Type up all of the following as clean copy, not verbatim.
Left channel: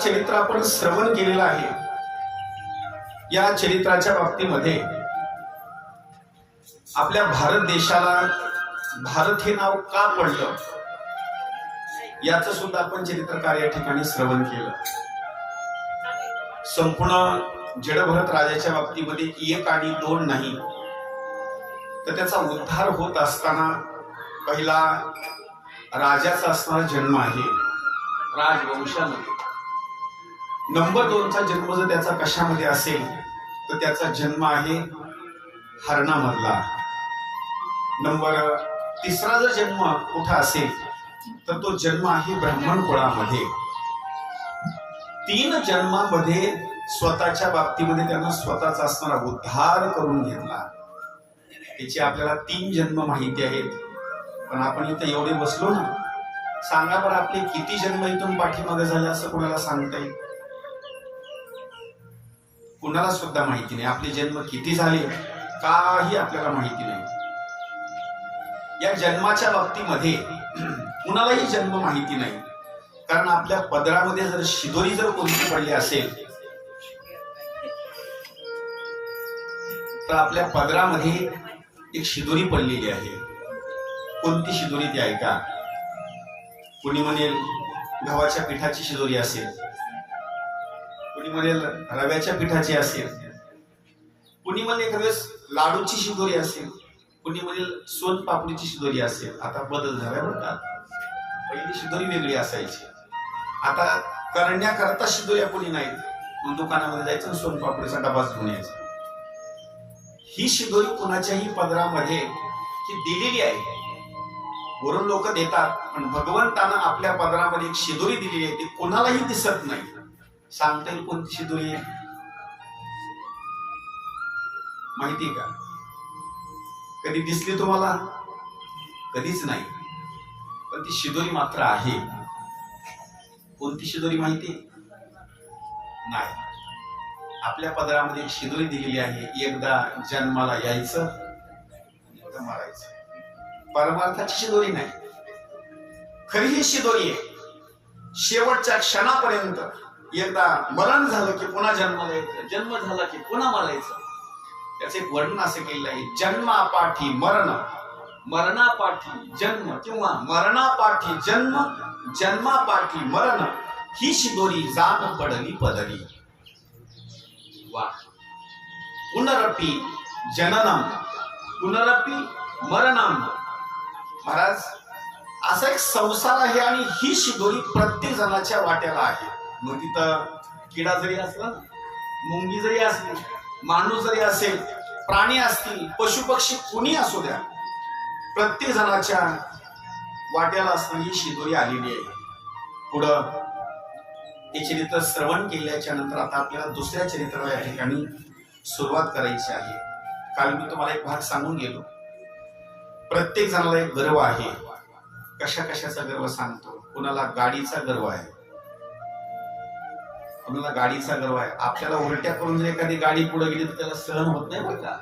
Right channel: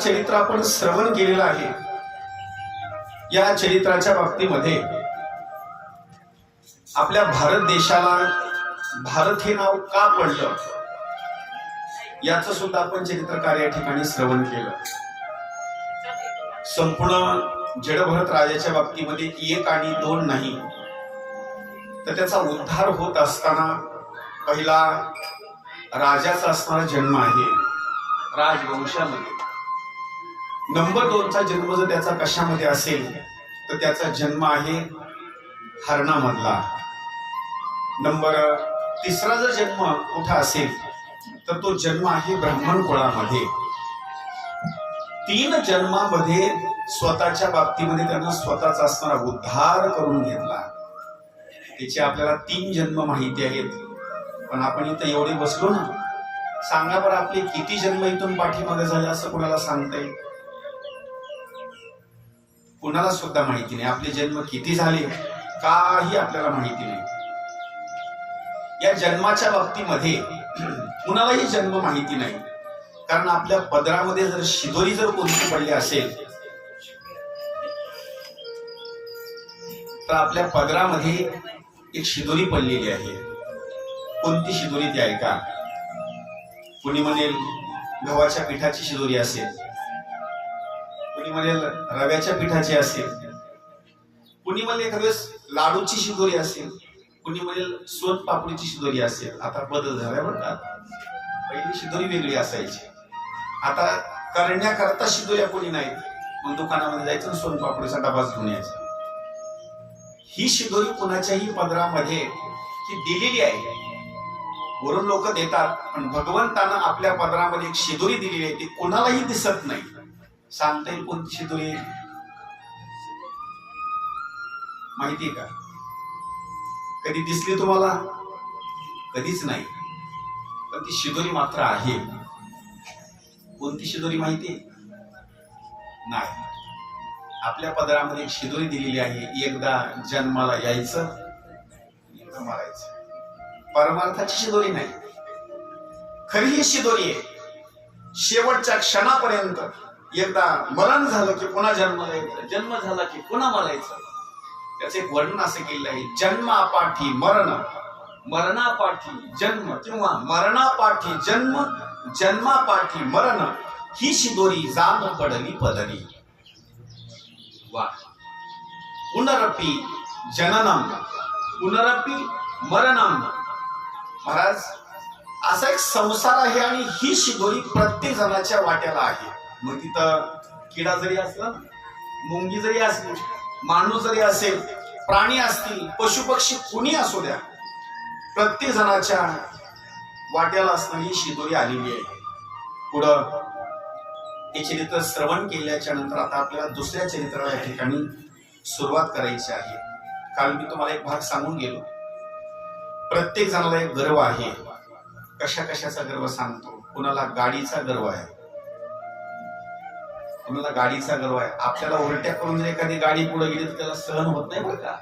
चरित्र आपण श्रवण केलेलं आहे. या चरित्राच्या बाबतीमध्ये आपल्या भारत देशाला भारत हे नाव का पडलं याचं सुद्धा आपण चरित्रकार या ठिकाणी श्रवण केलं. संपूर्ण जडभरत राजाच्या बाबतीमध्ये एक आणि दोन नाही, तर त्याचा उद्धार होत असताना पहिला राजाचा असणारा जन्म आहे राजवंशामध्ये. नंबर 2चा जन्म जर त्याचा कशामध्ये असेल तर त्याचा जन्म आहे हरणामधला. नंबर 3रा जर जन्म कुठं असेल तर तो जन्म आहे ब्राह्मण कुळामध्ये. 3 जन्मामध्ये स्वतःच्या बाबतीमध्ये त्यानं स्वतःचा असणारा उद्धार करून घेतला. त्याचे आपल्याला 3 जन्म माहिती आहेत, पण आपण इथं एवढे बसलो ना, सांगा बरं आपले किती जन्म इथून पाठीमागे झाले असं कोणाला सांगता येईल? कुणाला सुद्धा माहिती नाही. आपले जन्म किती झाले काही आपल्याला माहिती नाही. या जन्माच्या बाबतीमध्ये कुणालाही जन्म माहिती नाही, कारण आपल्या पदरामध्ये जर शिदोरी जर कोणती पडली असेल तर आपल्या पदरामध्ये एक शिदोरी पडलेली आहे. कोणती शिदोरी ती ऐका. कुणी म्हणेल गव्हाच्या पिठाची शिदोरी असेल, कुणी म्हणेल रव्याच्या पिठाची असेल, कुणी म्हणेल एखाद्यावेळेस लाडूची शिदोरी असेल, कुणी म्हणेल सोनपापडीची शिदोरी असेल. आता बदल झाला बरं का. पहिली शिदोरी वेगळी असायची, आता करण्याकरता शिदोऱ्या कोणी नाहीत. मग दुकानामध्ये जायचं सोनपापडीचा डबाच घेऊन यायचा. ही शिदोरी कुणाच्याही पदरामध्ये ही दिलेली आहे. वरून लोक देतात, पण भगवंतानं आपल्या पदरामध्ये एक शिदोरी दिलेली आहे, ती कोणालाही दिसत नाही. सांगता येईल कोणती शिदोरी आहे? माहिती का? कधी दिसली तुम्हाला? कधीच नाही, पण ती शिदोरी मात्र आहे. कोणती शिदोरी माहिती नाही? आपल्या पदरामध्ये एक शिदोरी दिलेली आहे. एकदा जन्माला यायचं, एकदा मरायचं. परमार्थाची शिदोरी नाही, खरी ही शिदोरी आहे. शेवटच्या क्षणापर्यंत एकदा मरण झालं की पुन्हा जन्माला यायचं, जन्म झाला की पुन्हा मरायचं. त्याचं एक वर्णन असं केलेलं आहे. जन्मापाठी मरण, मरणापाठी जन्म, किंवा मरणापाठी जन्म, जन्मापाठी मरण, ही शिदोरी जाण पडली पदरी. वा. पुनरपी जननम पुनरपी मरणम. महाराज, असा एक संसार आहे आणि ही शिदोरी प्रत्येक जणाच्या वाट्याला आहे. मग तिथं किडा जरी असला, मुंगी जरी असली, माणूस जरी असेल, प्राणी असतील, पशु पक्षी कुणी असू द्या, प्रत्येक जणाच्या वाट्याला असणारी ही शिदोरी आलेली आहे. पुढं हे चरित्र श्रवण केल्याच्या नंतर आता आपल्याला दुसऱ्या चरित्राला या ठिकाणी सुरुवात करायची आहे. काल मी तुम्हाला एक भाग सांगून गेलो. प्रत्येक जणाला एक गर्व आहे. कशा कशाचा गर्व सांगतो. कुणाला गाडीचा गर्व आहे, कुणाला गाडीचा गर्व आहे. आपल्याला उलट्या करून जर एखादी गाडी पुढे गेली तर त्याला सहन होत नाही बरं का,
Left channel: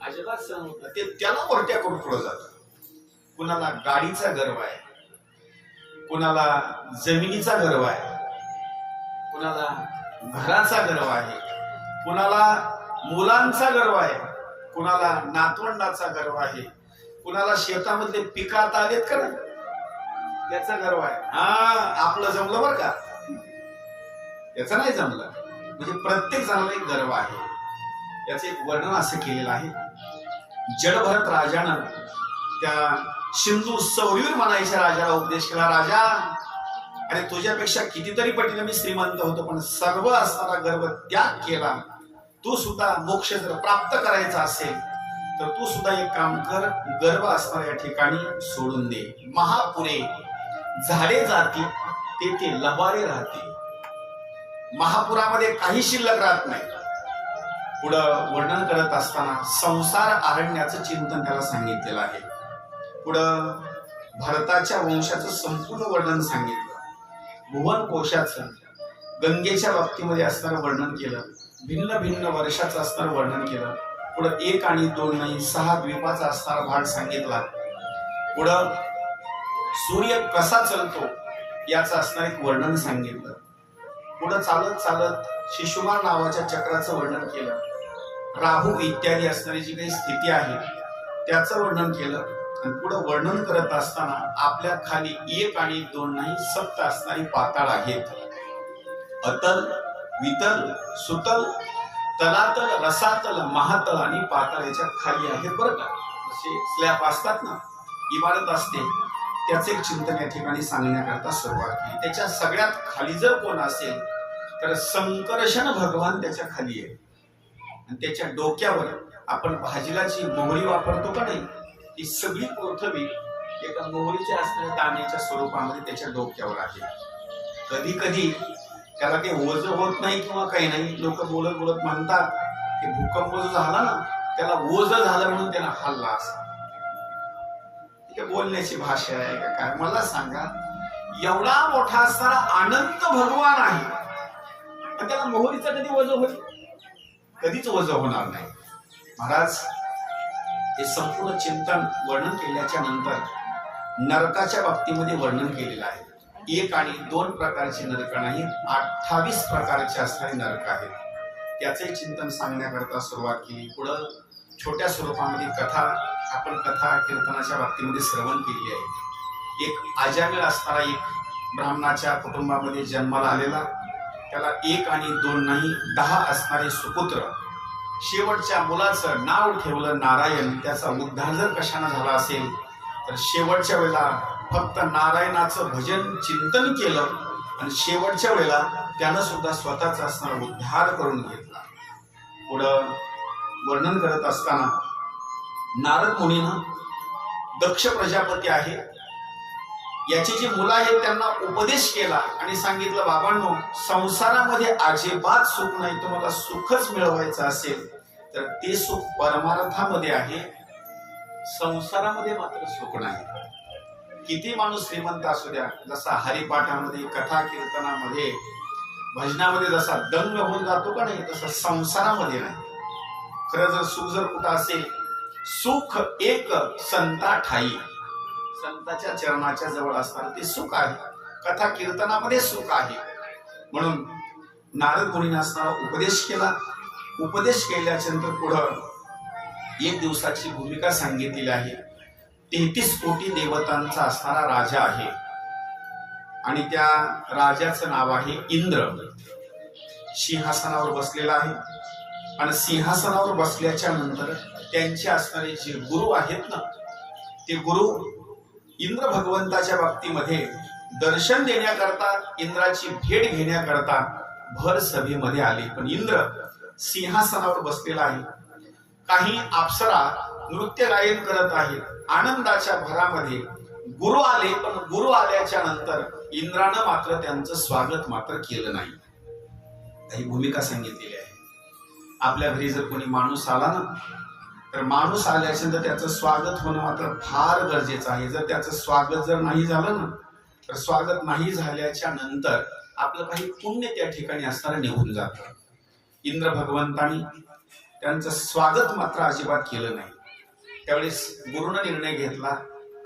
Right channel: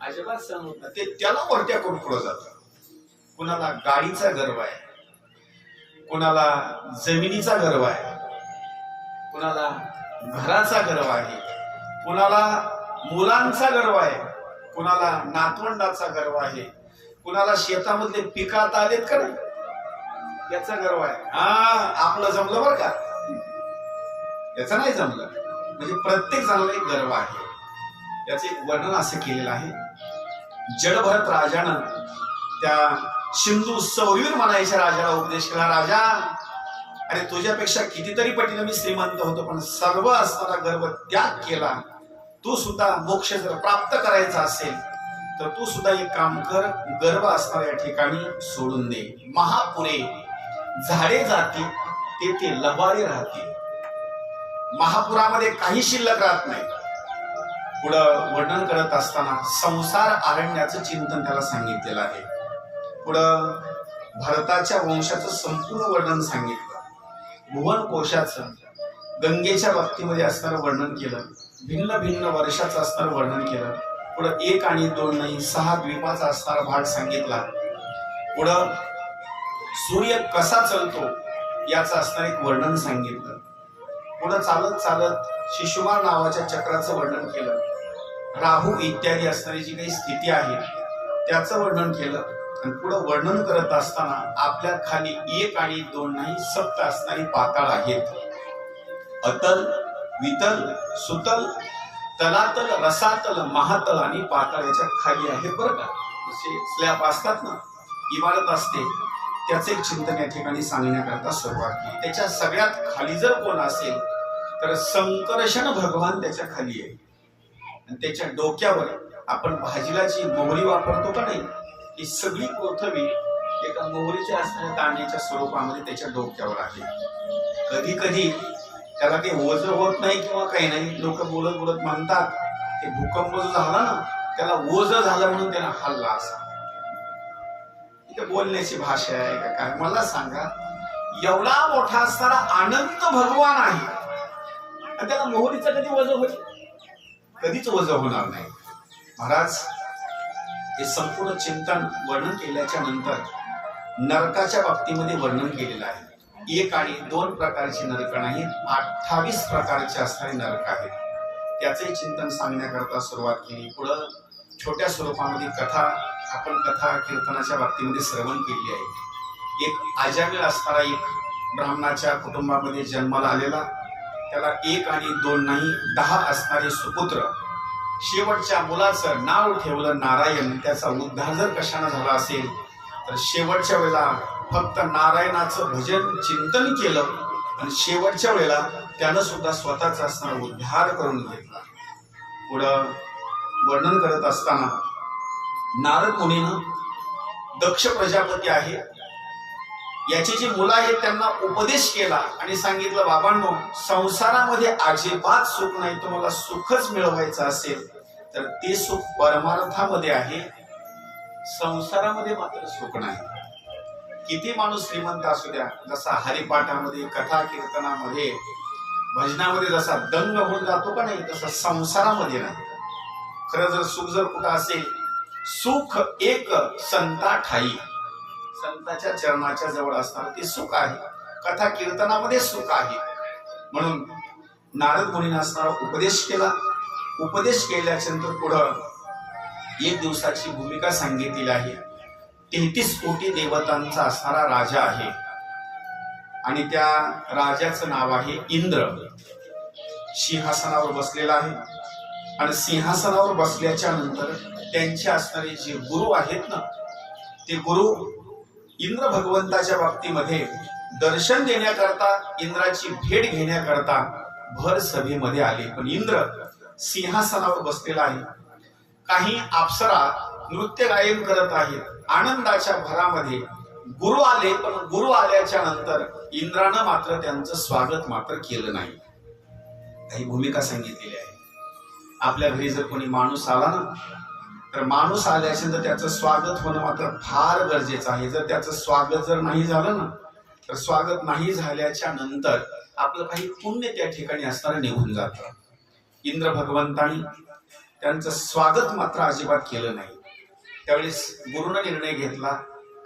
अजिबात सहन होत नाही. ते त्याला उलट्या करून पुढे जातं. कुणाला गाडीचा गर्व आहे, कुणाला जमिनीचा गर्व आहे, कुणाला घराचा गर्व आहे, कुणाला मुलांचा गर्व आहे, कुणाला नातवंडाचा गर्व आहे, कुणाला शेतामधले पिकात आलेत का नाही याचा गर्व आहे. आपलं जमलं बरं का, याचं नाही जमलं. म्हणजे प्रत्येक जणाला एक गर्व आहे. याचं एक वर्णन असं केलेलं आहे. जडभरत राजानं त्या सिंधू सौरवीर म्हणायच्या राजाला उपदेश केला. राजा, अरे तुझ्यापेक्षा कितीतरी पटीने मी श्रीमंत होतो, पण सर्व असणारा गर्व त्याग केला. तू सुद्धा मोक्ष जर प्राप्त करायचा असेल तर तू सुद्धा एक काम कर, गर्व असणाऱ्या ठिकाणी सोडून दे. महापुरे झाडे जाते ते लबाडे राहते. महापुरामध्ये काही शिल्लक राहत नाही. पुढं वर्णन करत असताना संसार अरण्याचं चिंतन त्याला सांगितलेलं आहे. पुढं भारताच्या वंशाचं संपूर्ण वर्णन सांगितलं. भुवन कोशाचं, गंगेच्या बाबतीमध्ये असणारं वर्णन केलं. भिन्न भिन्न वर्षाचं असणारं वर्णन केलं. पुढं 1 आणि 2 नाही 6 द्वीपाचा असणारा भाग सांगितला. पुढं सूर्य कसा चलतो याचं असणारं एक वर्णन सांगितलं. पुढे चालत चालत शिशुमार नावाच्या चक्राचं वर्णन केलं. राहू इत्यादी असणारी जी काही स्थिती आहे त्याचं वर्णन केलं. आणि पुढे वर्णन करत असताना आपल्या खाली 1 आणि 2 नाही 7 असणारी पाताळ आहेत. अतल, वितल, सुतल, तलातल, रसातल, महातल आणि पाताळ याच्या खाली आहेत बरं का. जसे स्लॅब असतात ना, इमारत असते, त्याचे एक चिंतन या ठिकाणी सांगण्याकरता सुरुवात केली. त्याच्या सगळ्यात खाली जर कोण असेल तर संकर्षण भगवान त्याच्या खाली आहे. आणि त्याच्या डोक्यावर आपण भाजीला जी मोहरी वापरतो का नाही, ती सगळी पृथ्वी एका मोहरीच्या असणाऱ्या दाण्याच्या स्वरूपामध्ये त्याच्या डोक्यावर आहे. कधी कधी त्याला ते ओझ होत नाही किंवा काही नाही, लोक बोलत बोलत म्हणतात ते भूकंप जो झाला ना त्याला ओझ झालं म्हणून त्याला हल्ला असा. इथे बोलण्याची भाषा आहे का काय मला सांगा. एवढा मोठा असणारा अनंत भगवान आहे आणि त्याला मोहरीचा कधी ओझ होईल? कधीच ओझ होणार नाही. महाराज हे संपूर्ण चिंतन वर्णन केल्याच्या नंतर नरकाच्या बाबतीमध्ये वर्णन केलेलं आहे. 1 आणि 2 प्रकारचे नरक नाही, 28 प्रकारचे असणारे नरक आहेत. त्याचे चिंतन सांगण्याकरता सुरुवात केली. पुढं छोट्या स्वरूपामध्ये आपण कथा कीर्तनाच्या बाबतीमध्ये श्रवण केली आहे. एक आजामिळ असणारा एक ब्राह्मणाच्या कुटुंबामध्ये जन्माला आलेला, त्याला 1 आणि 2 नाही 10 असणारे सुपुत्र. शेवटच्या मुलाचं नाव ठेवलं नारायण. त्याचा उद्धार जर कशाने झाला असेल तर शेवटच्या वेळेला फक्त नारायणाचं भजन चिंतन केलं आणि शेवटच्या वेळेला त्यानं सुद्धा स्वतःचा असणारा उद्धार करून घेतला. पुढं वर्णन करत असताना नारद मुनीनं दक्ष प्रजापती आहे याची जी मुलं आहेत त्यांना उपदेश केला आणि सांगितलं, बाबांनो संसारामध्ये अजिबात सुख नाही. तुम्हाला सुखच मिळवायचं असेल तर ते सुख परमार्थामध्ये आहे, संसारामध्ये मात्र सुख नाही. किती माणूस श्रीमंत असू द्या, जसा हरिपाठामध्ये कथा कीर्तनामध्ये भजनामध्ये जसा दंग होऊन जातो का नाही, तसा संसारामध्ये नाही. खरं जर सुख जर कुठं असेल, सुख एक संता ठाई, संताच्या चरणाच्या जवळ असणार ते सुख आहे. कथा कीर्तनामध्ये सुख आहे. म्हणून नारद मुनीने असणारा उपदेश केला. उपदेश केल्याच्या नंतर पुढं 1 दिवसाची भूमिका सांगितलेली आहे. 33 कोटी देवतांचा असणारा राजा आहे आणि त्या राजाचं नाव आहे इंद्र. सिंहासनावर बसलेला आहे आणि सिंहासनावर बसल्याच्या नंतर त्यांचे असणारे जे गुरु आहेत ना, ते गुरु इंद्र भगवंताच्या बाबतीमध्ये दर्शन देण्याकरता, इंद्राची भेट घेण्याकरता भर सभेमध्ये आले. पण इंद्र सिंहासनावर बसलेला आहे. काही अप्सरा नृत्य गायन करत आहेत. आनंदाच्या भरामध्ये गुरु आले, पण गुरु आल्याच्या नंतर इंद्रानं मात्र त्यांचं स्वागत मात्र केलं नाही. काही भूमिका सांगितलेली आहे. आपल्या घरी जर कोणी माणूस आला ना, तर माणूस आल्याच्या नंतर त्याचं स्वागत होणं मात्र फार गरजेचं आहे. जर त्याचं स्वागत जर नाही झालं ना, तर स्वागत नाही झाल्याच्या नंतर आपलं काही पुण्य त्या ठिकाणी असणारं निघून जातं. इंद्र भगवंतानी त्यांचं स्वागत मात्र अजिबात केलं नाही. त्यावेळेस गुरुनं निर्णय घेतला,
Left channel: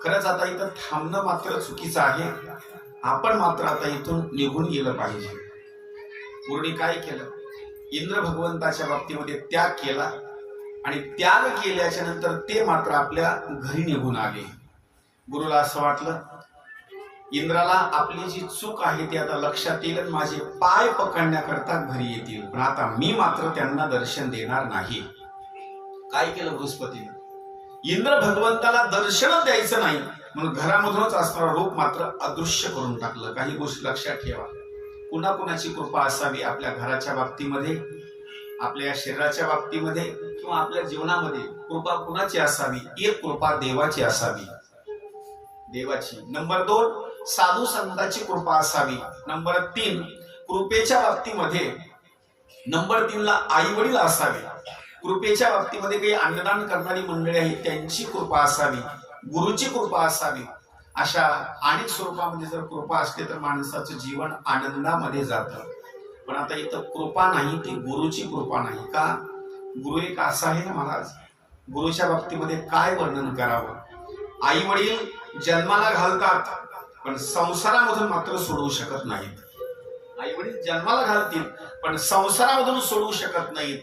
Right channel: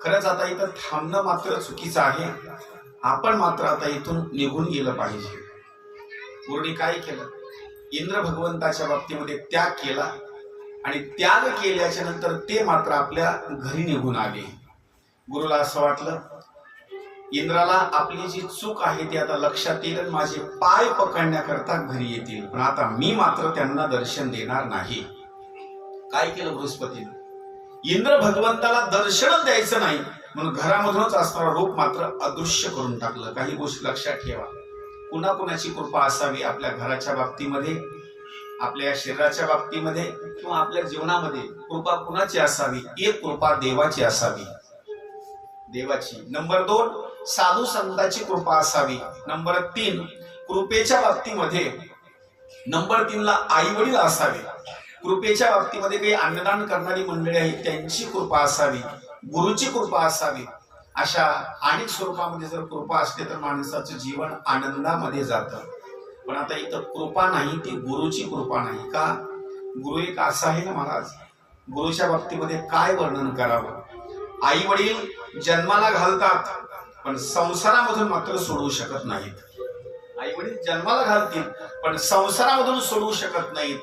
खरंच आता इथं थांबणं मात्र चुकीचं आहे, आपण मात्र आता इथून निघून गेलं पाहिजे. गुरुनी काय केलं, इंद्र भगवंताच्या बाबतीमध्ये त्याग केला आणि त्याग केल्याच्या नंतर ते मात्र आपल्या घरी निघून आले. गुरुला असं वाटलं, इंद्राला आपली जी चूक आहे ती आता लक्षात येईल, माझे पाय पकडण्याकरता घरी येतील, पण आता मी मात्र त्यांना दर्शन देणार नाही. काय केलं बृहस्पतीने, इंद्र भगवंताला दर्शन द्यायचं नाही म्हणून घरामधूनच असणारं रूप मात्र अदृश्य करून टाकलं. काही गोष्टी लक्षात ठेवा, कुणा कुणाची कृपा असावी आपल्या घराच्या बाबतीमध्ये, आपल्या शरीराच्या बाबतीमध्ये किंवा आपल्या जीवनामध्ये. कृपा कुणाची असावी, एक कृपा देवाची असावी, देवाची. नंबर 2 साधू संतांची कृपा असावी. नंबर 3 कृपेच्या बाबतीमध्ये नंबर 3 ला आई वडील असावे. कृपेच्या बाबतीमध्ये काही अन्नदान करणारी मंडळी आहेत त्यांची कृपा असावी, गुरुची कृपा असावी. अशा अनेक स्वरूपामध्ये जर कृपा असते तर माणसाचं जीवन आनंदामध्ये जातं. पण आता इथं कृपा नाही, ती गुरुची कृपा नाही. का, गुरु एक असा आहे ना महाराज, गुरुच्या बाबतीमध्ये काय वर्णन करावं. आई वडील जन्माला घालतात पण संसारामधून मात्र सोडवू शकत नाहीत. आई वडील जन्माला घालतील पण संसारामधून सोडू शकत नाहीत.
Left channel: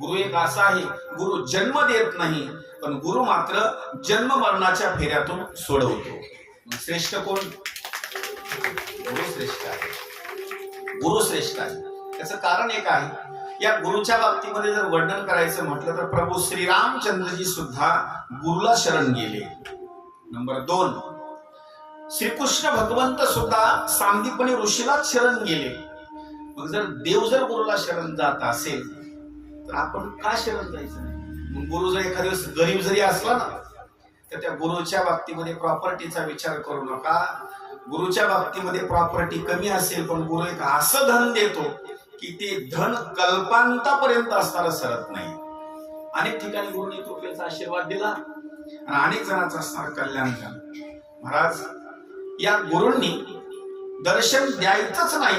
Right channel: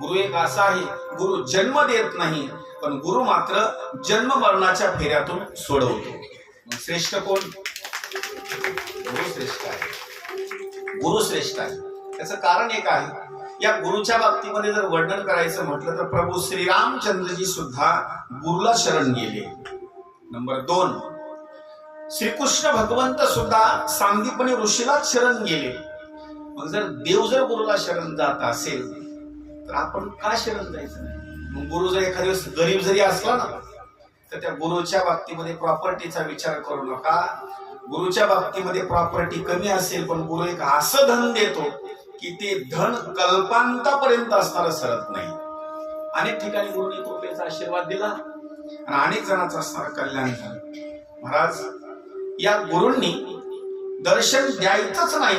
गुरु एक असा आहे, गुरु जन्म देत नाही पण गुरु मात्र जन्म मरणाच्या फेऱ्यातून सोडवतो. श्रेष्ठ कोण? गुरु श्रेष्ठ आहे. गुरु श्रेष्ठ आहे. त्याचं कारण एक आहे, या गुरुच्या बाबतीमध्ये जर वर्णन करायचं म्हटलं तर प्रभू श्रीरामचंद्रजी सुद्धा गुरुला शरण गेले. नंबर 2, श्रीकृष्ण भगवंत सुद्धा सांदीपनी ऋषीला शरण गेले. मग जर देव जर गुरुला शरण जात असेल तर आपण का शरण जायचं नाही? मग गुरु जर एखाद्या दिवस गरीब जरी असला ना तर त्या गुरुच्या बाबतीमध्ये प्रॉपर्टीचा विचार करू नका. गुरुच्या बाबतीमध्ये प्रॉपर्टी कमी असेल पण गुरु एक असं धन देतो की ते धन कल्पांतापर्यंत असणारं सरत नाही. अनेक ठिकाणी गुरुनी कृपेचा आशीर्वाद दिला आणि अनेक जणांचं असणारं कल्याण झालं. महाराज, या गुरूंनी दर्शन द्यायचंच नाही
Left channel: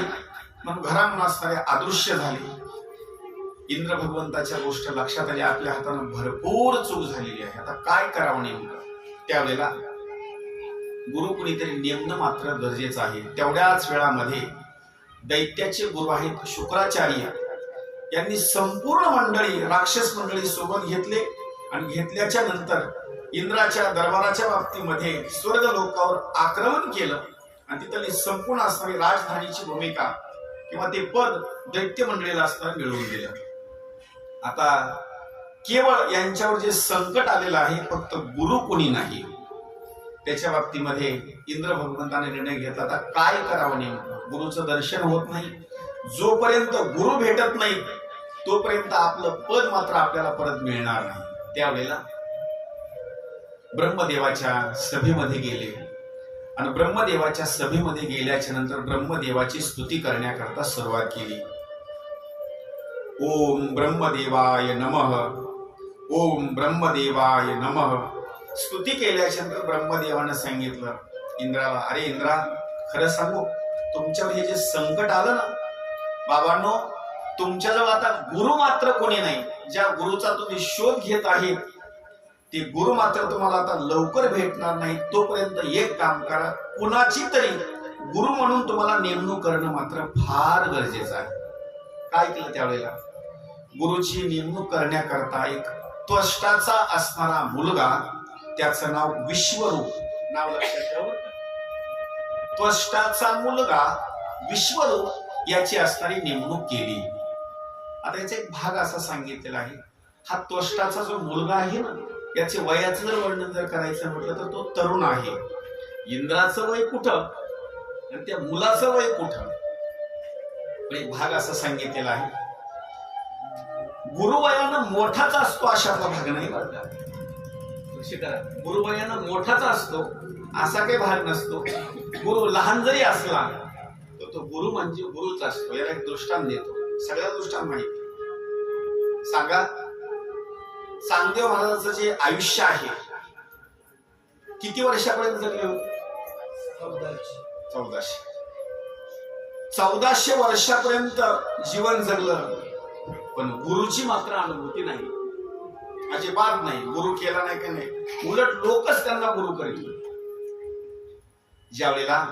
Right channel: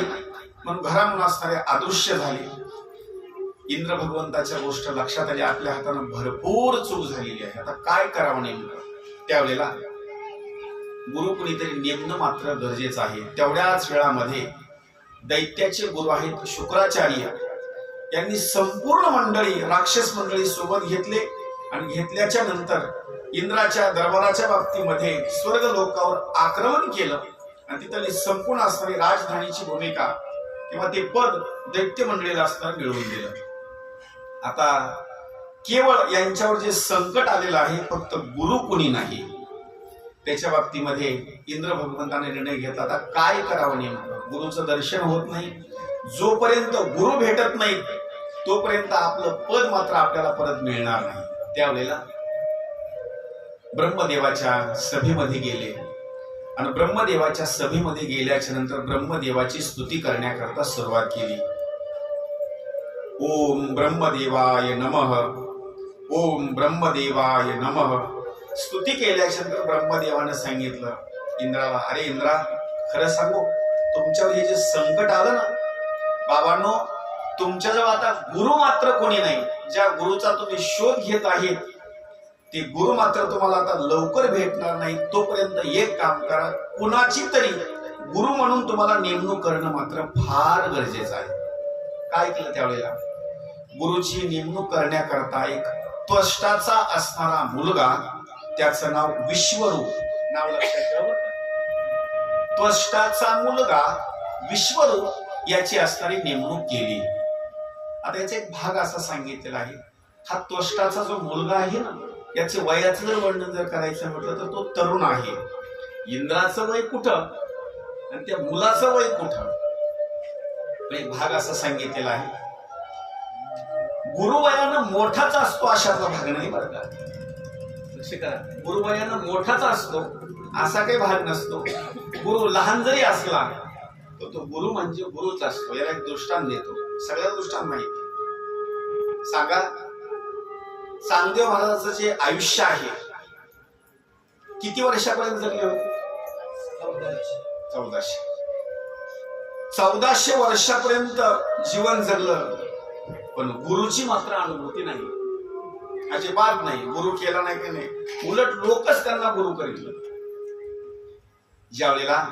म्हणून घरामधून असणारे अदृश्य झाले. इंद्र भगवंताच्या गोष्ट लक्षात आली, आपल्या हातानं भरपूर चूक झालेली आहे, आता काय करावं नेमकं? त्यावेळेला गुरु कुणीतरी नेमणं मात्र गरजेचं आहे. तेवढ्याच वेळामध्ये दैत्याचे गुरु आहेत शुक्राचार्य यांनी संपूर्ण मंडळी, राक्षस मंडळी सोबत घेतले आणि घेतल्याच्या नंतर इंद्राच्या दरबाराच्या बाबतीमध्ये स्वर्ग लोकावर आक्रमण केलं आणि तिथली संपूर्ण असणारी राजधानीची भूमिका किंवा ते पद दैत्य मंडळीला असताना मिळवून दिलं. आता केवळ यांच्यावर जे संकट आलेलं आहे फक्त गुरु कोणी नाही. त्याच्या बाबतीमध्ये इंद्र भगवंताने निर्णय घेतला, आता काय करावं नेमकं? गुरुचं दर्शन होत नाही. जोपर्यंत गुरु भेटत नाही तोपर्यंत आपलं पद मात्र आपल्याला परत मिळणार नाही. त्यावेळेला ब्रह्मदेवाच्या सभेमध्ये गेले आणि ब्रह्मदेवाच्या सभेमध्ये गेल्याच्या नंतर ब्रह्मदेवाची स्तुती करण्याकरता सुरुवात केली. ओम ब्रह्मदेवाय नमः, ओम ब्रह्मदेवाय नमः. स्तुती केल्याच्या नंतर ब्रह्मदेवानं सांगितलं इंद्राला, अरे इंद्रा, खरं सांगू, तुमच्यावर हे जे संकट आलं ना बाबांनो, तुमच्याजवळ आता गुरु मात्र कोणी नाही. ज्या गुरुचा तुम्ही शोध घेत आहे ते गुरु मात्र तुम्हाला आता लवकर भेटणार नाही. तोपर्यंत एक काम करा, कुणाची तरी गुरु म्हणून तुम्हाला नेमणूक करणं मात्र फार गरजेचं आहे. काय केलं त्यावेळेला? गुरुची नेमणूक करण्याकरता एक त्वष्टाचा असणारा मुलगा, त्याचं नाव विश्वरूप, नाव लक्षात ठेवा. त्वष्टाचा मुलगा विश्वरूप याची असणारी नेमणूक केली. आता याचा एक भाग असा सांगितलेला आहे, हा त्वष्टाचा जो मुलगा आहे ना याचे वयाचं जर वर्णन जर करायचं म्हटलं तर तो तरुण आहे. इंद्राचं वय कुठं आणि त्या मुलाचं वय कुठं? एक भाग असा सांगितलेला आहे, गुरुवयानं मोठाच असतो अशातला भाग नाही बरं का. लक्ष करा, गुरुवयानं मोठाच असतो असा काही भाग नसतो. गुरु लहान जरी असला तर तो गुरु म्हणजे गुरुच असतो. याला एक दृष्टांत देतो, सगळ्या दृष्टांत माहिती सांगा. चांगदेव महाराजांचं जे आयुष्य आहे किती वर्षापर्यंत जगले होते? 1400 वर्षापर्यंत जीवन जगलं पण गुरुची मात्र अनुभूती नाही, अजिबात नाही. गुरु केला नाही की नाही, उलट लोकच त्यांना गुरु करील. ज्यावेळेला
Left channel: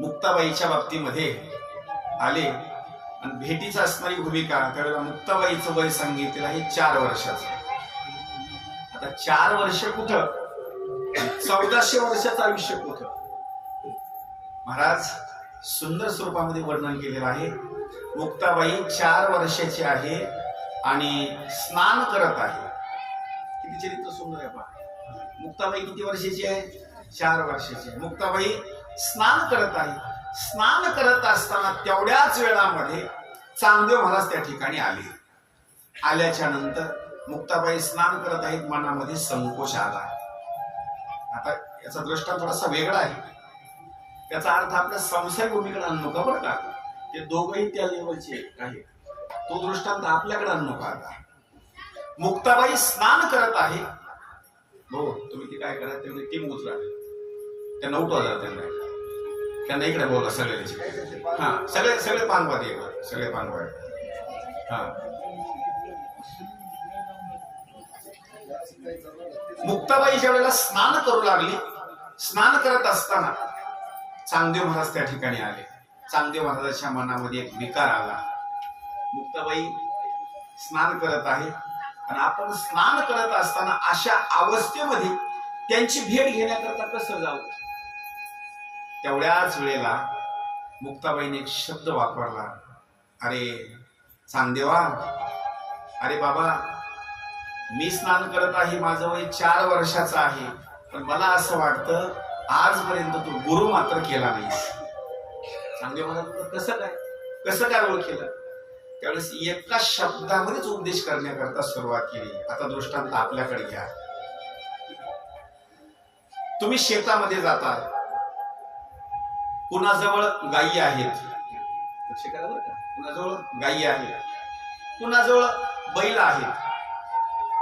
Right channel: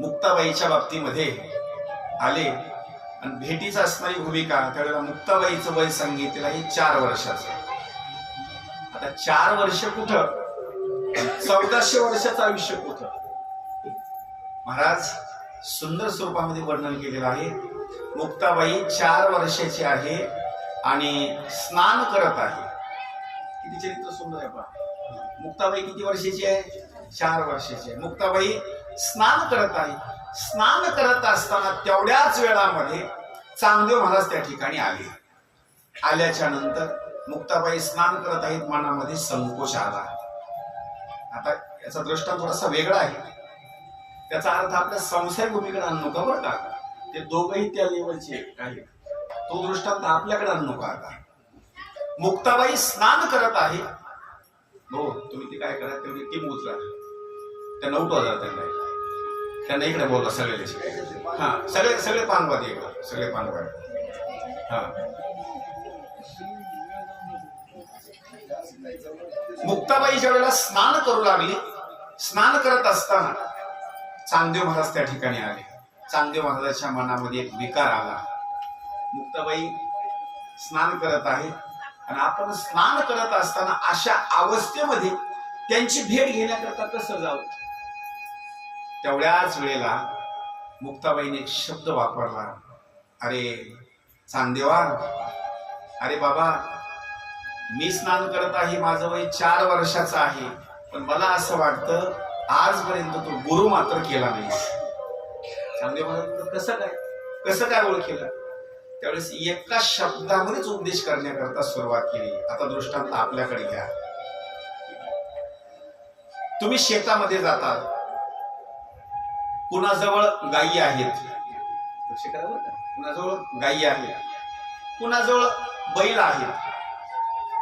मुक्ताबाईच्या बाबतीमध्ये आले आणि भेटीचा असणारी भूमिका, त्यावेळेला मुक्ताबाईचं वय सांगितलेलं आहे 4 वर्षाचं. आता 4 वर्ष कुठं, 1400 वर्षाचं आयुष्य कुठं? महाराज सुंदर स्वरूपामध्ये वर्णन केलेलं आहे. मुक्ताबाई 4 वर्षाची आहे आणि स्नान करत आहे. किती चरित्र सुंदर आहे पहा. मुक्ताबाई किती वर्षाची आहे? 4 वर्षाची आहे. मुक्ताबाई स्नान करत आहे. स्नान करत असताना तेवढ्याच वेळामध्ये चांगदेव महाराज त्या ठिकाणी आले. आल्याच्या नंतर मुक्ताबाई स्नान करत आहेत, मनामध्ये संकोच आला. आता याचा दृष्टांत थोडासा वेगळा आहे, त्याचा अर्थ आपल्या संसारिक भूमीकडे आणू नका बरं का. ते दोघंही त्या लेवलचे आहेत, तो दृष्टांत आपल्याकडे आणू नका. आता मुक्ताबाई स्नान करत आहे. हो, तुम्ही ते काय करा, तेवढी टीम उचला, त्यांना उठवा जरा, त्यांना इकडे बोला सगळे. हा, सगळे पानवाद इकडे, सगळे पानवाद. हा, मुक्ताबाईच्या वेळेला स्नान करू लागली. स्नान करत असताना चांगदेव महाराज त्या ठिकाणी आले चांगदेव महाराजांच्या मनामध्ये एक विकार आला. मुक्ताबाई स्नान करत आहे आणि आपण स्नान करत असताना अशा अवस्थेमध्ये त्यांची भेट घेण्याकरता कसं जाऊ. तेवढ्याच वेळेला मुक्ताबाईने एक शब्द वापरला, अरे चांगदेवा, अरे बाबा, मी स्नान करत आहे, माझं वय 4 वर्षाचं आहे, पण मला असं वाटतं आजपर्यंत तू गुरु मात्र केला नाही. चांगदेव महाराज कसं काय ओळखेलं. त्यावेळेस एका शब्दामध्येच उपदेश करण्याकरता सुरुवात केली. आता दृष्टांत आपल्याकडे घ्या. तुम्ही शेतामध्ये जाता, कुणाजवळ गायी आहेत, लक्ष करा बरं का, कुणाजवळ गायी आहेत, कुणाजवळ बैल आहेत,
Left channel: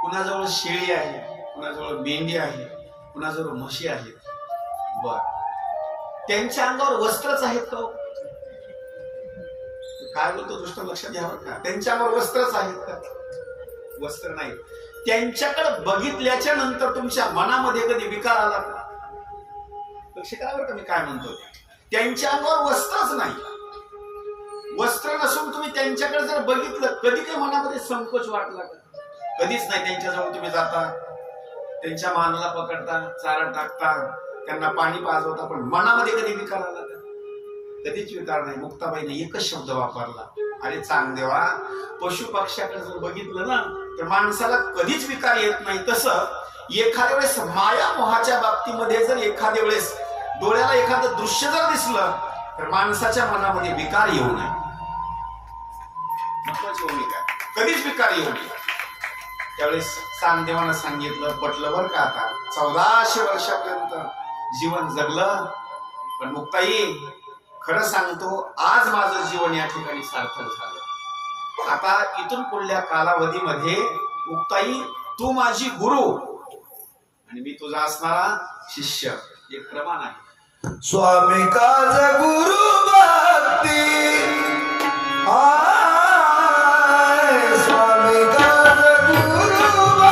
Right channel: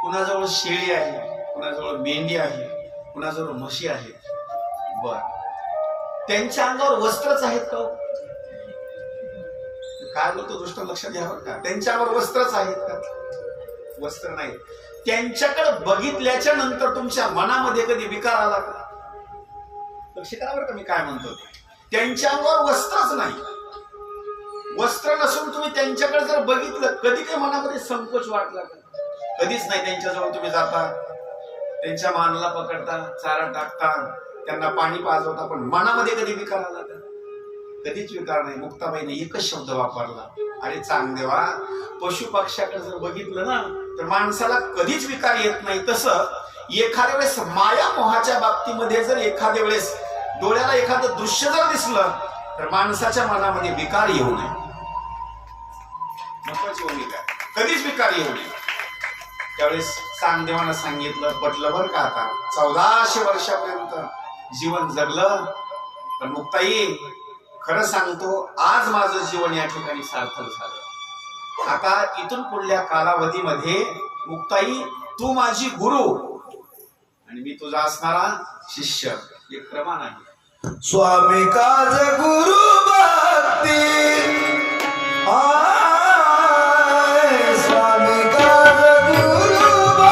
कुणाजवळ शेळी आहे, कुणाजवळ मेंढी आहे, कुणाजवळ म्हशी आहेत. बर, त्यांच्या अंगावर वस्त्रच आहेत का. काय बोलतो दृष्ट लक्षात घ्यावं का. त्यांच्या अंगावर वस्त्रच आहेत का. वस्त्र नाही. त्यांच्याकडे बघितल्याच्या नंतर तुमच्या मनामध्ये कधी विकार आला का. लक्ष करा बरं का मी काय म्हणतो. त्यांच्या अंगावर वस्त्रच नाही, वस्त्र नसून तुम्ही त्यांच्याकडे जर बघितलं, कधी काही मनामध्ये संकोच वाटला का. कधीच नाही. त्यांच्याजवळ तुम्ही जाता, त्यांच्या मानाला पकडता, चारा टाकता, त्यांना पाणी पाजवता, पण मनामध्ये कधी विकार आला का. कधीच विकार नाही. मुक्ताबाईने एकच शब्द वापरला, अरे चांगदेवा, पशु पक्ष्याकडे जर बघितलं ना तर माणसाला कधीच विकार येत नाही. तसं एखाद्या वेळेस माया मोहाच्या बाबतीमध्ये जर एखाद्या वेळेस डोळ्याला एखादं दृश्य जर दिसलं तर माणसाच्या मनामध्ये विकार येऊ नये. कधीच विकार येऊ नये. त्यावेळेस चांगदेवानं सांगितलं, पटलं बरं का. आता 1400 वर्षापर्यंत जीवन जगलं, पण मुक्ताई खरं सांगतो, आज माझं जीवन या ठिकाणी सार्थक झालं. आता इथून पुढल्या कालावधीमध्ये मुक्ताई, तू माझी गुरु आणि मी तुझा असणारा शिष्य. एक प्रमाण आहे. स्वामी काज गुरु भक्ती, स्वामी काज गुरु भक्ती,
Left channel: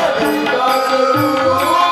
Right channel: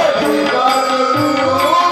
स्वामी काज गुरु भक्ती,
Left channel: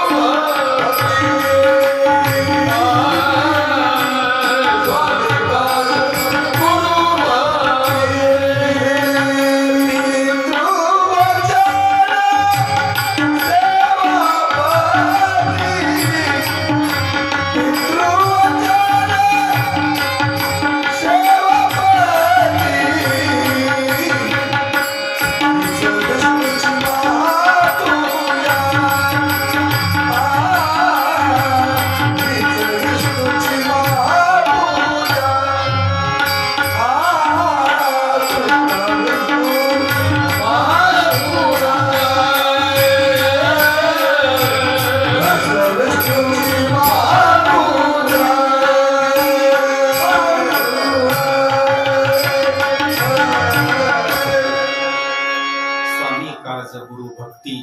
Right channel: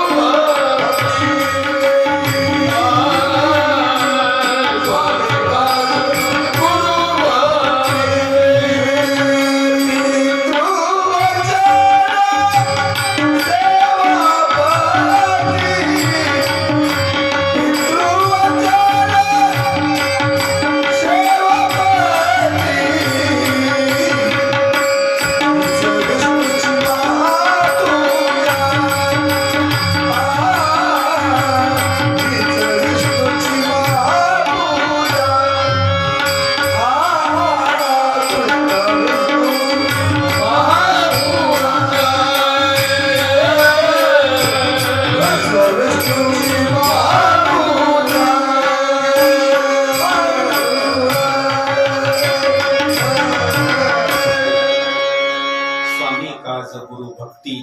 स्वामी काज गुरु गुरु भक्ती,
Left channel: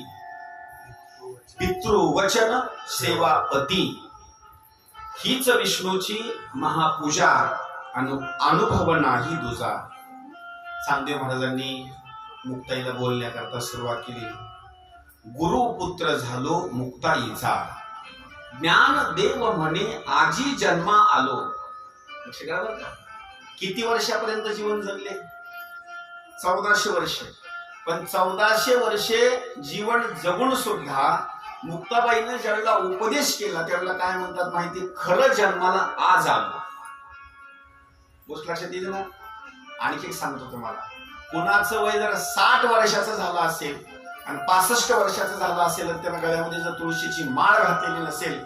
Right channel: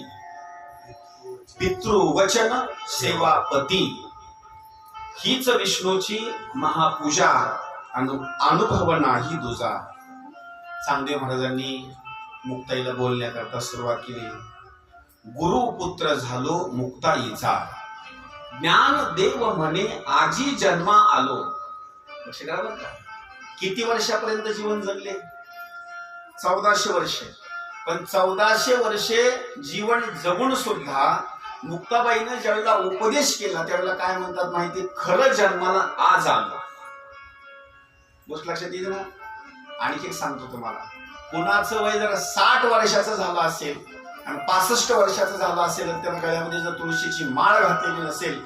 पितृवचन सेवापती, हीच विष्णूची महापूजा, अनुभव नाही दुजा. चांगदेव महाराजांनी मुक्ताईला बोलण्याकरता सुरुवात केली. गुरुपुत्र झालो मुक्ताईचा, ज्ञान देव म्हणे आजी जन्मा आलो. लक्ष करा बरं का. किती वर्षापर्यंत जीवन जगले. 1400 वर्ष. पण 1400 वर्षे जीवन जगून सुद्धा मुक्ताबाईनं ज्यावेळेला उपदेश केला त्यावेळेला काय म्हणतात माहिती, खरं जन्माला आज आलो. गोष्ट लक्षात येईल ना. आणखी एक सांगतो तुम्हाला, कुणाचं वय जर 60 वर्षाचं झालं असेल आणि 65 वर्षाचं झालं असेल आणि त्यानं गळ्यामध्ये जर तुळशीची माळ घातलेली नसेल,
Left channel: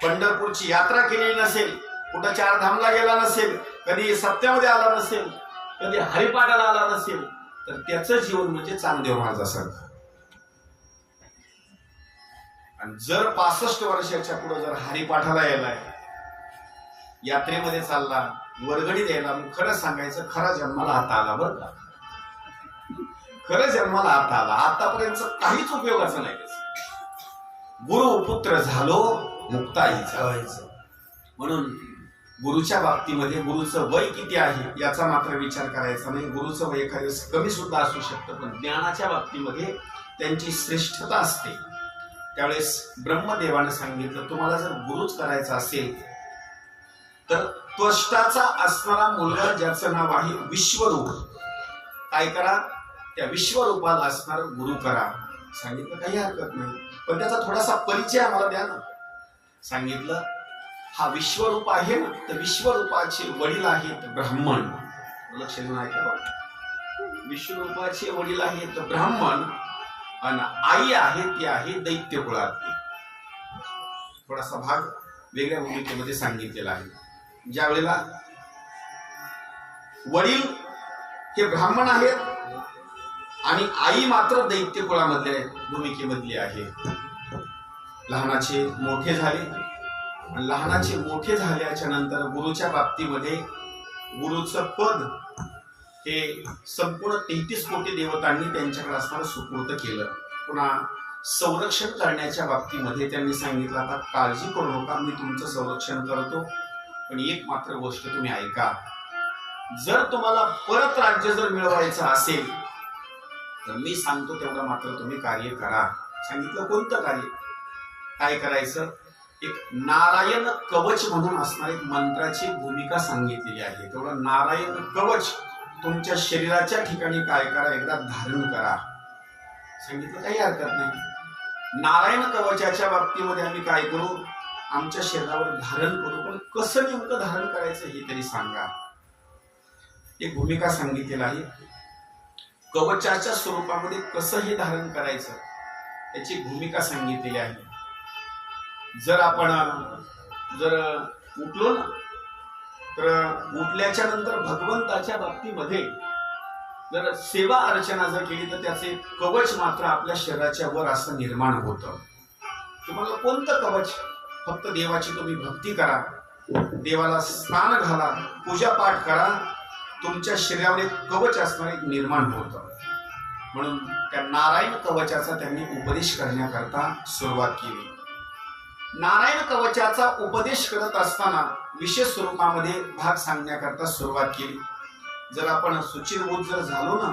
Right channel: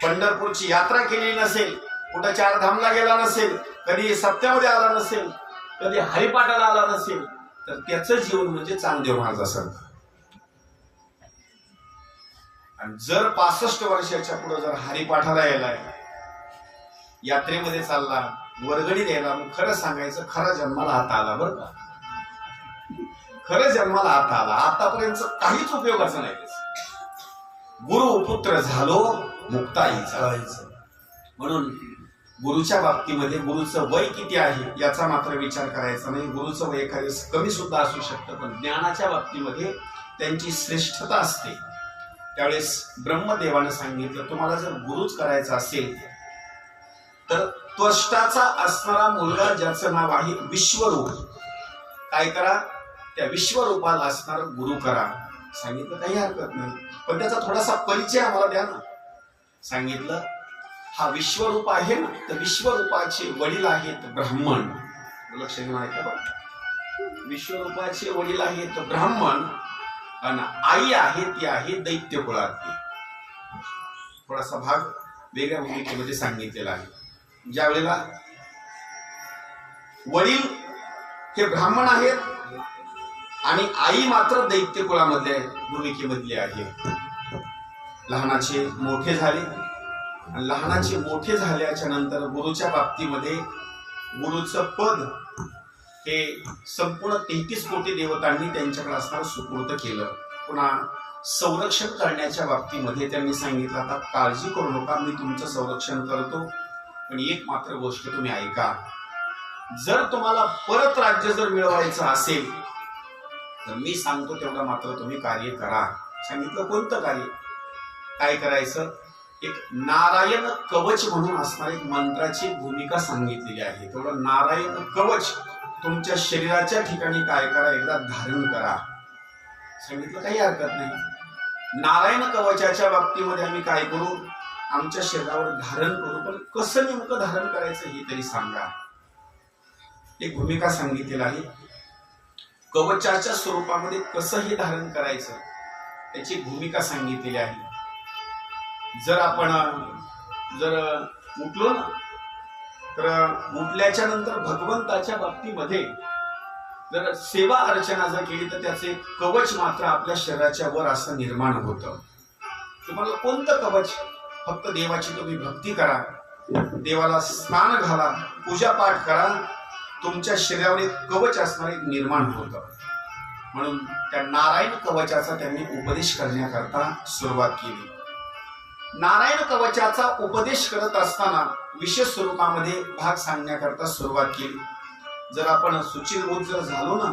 पंढरपूरची यात्रा केलेली नसेल, कुठं 4 धामला गेला नसेल, कधी सप्त्यामध्ये आला नसेल, कधी हरिपाठाला आला नसेल, तर त्याचं जीवन म्हणजे चांगदेव महाराजासारखं. आणि जर 65 वर्षाच्या पुढे जर हरिपाठाला यायलाय, यात्रेमध्ये चालला, वर्गणी द्यायला, मग खरं सांगायचं खरा जन्माला आता आला बरं का. खरं जन्माला आता आला. आतापर्यंत काहीच उपयोगाचं नाही त्याचं. गुरु पुत्र झालो मुक्ताईचा. जायचं. म्हणून गुरुच्या बाबतीमध्ये गुरुचं वय किती आहे याचा मात्र विचार करायचा नाही. गुरुचं वय एखाद्या वेळेस कमी सुद्धा असू शकतं, पण ज्ञानाच्या बाबतीमध्ये त्यांची श्रेष्ठता असते. त्यावेळेस ब्रह्मदेवानं सांगितलं, तुम्हाला जर गुरुच करायचा असेल तर त्वष्टाचा असणारा मुलगा ज्याचं नाव आहे विश्वरूप, काय करा, त्या विश्वरूपाला असणार गुरु करा. सांगितलं काही हरकत नाही, पण त्याचा थोडासा परिचय आम्हाला द्या ना. सांगितलं हा विश्वरूप आहे ना, तर विश्वरूपाचे वडील आहेत ब्राह्मण. लक्ष देऊन ऐका बघा. विश्वरूपाचे वडील आहेत ब्राह्मण आणि आई आहे ती आहे दैत्य कुळातली. थोडासा भाग वेगळ्या भूमिकेमध्ये सांगितलेला आहे. ज्या वेळेला वडील हे ब्राह्मण आहेत आणि आई मात्र दैत्य कुळामधले भूमिकेमधली आहे. लहानाचे मोठे झाले आणि लहानाचे मोठे झाल्याच्या नंतर गुरुच्या बाबतीमध्ये गुरुचं पद हे संपूर्ण 33 कोटी देवतांनी त्यांच्याकडे असणारं सुपूर्द केलं. पुन्हा संरक्षण करण्याच्या बाबतीमध्ये त्यांनी सांगितलं, आता काळजी करू नका, मी तुमचं संरक्षण करतो, पण एक मात्र गोष्ट तुम्ही ऐका, जर तुम्हाला परत राज्य जर मिळवायचं असेल तर मी सांगतो तेवढं मात्र तुम्ही कार्य करा. सांगितलं कोणतं कार्य, काय करायचं. एक नारायण कवच म्हणून असणारी एक मंत्राची भूमिका सांगितलेली आहे. तेवढं नारायण कवच तुमच्या शरीराच्या ठिकाणी काय करा, एकदा धारण करा. सांगितलं काही हरकत नाही. नारायण कवचाच्या बाबतीमध्ये आम्ही काय करू, आमच्या शरीरावर धारण करू, पण कसं नेमकं धारण करायचं हे तरी सांगा. एक भूमिका सांगितलेली आहे. कवचाच्या स्वरूपामध्ये कसं हे धारण करायचं त्याची भूमिका सांगितलेली आहे. जर आपण उठलो ना, तर उठल्याच्या नंतर भगवंताच्या बाबतीमध्ये जर सेवा अर्चना जर केली तर त्याचे कवच मात्र आपल्या शरीराच्या वर असं निर्माण होतं. तुम्हाला कोणतं कवच, फक्त देवाची तुम्ही भक्ती करा, देवाला स्नान घाला, पूजा पाठ करा, तुमच्या शरीरावर एक कवच असणार एक निर्माण होतं. म्हणून त्या नारायण कवचाचा त्यांनी उपदेश करण्याकरता सुरुवात केली. नारायण कवचाचा उपदेश करत असताना विशेष स्वरूपामध्ये भाग सांगण्याकरता सुरुवात केली. जर आपण सुचिरभूत जर झालो ना,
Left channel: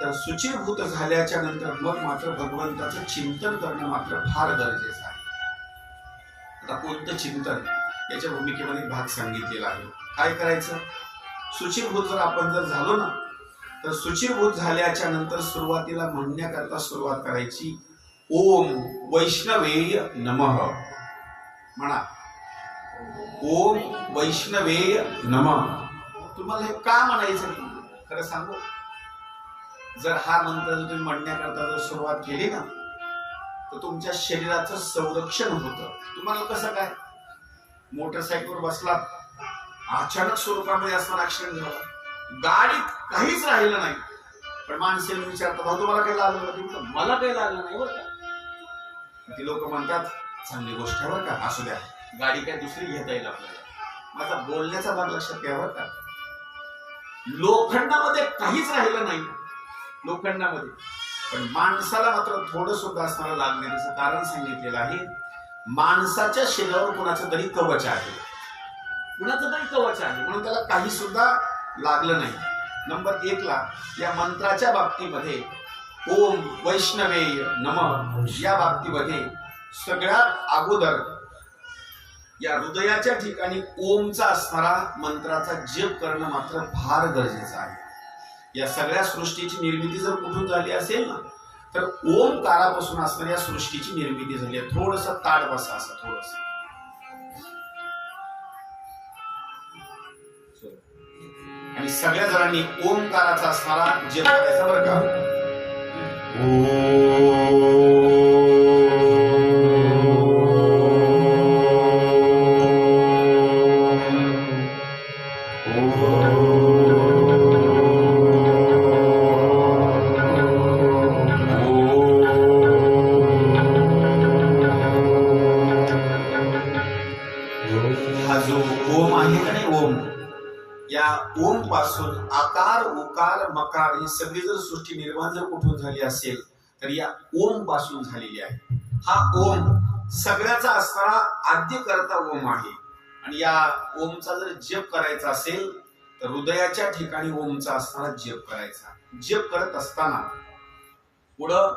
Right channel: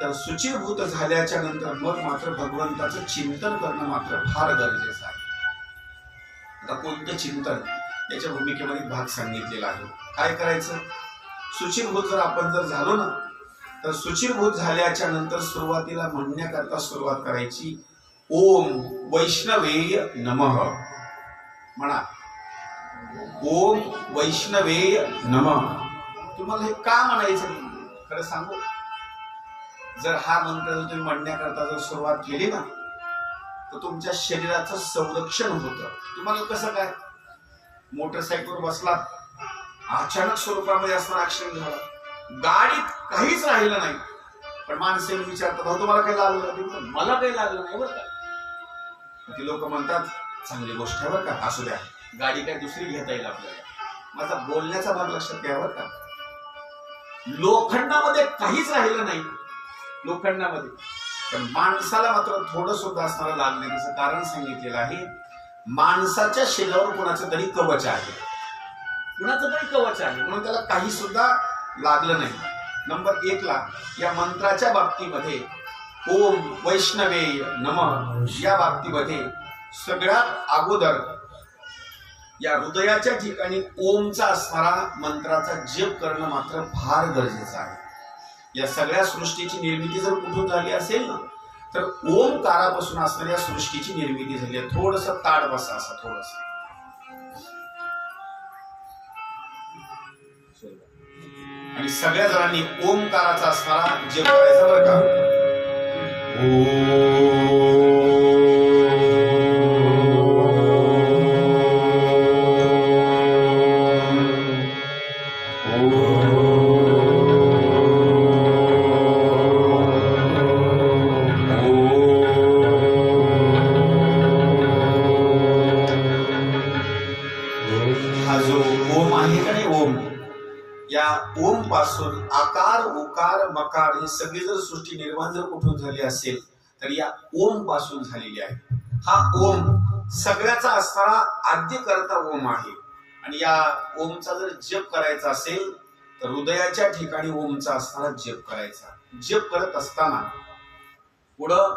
तर सुचिरभूत झाल्याच्या नंतर मग मात्र भगवंताचं चिंतन करणं मात्र फार गरजेचं आहे. आता कोणतं चिंतन याच्या भूमिकेमध्ये भाग सांगितलेला आहे. काय करायचं, सुचिरभूत जर आपण जर झालो ना, तर सुचिरभूत झाल्याच्या नंतर सुरुवातीला म्हणण्याकरता सुरुवात करायची, ओम वैष्णवेय नमः. म्हणा ओम वैष्णवेय नमः. तुम्हाला हे का म्हणायचं खरं सांगू, जर हा मंत्र जर तुम्ही म्हणण्याकरता जर सुरुवात केली ना, तर तुमच्या शरीराचं संरक्षण होतं. तुम्हाला कसं काय, मोटरसायकलवर बसलात, अचानक स्वरूपामध्ये असणारा ऍक्सिडेंट झाला, गाडीत काहीच राहिलं नाही, पण माणसे विचारतात, भाऊ तुम्हाला काही लागलं नाही? मला काही लागलं नाही बरं का. ती लोक म्हणतात चांगली गोष्ट आहे बरं का, असू द्या, गाडी काय दुसरी घेता येईल आपल्याला. माझा बोलण्याचा भाग लक्षात घ्या बरं का. लोखंडामध्ये काहीच राहिलं नाही, लोखंडामध्ये, पण माणसाला मात्र थोडं सुद्धा असणारं लागलं नाही. त्याचं कारण सांगितलेलं आहे, माणसाच्या शरीरावर कुणाचं तरी कवच आहे, कुणाचं तरी कवच आहे, म्हणून त्याला काही सुद्धा लागलं नाही. नंबर 1 ला या मंत्राच्या बाबतीमध्ये ओम वैष्णवेय नमः या बाबतीमध्ये सगळ्यात अगोदर या हृदयाच्या ठिकाणी ओमचा असणारा मंत्राचा जप करणं मात्र फार गरजेचं आहे. या सगळ्या सृष्टीची निर्मिती जर कुठून झाली असेल ना, तर ओमकारापासून असणाऱ्या या सृष्टीची निर्मिती झाली आहे. थोडस ताड बसा, असं थोडस. आणि सगळ्या जणांनी ओमकाराचा असणारा जप करायचा बरं का. हा जो ओम आहे या ओम पासून आकार उकार मकार ही सगळी जर सृष्टी निर्माण जर कुठून झाली असेल तर या ओम पासून झालेली आहे. हा ओम सगळ्याचा असणारा आद्य करता ओम आहे. आणि या ओमचा जर जप करायचा असेल तर हृदयाच्या ठिकाणी ओमचा असणारा जप करायचा. जप करत असताना पुढं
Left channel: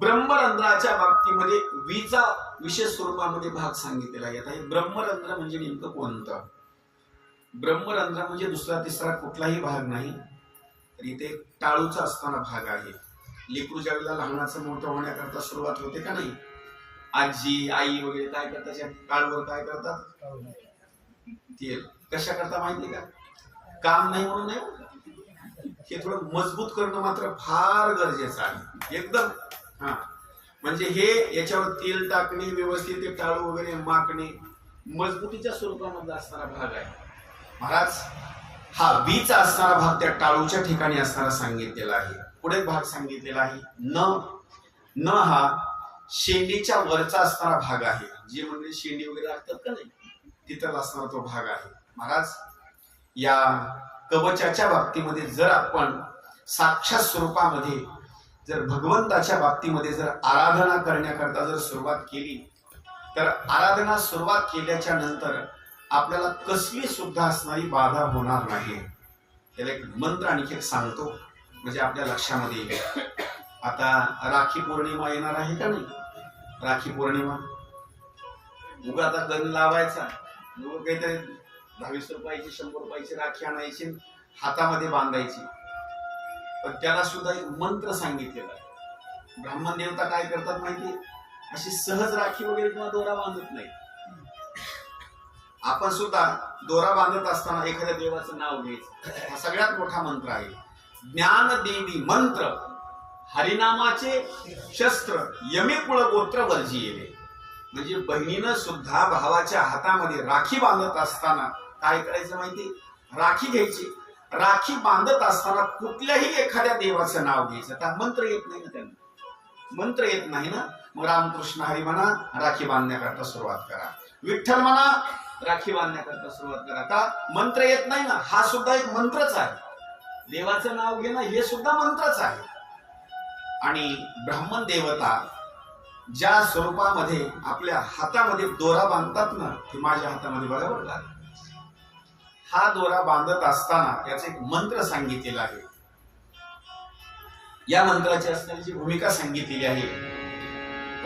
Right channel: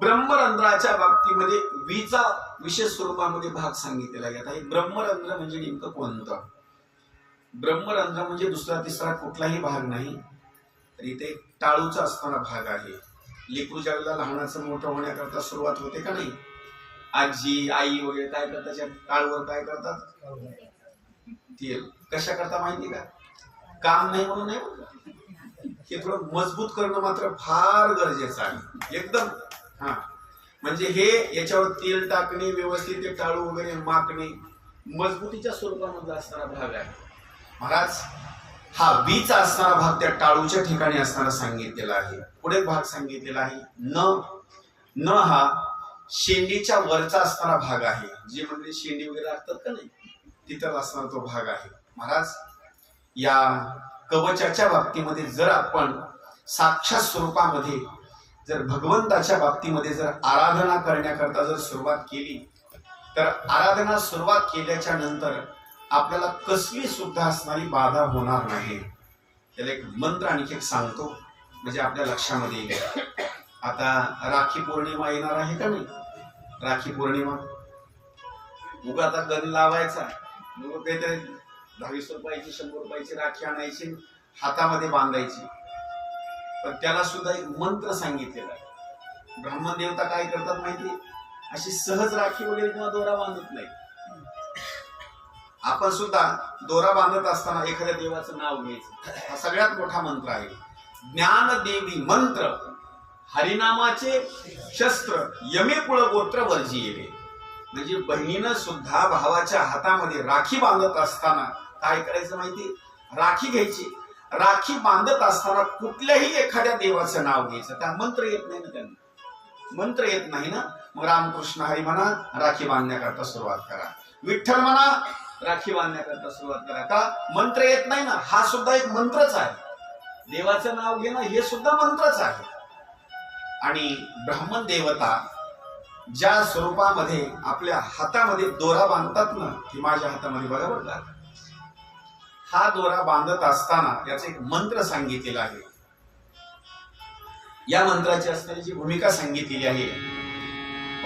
ब्रह्मरंध्राच्या बाबतीमध्ये वीचा विशेष स्वरूपामध्ये भाग सांगितलेला आहे. आता हे ब्रह्मरंध्र म्हणजे नेमकं कोणतं? ब्रह्मरंध्र म्हणजे दुसरा तिसरा कुठलाही भाग नाही, तर इथे टाळूचा असणारा भाग आहे. लेकरू ज्यावेळेला लहानाचं मोठं होण्याकरता सुरुवात होते का नाही, आजी आई वगैरे काय करतात, त्या टाळूवर काय करतात, तेल. कशा करता माहिती का? काम नाही म्हणून नाही, हे थोडं मजबूत करणं मात्र फार गरजेचं आहे एकदम. हा म्हणजे हे याच्यावर तेल टाकणे, व्यवस्थित ते टाळू वगैरे माकणे मजबूतीच्या स्वरूपामध्ये असणारा भाग आहे. महाराज हा बीचा असणारा भाग त्या टाळूच्या ठिकाणी असणारा सांगितलेला आहे. पुढे भाग सांगितलेला आहे न हा शेंडीच्या वरचा असणारा भाग आहे. जे म्हणजे शेंडी वगैरे लागतात का नाही, तिथं असणारा तो भाग आहे. महाराज या कवचाच्या बाबतीमध्ये जर आपण साक्षात स्वरूपामध्ये जर भगवंताच्या बाबतीमध्ये जर आराधना करण्याकरता जर सुरुवात केली तर आराधना सुरुवात केल्याच्या नंतर आपल्याला कसली सुद्धा असणारी बाधा होणार नाही. त्याला एक मंत्र आणखी एक सांगतो म्हणजे आपल्या लक्षामध्ये येईल. आता राखी पौर्णिमा येणार आहे का नाही, राखी पौर्णिमा उगा आता गण लावायचा, लोक काहीतरी 20 रुपयाची 100 रुपयाची राखी आणायची हातामध्ये बांधायची. पण त्याला सुद्धा एक मंत्र सांगितलेला आहे. ब्राह्मण देवता काय करतात माहिती, अशी सहज राखी वगैरे किंवा दोरा बांधत नाही. आपण सुद्धा दोरा बांधत असताना एखाद्या देवाचं नाव घ्यायचं. हा सगळ्यात मोठा मंत्र आहे. ज्ञानदेवी मंत्र हरिनामाचे शस्त्र यमे कुळ गोत्र वर्जिये. म्हणजे बहिणीनं सुद्धा भावाच्या हातामध्ये राखी बांधत असताना काय करायचं माहिती, राखी घ्यायची. राखी बांधत असताना कुठल्याही एखाद्या देवाचं नाव घ्यायचं. त्या मंत्र येत नाही ना, त्यांना मंत्र येत नाही ना, मग रामकृष्ण हरी म्हणा, राखी बांधण्याकरता सुरुवात करा. विठ्ठल म्हणा, राखी बांधण्याकरता सुरुवात करा. का मंत्र येत नाही ना, हा सुद्धा एक मंत्रच आहे. देवाचं नाव घेणं हे सुद्धा मंत्रच आहे. आणि ब्राह्मण देवता ज्या स्वरूपामध्ये आपल्या हातामध्ये दोरा बांधतात ना, हे माझ्या हातामध्ये बघा बरं का, हा दोरा बांधत असताना याचा एक मंत्र सांगितलेला आहे. या मंत्राची असणारी जी भूमिका सांगितलेली आहे,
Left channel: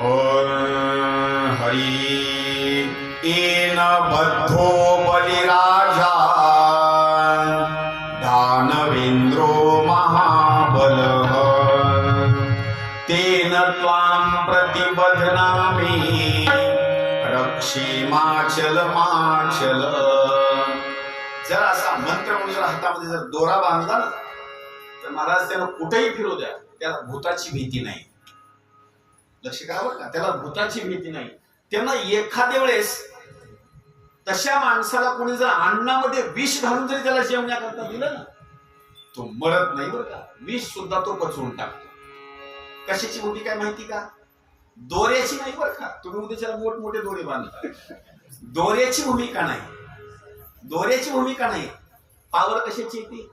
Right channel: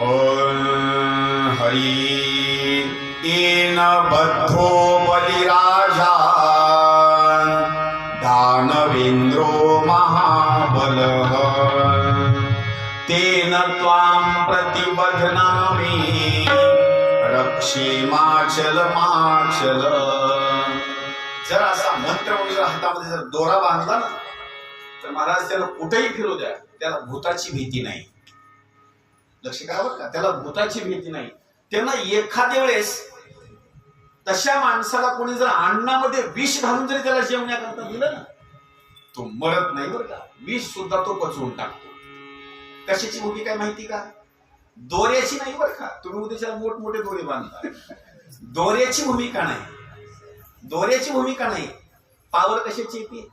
ओम हरी तेन बद्धो बलिराजा दानवेंद्रो महाबलः तेन त्वां प्रतिबध्नामि रक्षेमाचल माचल. जर असा मंत्र म्हणून जर हातामध्ये जर दोरा बांधला ना, तर महाराज त्याला कुठेही फिरू द्या, त्याला भूताची भीती नाही. लक्ष करा बरं का, त्याला भूताची भीती नाही. त्यांना एखाद्या वेळेस तशा माणसाला कोणी जर अन्नामध्ये विष घालून जरी त्याला जेवण्याकरता दिलं ना, तो मरत नाही बरं का, विष सुद्धा तो पचवून टाकतो. कशाची भूमिका काय माहिती का, दोऱ्याची नाही बरं का. तुम्ही उद्याच्याला मोठमोठे दोरे बांधता, दोऱ्याची भूमिका नाही, दोऱ्याची भूमिका नाही. पावर कशाची येते,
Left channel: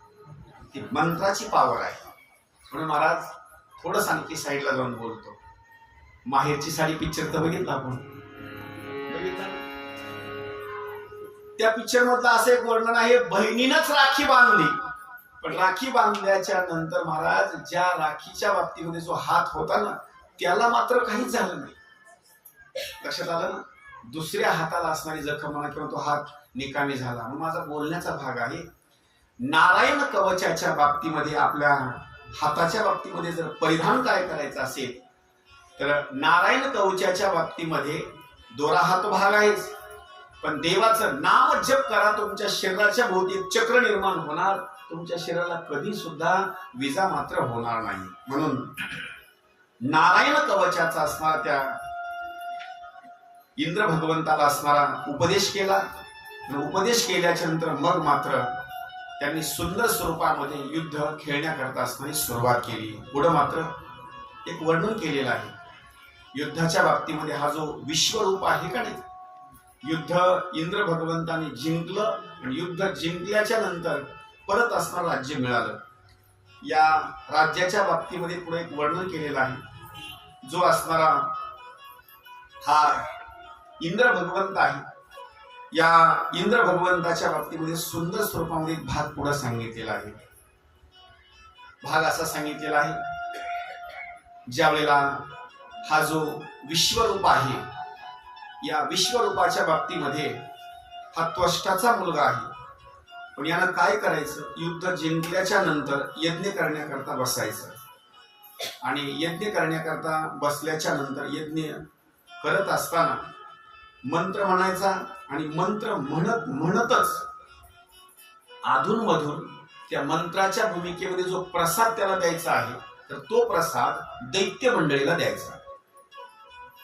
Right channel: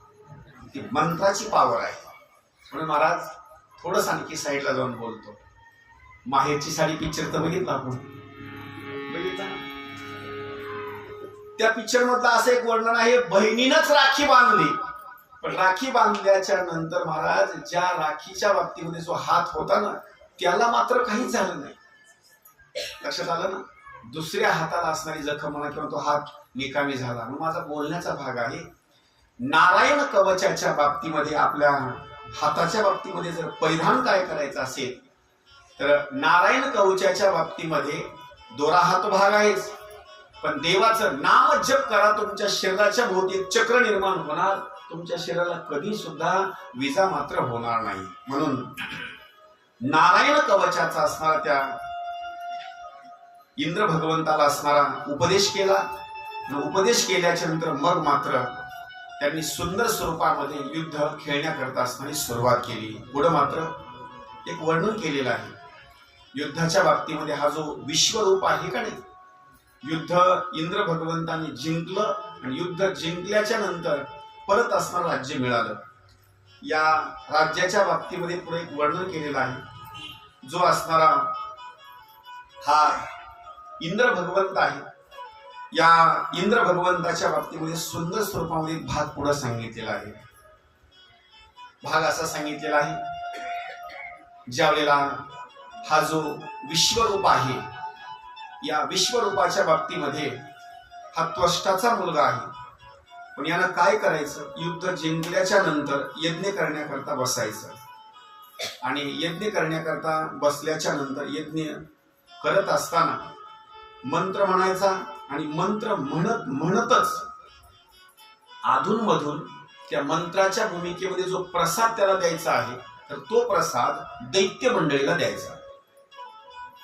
ती मंत्राची पावर आहे. म्हणून महाराज थोडं आणखी साईडला जाऊन बोलतो. माहेरची साडी पिक्चर तर बघितला आपण, बघितला. त्या पिक्चर मधलं असं एक वर्णन आहे, बहिणीनंच राखी बांधली, पण राखी बांधल्याच्या नंतर महाराज ज्या राखीच्या बाबतीमध्ये जो हात होता ना, त्याला मात्र काहीच झालं नाही. लक्षात आलं ना, दुसऱ्या हाताला असणारी जखम म्हणा किंवा तो हात निकामी झाला. म्हणून माझा बोलण्याचा भाग आहे, नारायण कवचाच्या बाबतीमध्ये आपल्या हाताच्या बाबतीमध्ये जर परिधान काय करायचं असेल तर नारायण कवचाच्या बाबतीमध्ये दोरा हात भाग आहेच, पण देवाचं नाम जप करा. तुमच्या शरीराच्या भोवती चक्र निर्माण होणार, तुमच्या शरीराला कधी सुद्धा विजा मात्र होणार नाही. म्हणून नारायण कवचाचा असणारा त्या इंद्र भगवंताला असणारा उपदेश केला. उपदेश केल्याच्या नंतर मग मात्र त्यांनी सुंदर स्वरूपामध्ये युद्ध खेळण्याकरता असणारी सुरुवात केली. पुढे मात्र एक वर्णन केलेलं आहे युद्धाच्या बाबतीमध्ये. हा जो विश्वरूप आहे का नाही, युद्ध इंद्र भगवंतांनी जिंकलं आणि युद्ध जिंकल्याच्या नंतर परत असणारं राज्य मिळालं. या राज्याच्या बाबतीमध्ये पुढे एक वर्णन केलेलं आहे. जो असणारा हा इंद्र भगवंत आहे. या इंद्र भगवंताच्या बाबतीमध्ये सुंदर स्वरूपामध्ये एक भाग पुढे सांगितलेला आहे. भाग असा सांगितलेला आहे, ज्या वेळेला हा जो विश्वरूप आहे, या विश्वरूपाच्या बाबतीमध्ये हा त्वष्टाचा मुलगा आहे. पण यानं काय करायचं, युद्ध जिंकल्याच्या नंतर यज्ञ करण्याकरता बसायचं. आणि यज्ञ करण्याकरता बसल्याच्या नंतर यज्ञ करत असताना मंत्र म्हणायचा. आणि मंत्र म्हणत म्हणतच अधूनमधून त्या मंत्राच्या भूमिकेमध्ये जो प्रसाद त्याला द्यायचा आहे, तर तो प्रसाद दैत्य मंडळीला द्यायचा.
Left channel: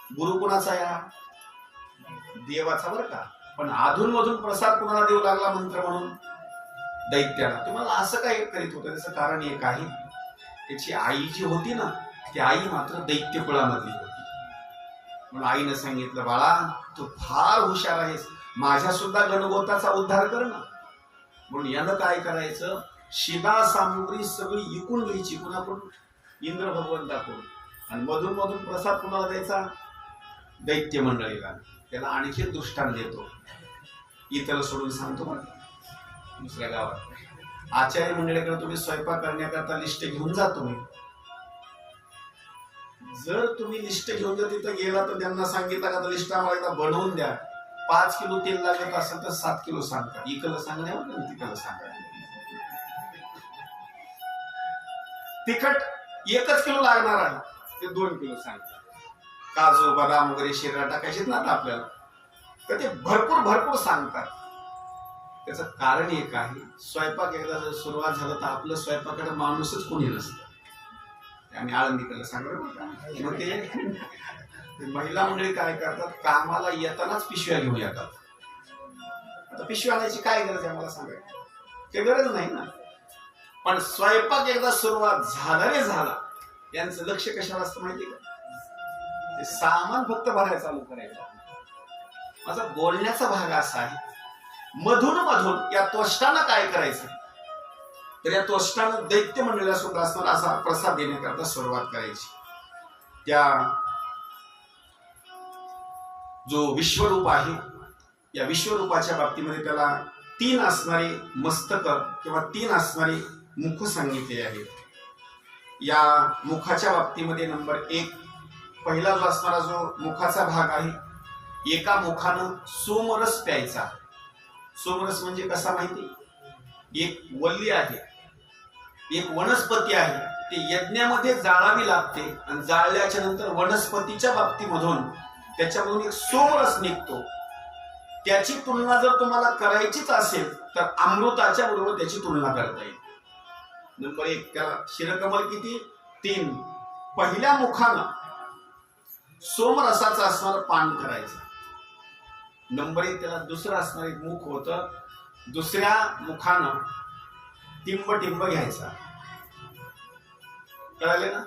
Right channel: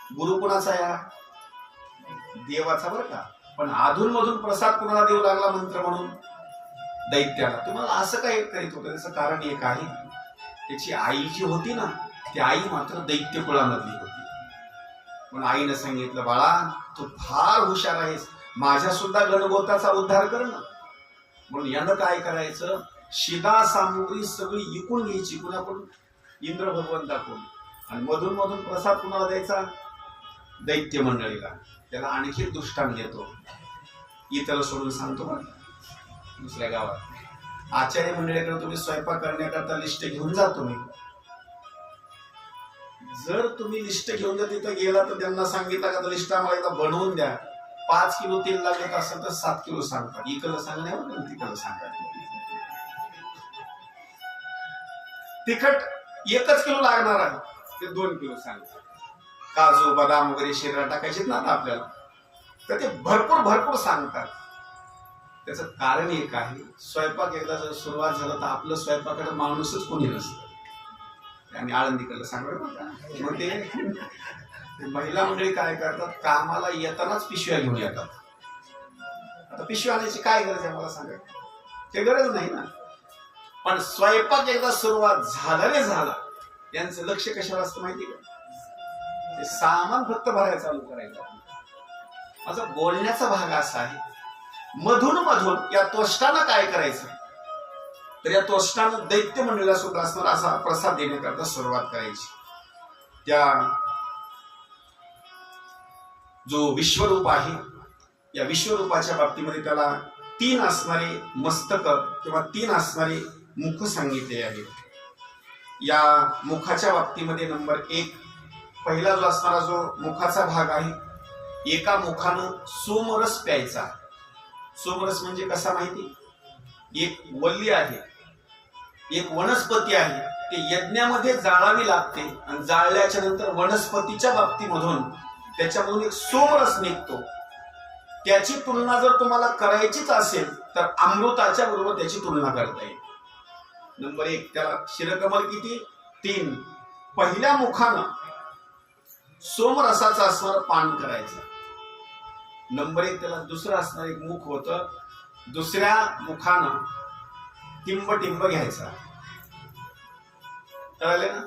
गुरु कुणाचा या देवाचा बरं का, पण अधूनमधून प्रसाद कुणाला देऊ लागला मंत्र म्हणून, दैत्याला. तुम्हाला असं काय करीत होतं, त्याचं कारण एक आहे, त्याची आई जी होती ना, ती आई मात्र दैत्य कुळामधली होती. म्हणून आईनं सांगितलं, बाळा तू फार हुशार आहेस, माझ्या सुद्धा गणगोताचा उद्धार कर ना. म्हणून यानं काय करायचं, शिदा सामुग्री सगळी विकून घ्यायची कुणाकडून, इंद्र भगवंताकडून. आणि मधून मधून प्रसाद कुणाला द्यायचा, दैत्य मंडळीला. त्याला आणखी दृष्टांत देतो, इथं सोडून सांगतो बरं. दुसऱ्या गावात आचार्य मंडळीकडे तुम्ही स्वयंपाक करण्याकरता लिस्ट घेऊन जा. तुम्ही जर तुम्ही लिस्ट घेऊन जर तिथं गेला तर त्यांना सांगितलं का, लिस्ट आम्हाला एकदा बनवून द्या, 5 किलो तेल लागत असेल तर 7 किलो सांगतात. इकडलं सांगण्यावर तिकडलं सांगतात. तिखट 1 किलो लागणार आहे, ते 2 किलो सांगतात. काजू बदाम वगैरे शरीरात टाकायचे ना आपल्याला, तर ते भरपूर भरपूर सांगतात. त्याचं कारण एक आहे, स्वयंपाक एकदा जर सुरुवात झालं तर आपलं स्वयंपाकाला माणूसच कोणी नसतं. आम्ही आळंदीकडलं सांगतो बरं का. मग ते महिला मंडळी काय करतात, कामाला येतानाच पिशव्या घेऊन येतात. आता पिशव्या आणायची काय गरज आहे मला सांगा, काही गरज नाही ना. पण स्वयंपाक एकदा सुरुवात झाला रे झाला, यांचं लक्ष कशाला असतं माहिती का, ते सामान फक्त भरायला चालू करायचं. माझा बोलण्याचा भाग असा आहे, मधून मधून या त्वष्टानं काय करायचं, तर या त्वष्टानं दैत्य मंडळीला सुद्धा असताना असा प्रसाद देण्याकरता सुरुवात करायची. त्या जो विश्वरूप आहे, या विश्वरूपाच्या बाबतीमध्ये त्याला 3 असणारे मस्तक किंवा 3 असणारे मुख सांगितले आहेत. या मुखाच्या बाबतीमध्ये नंबर 1, पहिला जो असणारा जो मुखाचा भाग आहे, एका मुखानं सोमरस प्यायचा. सोमरस म्हणजे कसा माहिती, एक वल्ली आहे, एक वनस्पती आहे, ते यज्ञामध्ये जाळावी लागते. आणि जाळल्याच्या नंतर वनस्पतीच्या बाबतीमधून त्याच्यामधून एक सोमरस निघतो. त्याची तुलना जर तुम्हाला करायचीच असेल तर अमृताच्या बरोबर त्याची तुलना करता येईल. नंबर 1, त्याला शिरकमल किती, 3. पहिल्या मुखानं सोमरसाचं असणारं पान करायचं. नंबर 1, त्याला दुसरं असणार एक मुख होतं, दुसऱ्या मुखानं टिंब टिंब घ्यायचा. कळाले ना.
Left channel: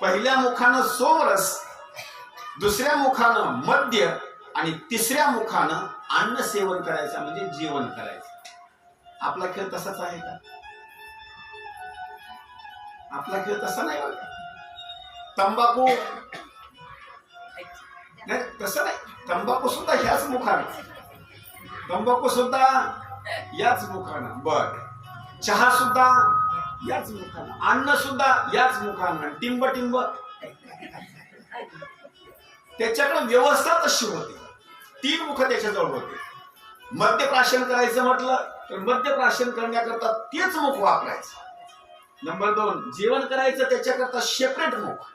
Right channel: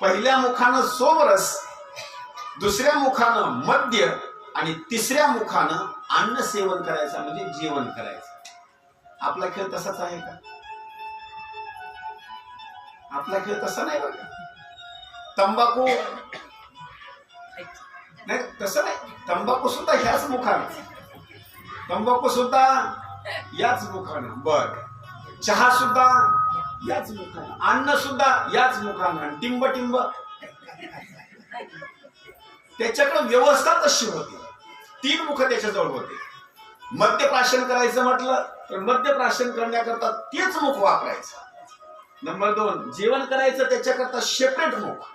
पहिल्या मुखानं सोमरस, दुसऱ्या मुखानं मद्य आणि तिसऱ्या मुखानं अन्न सेवन करायचं, म्हणजे जेवण करायचं. आपला खेळ तसाच आहे का, आपला खेळ तसा नाही बरं का. तंबाखू नाही, तसं नाही, तंबाखू सुद्धा ह्याच मुखानं, तंबाखू सुद्धा याच मुखानं, बर चहा सुद्धा याच मुखानं, अन्न सुद्धा याच मुखानं, टिंब टिंब त्याच्याकडे व्यवस्था तशी होती. 3 मुख त्याच्याजवळ होते. मद्यप्राशन करायचं म्हटलं तर मद्यप्राशन करण्याकरता तेच मुख वापरायचं. नंबर 2, जेवण करायचं त्याच्याकरता सेपरेट मुख.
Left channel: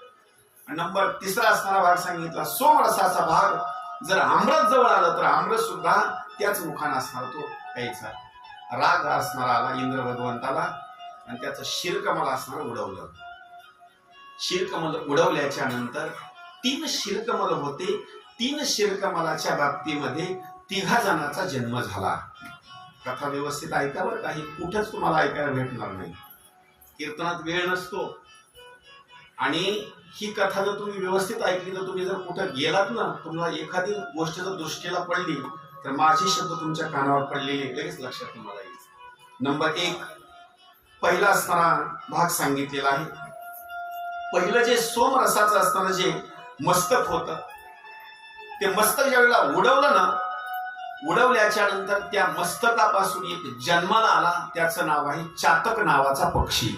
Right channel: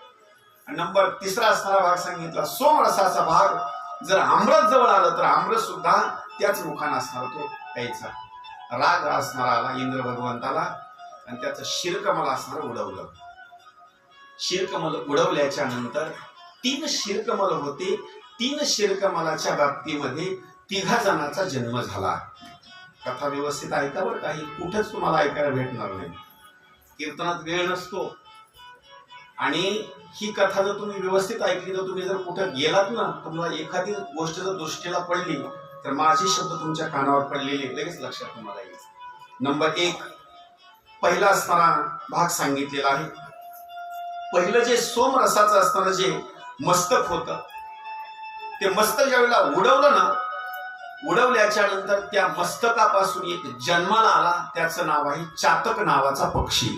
नंबर 3 असणारा भाग सांगितला सोमरसाचा भाग. जर आमरस जवळ आलं तर आमरस सुद्धा त्याच मुखानं असणार, तो प्यायचा. राग असणारा आला इंद्र भगवंताला आणि त्याचं शिरकमल असणार उडवलं. शिरकमल उडवल्याच्या नंतर 3 शिरकमल होते. 3 शिरकमलाच्या बाबतीमध्ये 3 जणांचा जन्म झाला. कथा व्यवस्थित ऐका बरं, काही कुठंच तुम्हाला ऐकायला भेटणार नाही. कीर्तनात वेळ नसतो. आणि ही कथा जर तुम्ही व्यवस्थित ऐकली तर तुम्ही जर कुठं गेलात ना, तुम्हाला एखादी गोष्ट जर दृष्टीला पडली तर माझे शब्द तुमच्या कानावर पडलेले लगेच लक्षात तुम्हाला येईल. नंबर 1, पहिला असणारा भाग सांगितलेला आहे. पहिलं जे सोमरसाचं असणारं जे मस्तक होतं, ते मस्तक ज्यावेळेला उडवलं ना, उडवल्याच्या नंतर त्या मस्तकापासून एक जन्माला आला, त्याचं नाव आहे चातक नावाचा पक्षी.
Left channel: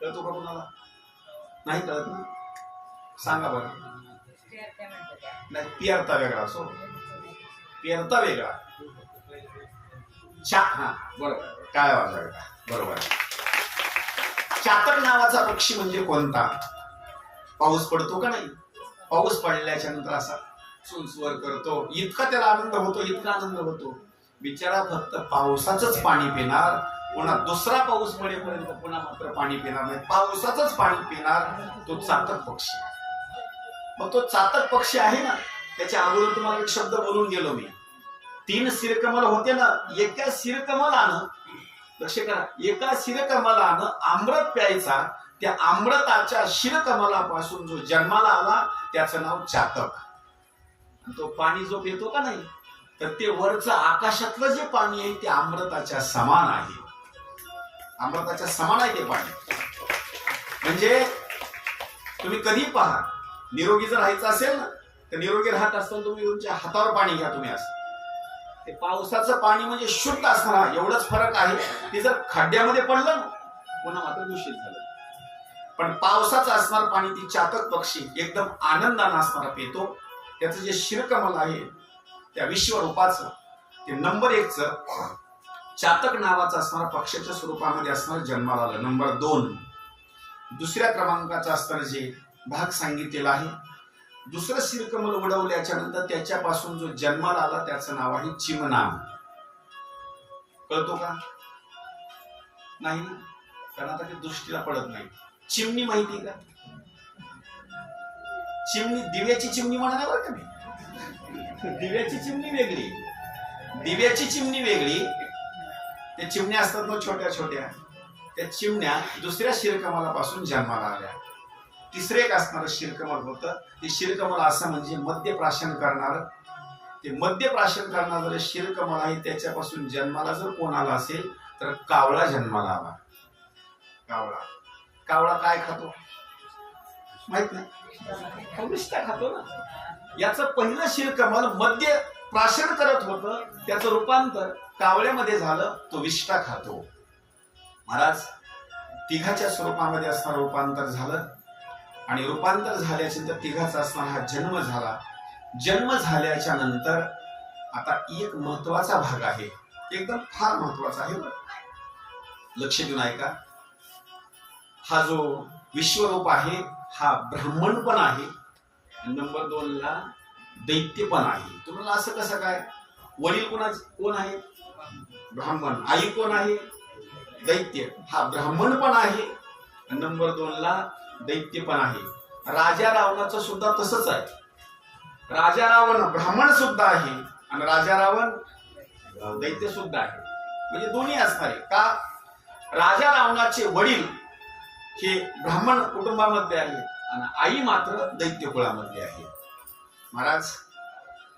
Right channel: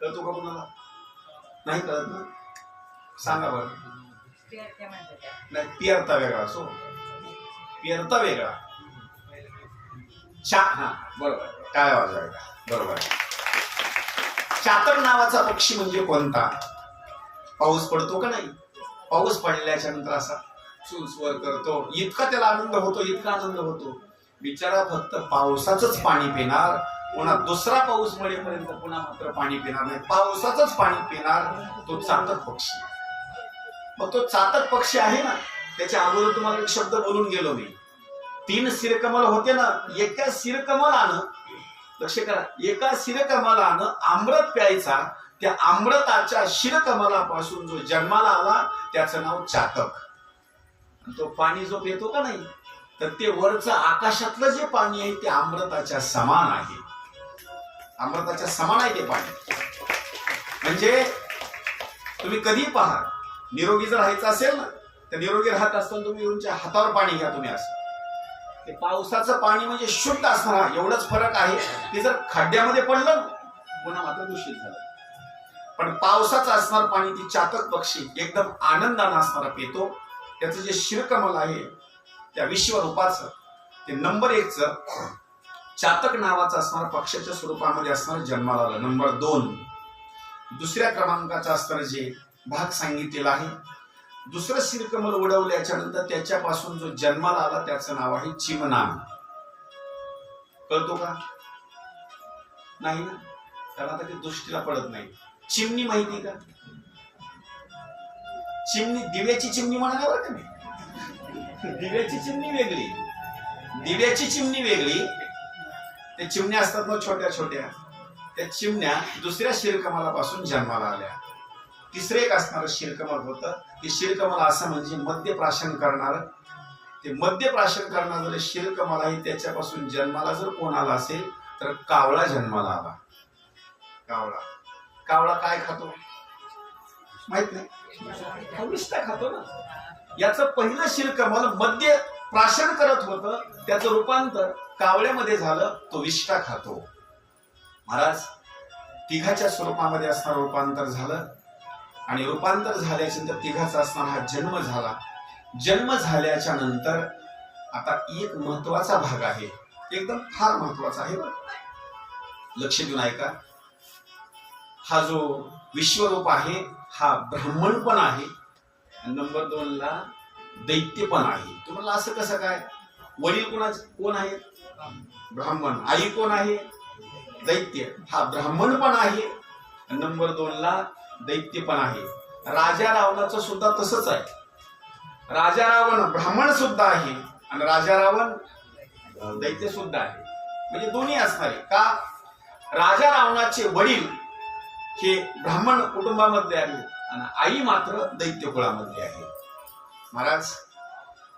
कळतो का कुणाला? नाही कळत ना? सांगा बरं. नाही, पियरता वेगळा असो, पियरता वेगळा. हा बरोबर, काय वाजायला बरोबर. चातक नावाचा पक्षी म्हणजे कोणता? पाऊस पडतो का नाही, पाऊस पडल्याच्या नंतर असा सुसवर करतो, इतका त्याला आनंद होतो, इतका आनंद होतो. बिचारा फक्त पावसाचंच पाणी पिणार, पुन्हा दुसरा पाऊस पडेपर्यंत पुन्हा मात्र पाणी पिणार नाही, पावसाचंच पाणी पिणार तो चातक पक्षी. मग तो चातक पक्षी आहे ना, त्याच्या अगोदर तुम्हाला एक शब्द बोलून गेलो मी. 3 शिरकमल होते ना, एका शिरकमलानं, लक्ष करा, एका शिरकमलानं अमृत प्यायचा. त्या अमृताच्या शिरकमलापासून जो जन्माला आला त्याचं नाव चातक. तो पाणी जो पितो का नाही, तर ते वरचं आकाशातलं जे पाणी आहे ते अमृताच्या समान आहे, अमृताच्या समान आहे ते पाणी. म्हणजे तुम्ही कधी पहा, निरोगी जर राहायचं असेल ना, तर निरोगी राहत असताना तुम्ही तुमच्या हातावर पाणी घ्या. तुम्ही असं ते पावसाचं पाणी म्हणजे शुद्ध असणार, एवढंच फरक आहे. ते जर खड्ड्यामध्ये पडलं पुन्हा मात्र दूषित झालं. पण पावसाचं असणार पाणी ती चातक पक्षी एकदम आनंदानं असणारा पितो. त्याचं जे शिरकमल आहे त्या विश्वरूपाचं, ते नंबर 1चं चातक नावाचं असणार पक्षाच्या स्वरूपामध्ये असणार जन्माला आलं. नंबर 2, दुसऱ्या क्रमांकाचं असणारं जे भाग सांगितलेला आहे, दुसरं शिरकमल उडवल्याच्या नंतर त्याच्यापासून जो जन्माला आला त्याचं नाव आहे चिमणा. कळतो का? नाही ना, कारण आता ते दृष्टीला पडत नाही. चिमणी माहिती का? चिमणी, दिव्याची चिमणी म्हणा बरं का मी. दिव्याची चिमणी वेगळी, दिव्याची चिमणी वेगळी. त्या चिमण्या असतात ना छोट्या छोट्या, त्या चिमण्या दुसऱ्या शिरकमलापासून जन्माला आल्या. तिसरं एक असणारं शिरकमल होतं, ते शिरकमल असं म्हणजे मद्यप्राशन करणार. ते मद्यप्राशन करणारं शिरकमल आहे, त्याच्यापासून जन्माला जर कोण आला असेल तर कावळा जन्माला आला. कावळा, कावळा काय खातो माहित नाही, विष्ठा खातो ना. याचं पहिलं शिरकमल मद्य प्राशन करत होतं, त्याचं रूपांतर कावळ्यामध्ये झालं, तो विष्ठा खातो. महाराज, तिघाच्या स्वरूपामध्ये असणारं रूपांतर झालं, आणि रूपांतर झाल्याच्या नंतर तिघाचा असणारा हा जन्म झाला. जन्म झाल्याच्या नंतर आता एक महत्वाचा भाग आहे, एकदम फार महत्वाचा आहे, लक्ष देऊन ऐका. हा जो विश्वरूप आहे हा ब्राह्मण पण आहे, नंबर 2ला दैत्य पण आहे. तुम्हाला असं कसं काय? वडील कोण आहे? ब्राह्मण. आई कोण आहे? दैत्य. हा ब्राह्मण पण आहे, नंबर 2ला दैत्य पण आहे. राजा रावणाचं सुद्धा तसंच आहे. राजा रावण ब्राह्मण सुद्धा आहे आणि राजा रावण दैत्य सुद्धा आहे. म्हणजे दोन्ही असणार आहे का? राजा रावणाचे वडील हे ब्राह्मण कुटुंबामध्ये आहेत आणि आई मात्र दैत्य कुळामध्ये आहे. महाराज,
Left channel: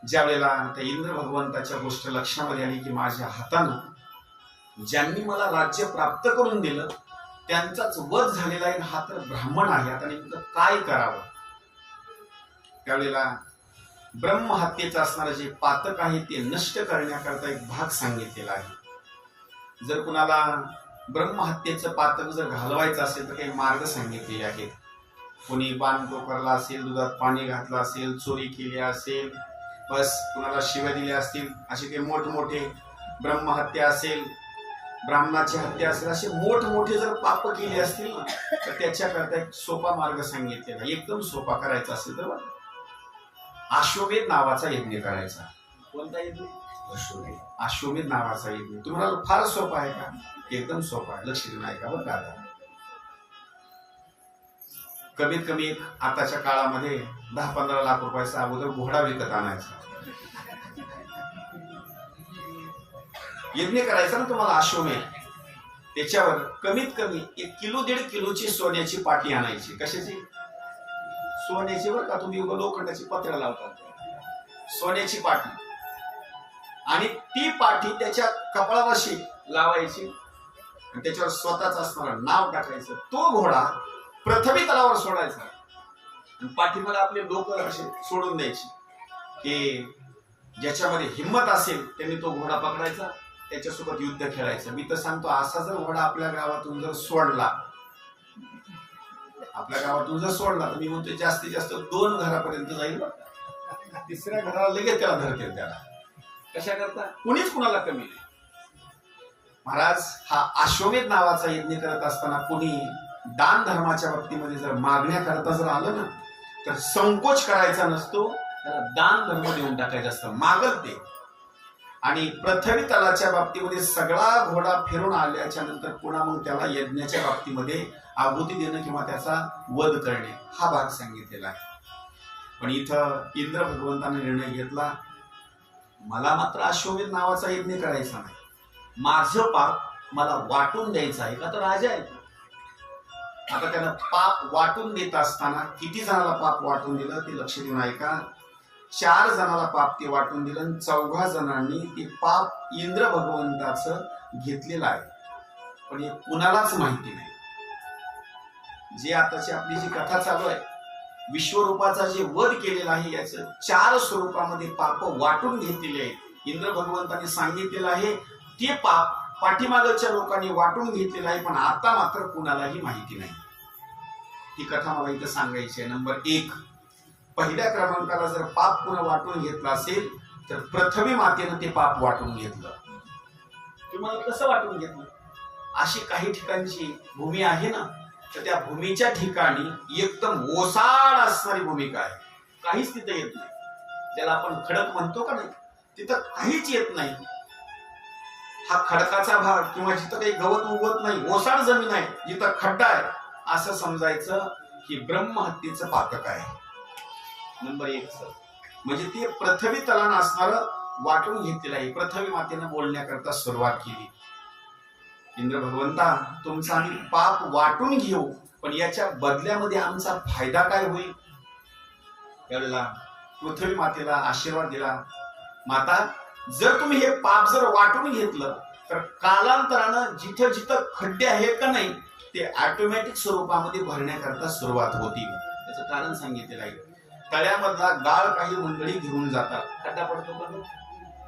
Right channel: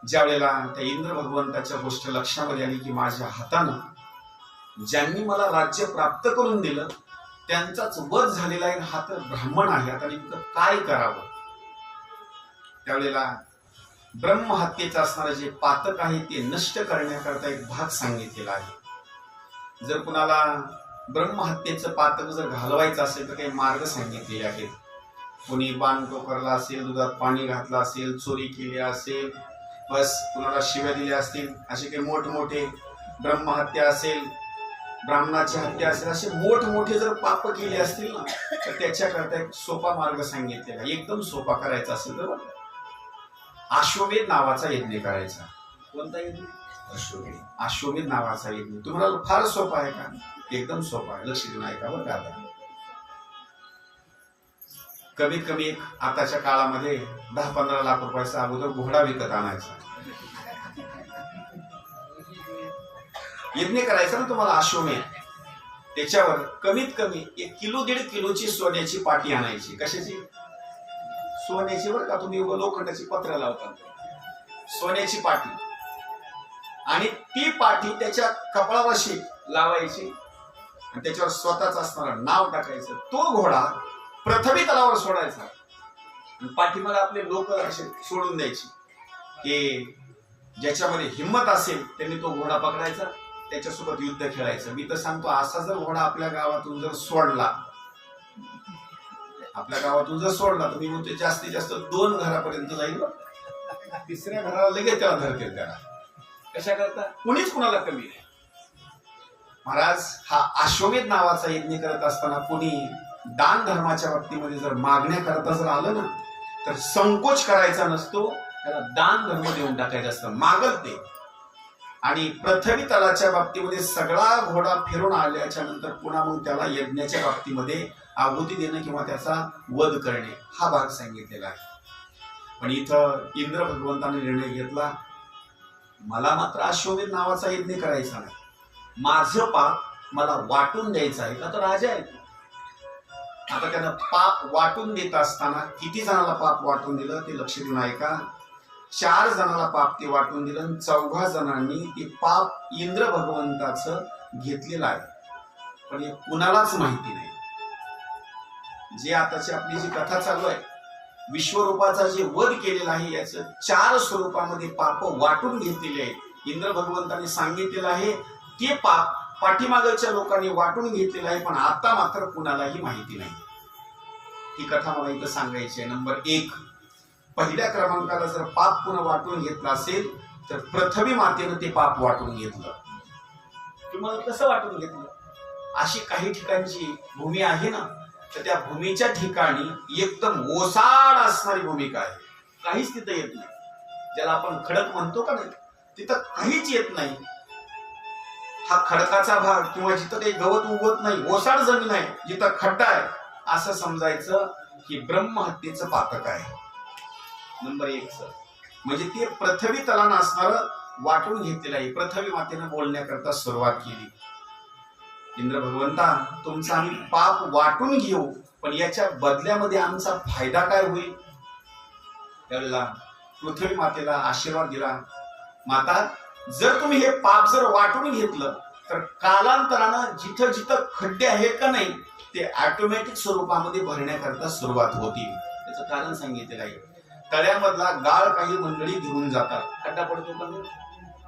ज्या वेळेला त्या इंद्र भगवंताच्या गोष्ट लक्षामध्ये आली की माझ्या हातानं ज्यांनी मला राज्य प्राप्त करून दिलं त्यांचाच वध झालेला आहे, हा तर ब्राह्मण आहे, आता नेमकं काय करावं? त्यावेळेला ब्रह्महत्येचं असणारं जे पातक आहे ते नष्ट करण्याकरता एक भाग सांगितलेला आहे. जर कुणाला ब्रह्महत्येचं पातक जर घालवायचं असेल तर काही मार्ग सांगितलेले आहेत. कोणी बाण टोकरला असेल, दुधात पाणी घातलं असेल, चोरी केली असेल, बस कुणाला शिव्या दिल्या असतील, असे काही मोठमोठे ब्रह्महत्या असेल, ब्राह्मणाची हत्या असेल, असे मोठमोठे जर पाप केले असतील ना तर त्याच्याकरता एक सोपा मार्ग सांगितलेला, एकदम सोपा करायचा असेल तर अश्वमेध नावाचा यज्ञ करायचा. कोणता यज्ञ? अश्वमेध. अश्वमेध नावाचा यज्ञ तुम्हाला फार सोपा आहे का? एकदम सोपा आहे. लक्ष देऊन ऐका बरं का. आता कमीत कमी एक आताच्या काळामध्ये 10-15 लाख रुपयाचा अगोदर घोडा विकत आणायचा, यज्ञ करायचा ना तुम्हाला अश्वमेध. त्याच्यावर कमीत कमी 1 किलो 1.5 किलोची सोन्याची पाटी आणायची. कशाची? सोन्याची बरं का. तुम्ही लोखंडाची पत्र्या लावता, सोन्याची पाटी. आणि ती पाठी त्याच्या कपाळापाशी लावायची आणि त्याच्यावर स्वतःच असणारं नाव टाकायचं. तो घोडा प्रथमी तलावर सोडायचा आणि पाठीमागे आपले लोक असे सोडून द्यायची की ज्याच्यामध्ये हिंमत असेल त्यांनी तो घोडा पकडायचा, त्याच्यासोबत युद्ध खेळायचं. मी तर सांगतो, असा जर घोडा आपल्या गावातून जर सोडला तर मी म्हणतो जास्तीत जास्त 2 घरापर्यंत जाईल. 3ऱ्या घराला लगेच त्याला धरतील. त्याला कशा करता कुणीच कुणाला कमी नाही. महाराज, हा अश्वमेध नावाचा यज्ञ करत असताना कुणी दान धर्माच्या बाबतीमध्ये जर मागण्या करता जर आलं ना, तर संकोच करायचा नसतो. त्याला दान धर्म देऊन टाकायचं असतं, मागल ते. आणि पृथ्वी तलाच्या बाबतीमध्ये सगळा घोडा फिरून आल्याच्या नंतर पुन्हा मग त्याला यज्ञाच्या बाबतीमध्ये आहुती देणं किंवा त्याचा वध करणे हा भाग सांगितलेला आहे. पण इथं इंद्र भगवंताने निर्णय घेतला, मला मात्र अश्वमेध नावाचा यज्ञ करायचा नाही. माझं पाप मला वाटून द्यायचं आहे का, तर राजा आहे. आता त्यानं पाप वाटून देत असताना किती जणाला पाप वाटून दिलं ते लक्ष देऊन ऐका. 4 जणाला पाप ते वाटून दिलं. 4 जणांनी ते पाप इंद्र भगवंताचं घेतलेलं आहे, पण हे कुणालाच माहिती नाही. जे आताची आपली जी कथा चालू आहे, विश्वरूपाचा जे वध केलेला आहे, याचं 4 स्वरूपामध्ये पाप वाटून घेतलेले आहेत. इंद्र भगवंताने सांगितलेलं आहे ते पाप पाठीमागच्या लोकांनी वाटून घेतलेलं आहे, पण आता मात्र कुणालाही माहिती नाही. ही कथा मला इथं सांगायची आहे. नंबर 1, पहिल्या क्रमांकाला जर पाप पुन्हा वाटून घेतलं असेल तर पृथ्वी मातेनं ते पाप वाटून घेतलं. तुम्हाला कसं वाटून घेतलं? अशी काही ठिकाणची भूमी आहे ना, तर त्या भूमीच्या ठिकाणी एकदम ओसाड असणारी भूमिका आहे, काहीच तिथं येत नाही. ज्याला आपण खडक म्हणतो का नाही, तिथं काहीच येत नाही. हा खडकाचा भाग किंवा जिथं काही गवत उगवत नाही, ओसाड जमीन आहे, जिथं खड्डा आहे, असं समजायचं की ब्रह्महत्येचं पातक आहे. नंबर 1 म्हणजे ते पृथ्वी तलानं असणारं वाटून घेतलेलं आहे. पृथ्वी मातेनं बोलण्याकरता सुरुवात केली, इंद्र भगवंता, तुमचा आम्ही पाप वाटून घेऊ, पण याच्या बदल्यामध्ये आमचा फायदा काय होईल? त्यावेळेला पृथ्वी मातेला आशीर्वाद दिला, माता, जर तुम्ही हे पाप जर वाटून घेतलं तर कालांतरानं जिथं जिथं खड्डे आहेत का नाही, ते ऑटोमॅटिक स्वरूपामध्ये भरण्याकरता सुरुवात होती. त्याचं कारण सांगितलेलं आहे. तळ्यामधला गाळ काही मंडळी घेऊन जातात, खड्डा पडतो का नाही,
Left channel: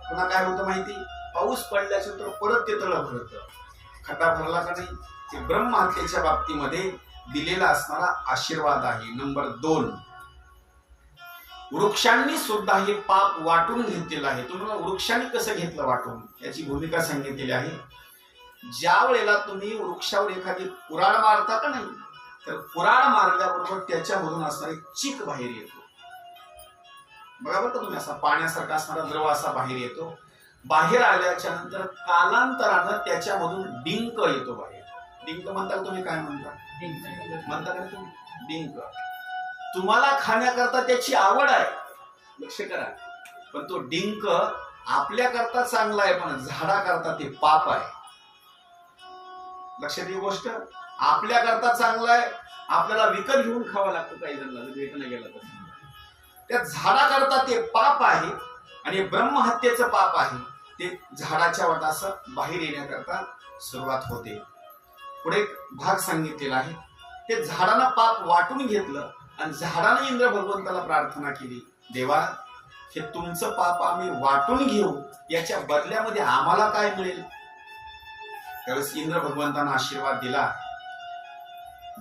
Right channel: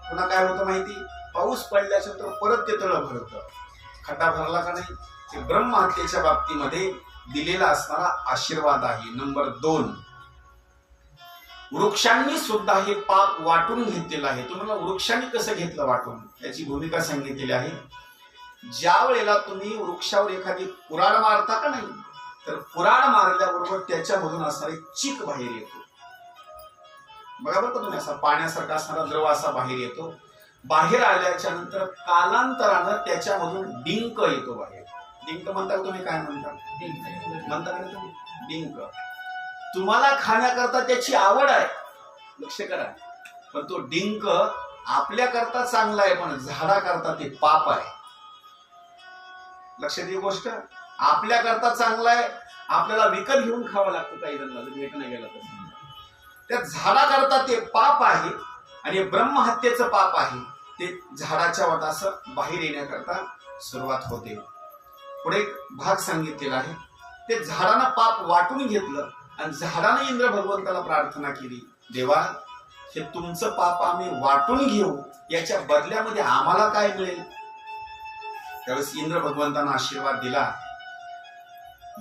पुन्हा काय होतं माहिती, पाऊस पडल्याच्या नंतर परत ते तळं भरतं. खड्डा भरला का नाही, ते ब्रह्महत्येच्या बाबतीमध्ये दिलेला असणारा आशीर्वाद आहे. नंबर 2, वृक्षांनी सुद्धा हे पाप वाटून घेतलेलं आहे. तुम्हाला वृक्षांनी कसं घेतलं वाटून, याची भूमिका सांगितलेली आहे. ज्या वेळेला तुम्ही वृक्षावर एखादी कुऱ्हाड मारता का नाही, तर कुऱ्हाड मारल्याबरोबर त्याच्यामधून असणारे चीक बाहेर येतो. बघा बरं का तुम्ही, असा पाण्यासारखा असणारा द्रव असा बाहेर येतो. बाहेर आल्याच्या नंतर कालांतरानं त्याच्यामधून डिंक येतो बाहेर. डिंक म्हणता, तुम्ही काय म्हणता? म्हणता का तुम्ही डिंक? तुम्हाला खाण्याकरता त्याची आवड आहे, लक्ष करा, पण तो डिंक आपल्याकरता चांगला आहे, पण झाडाकरता ते पाप आहे. लक्षात ही गोष्ट, आपल्याकरता चांगला आहे, आपल्याला विकत घेऊन खावं लागतं काही जणांना, जर भेट नाही गेला तर. त्या झाडाकरता ते पाप आहे आणि ब्रह्महत्येचं पाप आहे. ते झाडाच्या वाटासं बाहेर येण्याकरता सुरुवात होते. पुढे एक भाग सांगितलेला आहे, ते झाडानं पाप वाटून घेतलं आणि झाडाने इंद्र भगवंताला प्रार्थना केली, देवा, हे तुमचं पाप आम्ही वाटून घेऊ, याच्या बदल्यामध्ये आम्हाला काय मिळेल? त्यावेळेस इंद्र भगवंतांना आशीर्वाद दिला,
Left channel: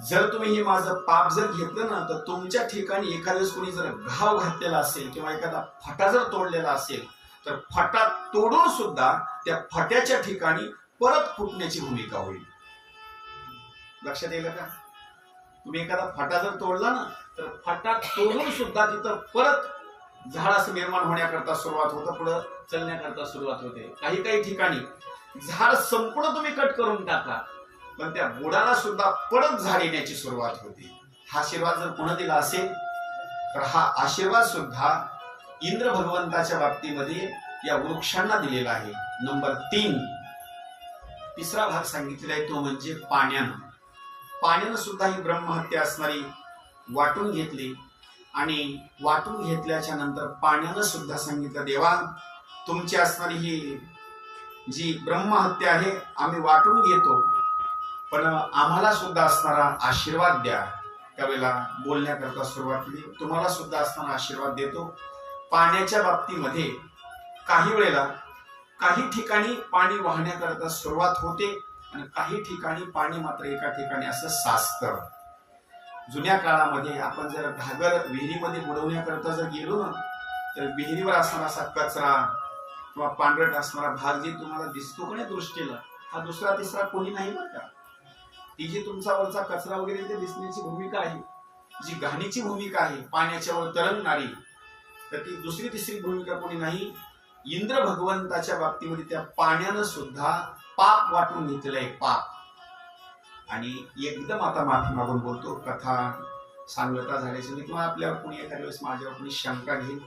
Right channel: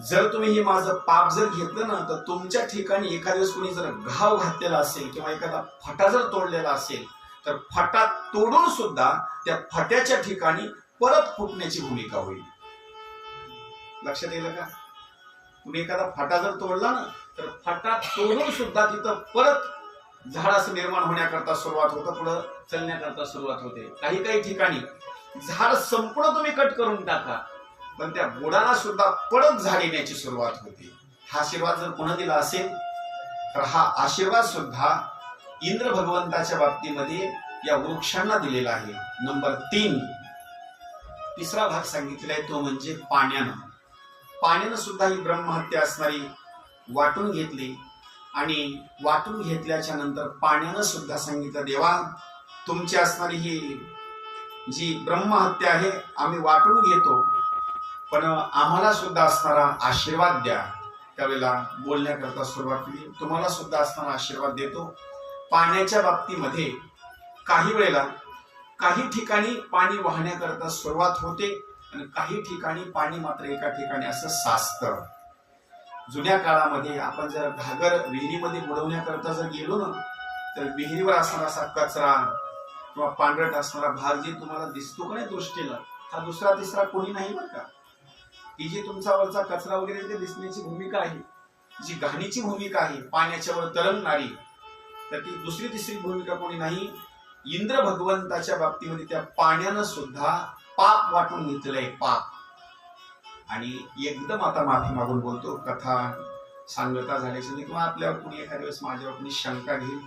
जर तुम्ही हे माझं पाप जर घेतलं ना, तर तुमच्या ठिकाणी एखाद्या कोणी जर घाव घातलेला असेल किंवा एखादा फटा जर तोडलेला असेल, तर फटा तोडून सुद्धा त्या फट्याच्या ठिकाणी परत फुटण्याची भूमिका होईल. लक्षात येईल का? तुम्ही एखादा फटा जर तोडला ना, तर फटा तोडून सुद्धा तिथं परत झाड असं निर्माण होण्याकरता सुरुवात होतं, पुढं चलण्याकरता सुरुवात होते. काही काही ठिकाणी झाड संपूर्ण तुम्ही कट करून टाका, पण त्या बुडाला सुद्धा परत झाड येण्याची सुरुवात होती. हा आशीर्वाद जर पुन्हा दिला असेल, तर हा आशीर्वाद सुद्धा इंद्र भगवंताच्या बाबतीमध्ये या वृक्षांना दिलेला आहे. नंबर 3, तिसरा भाग सांगितलेला आहे, तो म्हणजे पाण्यानं. पाण्यानं सुद्धा ही ब्रह्महत्या असणारी वाटून घेतली आणि वाटून घेतल्याच्या नंतर पाण्यानं सुद्धा सांगितलं, देवा, तुमची असणारी ही जी ब्रह्महत्या आहे आम्ही वाटून घेतो, पण आम्हाला सुद्धा असणारा आशीर्वाद द्या. त्यावेळेला बोलण्याकरता सुरुवात केली. तुम्हाला सुद्धा असणारा आशीर्वाद देतो. पाण्याच्या बाबतीमध्ये काही वेळेला काही ठिकाणी पाणी वाहण्याकरता सुरुवात होते आणि काही ठिकाणी पाणी मात्र एका ठिकाणी असं साचतं. जुन्या काळामध्ये आपण जर घागर विहिरीमध्ये बुडवण्याकरता जर गेलो ना, तर विहिरीवर असणारा असा कचरा किंवा पांढरट असणारा भाग जे तुम्हाला दिसतो का नाही दृष्टीला, हा दुसरा तिसरा कोणी नाही बरं का. ती जी तुमचा वरचा कचरा वगैरे ते दिसण्याची भूमिका आहे, जी घाणीची भूमिका आहे पाण्याच्या वर तरंगणारी, तर ती दुसरी तिसरी भूमिका कोणी नाही. इंद्र भगवंताच्या बाबतीमध्ये त्या पाण्यानं सुद्धा पाप वाटून घेतलेलं आहे, पाप. आणि एकदम आता माफी मागून बोलतो, कथा सांगता झाल्याची नाही किंवा आपल्यावर कोणी एखाद्या वेळेस माझ्यावर कोणी शंका घेईल,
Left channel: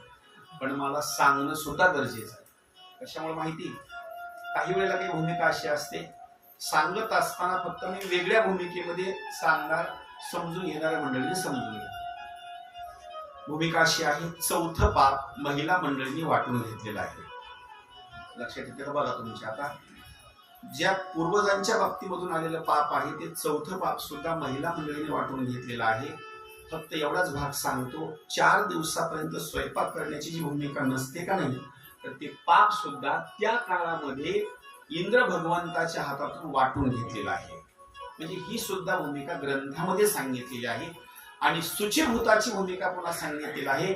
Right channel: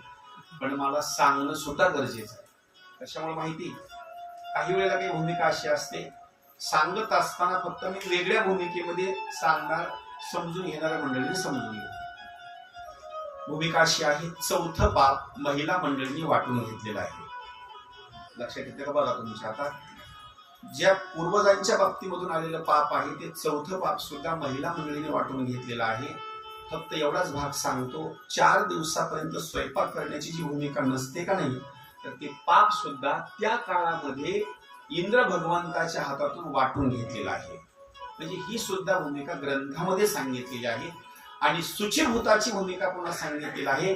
पण मला सांगणं सुद्धा गरजेचं आहे. कशामुळे माहिती, काही वेळेला काही भूमिका अशी असते, सांगत असताना फक्त मी वेगळ्या भूमिकेमध्ये सांगणार, समजून घेणाऱ्या मंडळीने समजून घ्या. भूमिका अशी आहे, चौथं पाप महिला मंडळींनी वाटून घेतलेलं आहे. लक्षात येते का बघा तुमच्या. आता ज्या पूर्वजांच्या बाबतीमधून आलेलं पाप आहे ते चौथं पाप सुद्धा महिला मंडळीने वाटून घेतलेलं आहे. फक्त एवढाच भाग सांगतो, 4 दिवसापर्यंत स्वयंपाक करण्याची जी भूमिका नसते का नाही, तर ते पाप सुद्धा त्या काळामध्ये इंद्र भगवंताच्या हातातून वाटून घेतलेलं आहे. म्हणजे ही सुद्धा भूमिका ग्रंथामध्ये सांगितलेली आहे. आणि शुचिभूताची भूमिका पुन्हा सांगितलेली आहे.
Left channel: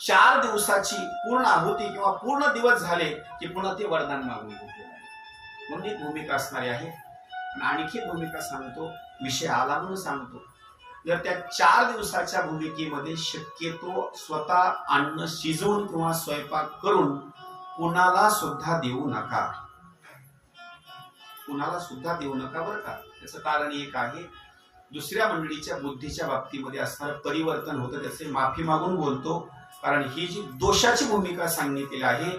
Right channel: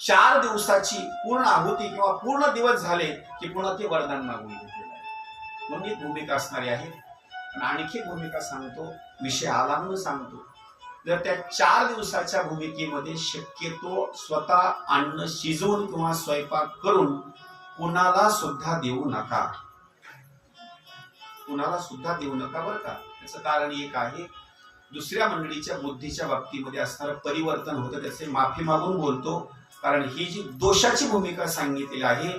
4 दिवसाची पूर्ण आहुती किंवा पूर्ण दिवस झाले की पुन्हा ते वरदान मागून घेतलेलं आहे. म्हणून एक भूमिका असणारी आहे. आणि आणखी एक भूमिका सांगतो, विषय आला म्हणून सांगतो. जर त्या 4 दिवसाच्या भूमिकेमध्ये शक्यतो स्वतः अन्न शिजवून किंवा स्वयंपाक करून कुणाला सुद्धा देऊ नका, कुणाला सुद्धा देऊ नका बरं का. त्याचं कारण एक आहे, दुसऱ्या मंडळीच्या बुद्धीच्या बाबतीमध्ये असणारं परिवर्तन होतं. त्याचे माफी मागून बोलतो, कारण ही जी दोषाची भूमिका सांगितलेली आहे,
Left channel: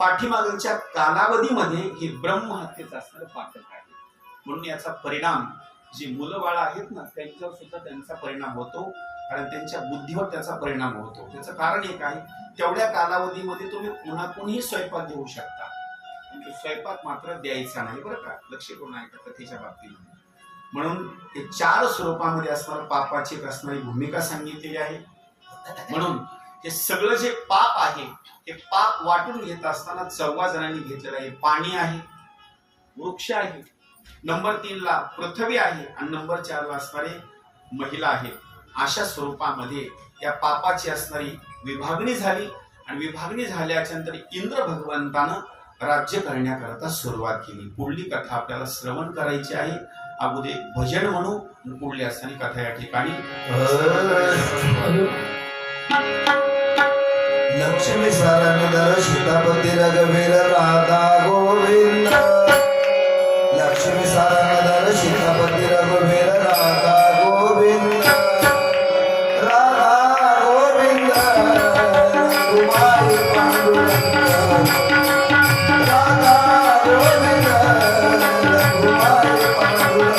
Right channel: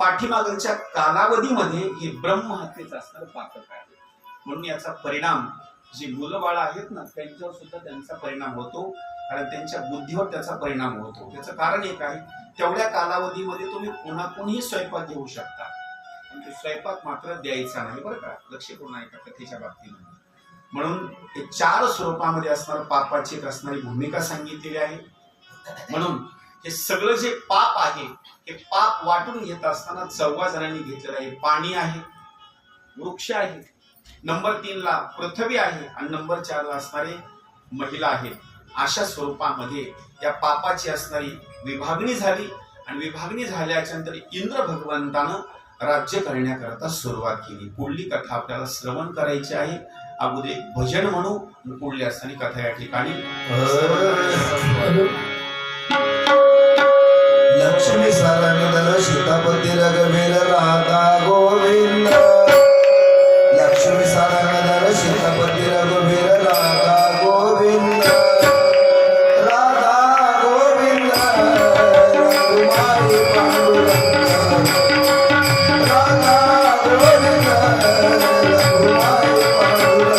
पाठीमागच्या कालावधीमध्ये हे ब्रह्महत्येचं असणारं पातक आहे. म्हणून याचा परिणाम जी मुलं बाळ आहेत ना, त्यांच्यावर सुद्धा त्यांचा परिणाम होतो, कारण त्यांच्या बुद्धीवर त्याचा परिणाम होतो. त्याचं कारण एक आहे, तेवढ्या कालावधीमध्ये तुम्ही पुन्हा कोणीही स्वयंपाक घेऊ शकता, पण तो स्वयंपाक मात्र द्यायचा नाही बरं का. लक्ष करून ऐका कथेच्या बाबतीमध्ये. म्हणून हे 4 स्वरूपामध्ये असणारं पापाची एक असणारी भूमिका सांगितलेली आहे. म्हणून हे सगळं जे पाप आहे, हे पाप वाटून घेत असताना 14 जणांनी घेतलेलं आहे. पाणी आहे, वृक्ष आहे, नंबर 3 ला पृथ्वी आहे, आणि नंबर 4 ला असणारे महिला आहेत. अशा स्वरूपामध्ये या पापाची असणारी विभागणी झाली. आणि विभागणी झाल्याच्या नंतर इंद्र भगवंतानं राज्य करण्याकरता सुरुवात केली. पुढली कथा आपल्याला श्रवण करायची आहे. अगोदर एक भजन म्हणू, पुढली असणारी कथा या ठिकाणी. लक्ष्मी सारंगधर सीतापती रघुवीर राधा गोविंद. लक्ष्मी सारंगधर सीतापती रघुवीर राधा गोविंद. राधा गोविंद कुमारी पांडुरंग. राधा गोविंद कुमारी पांडुरंग. राधा गोविंद कुमारी पांडुरंग.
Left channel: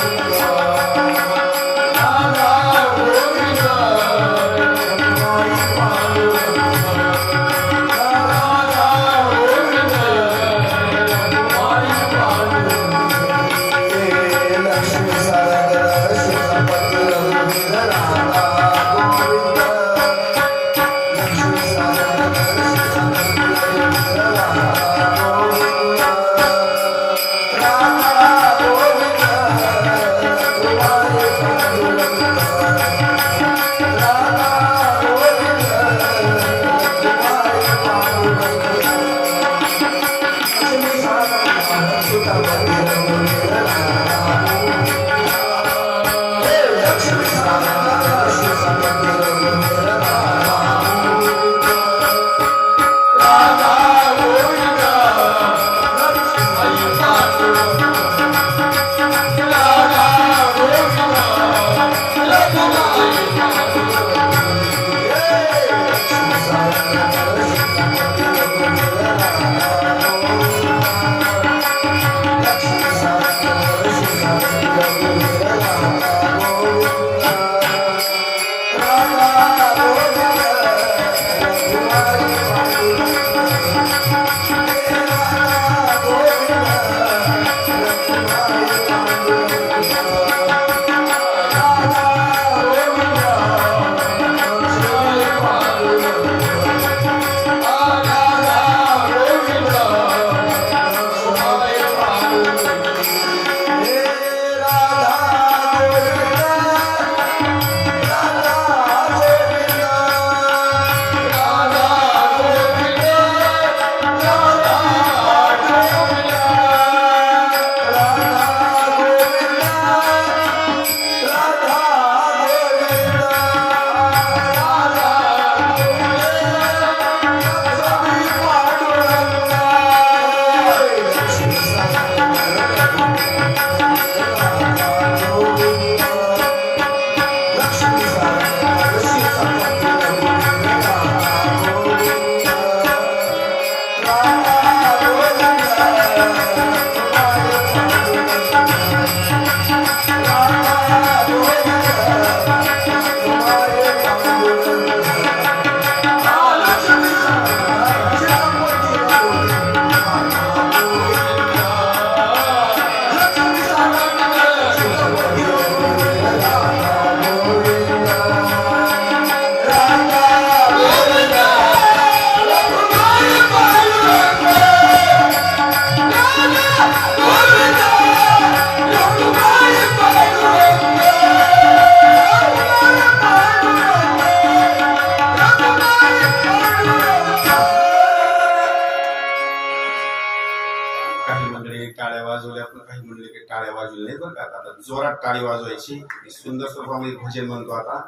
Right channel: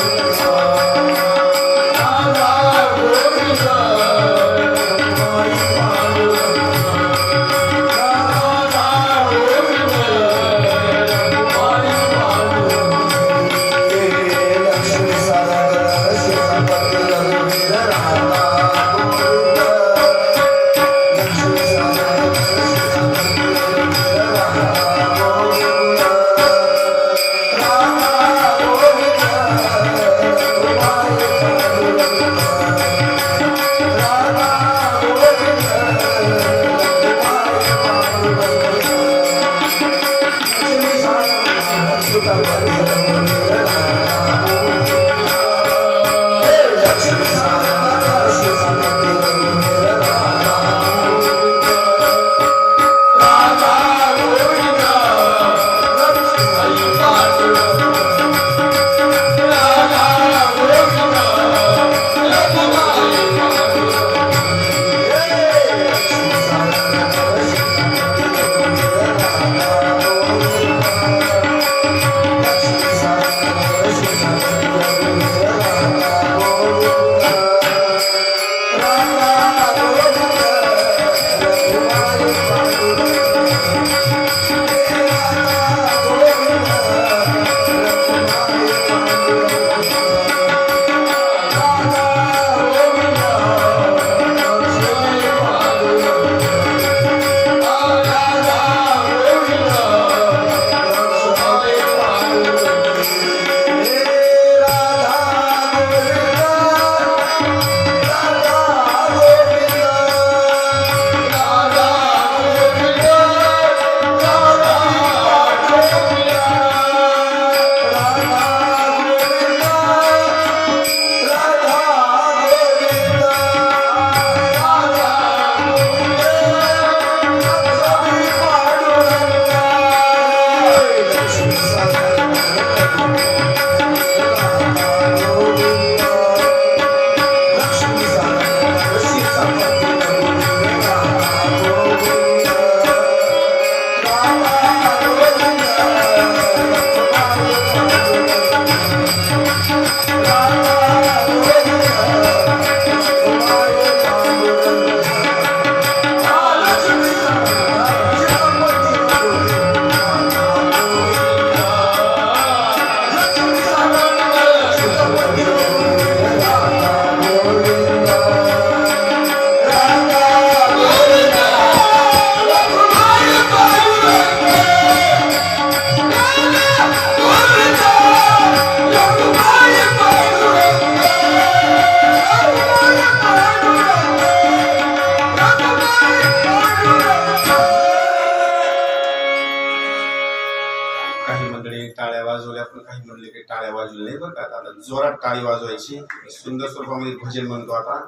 काही मंडळी टाळ्या वाजवल्या, पण काही मंडळी टाळ्या वाजवल्या नाही बरं का. आता जोरात टाळी वाजवायची. मी सुंदर स्वरूपामध्ये भजन म्हणतो आता.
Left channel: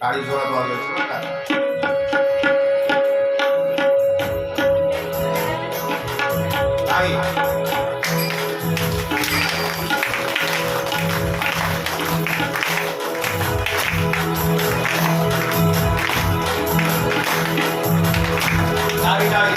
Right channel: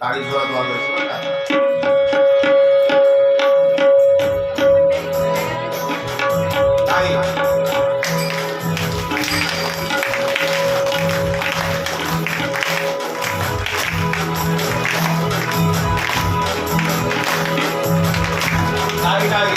टाळी जोरात वाजवायची बरं का. टाळी. टाळी टाळी.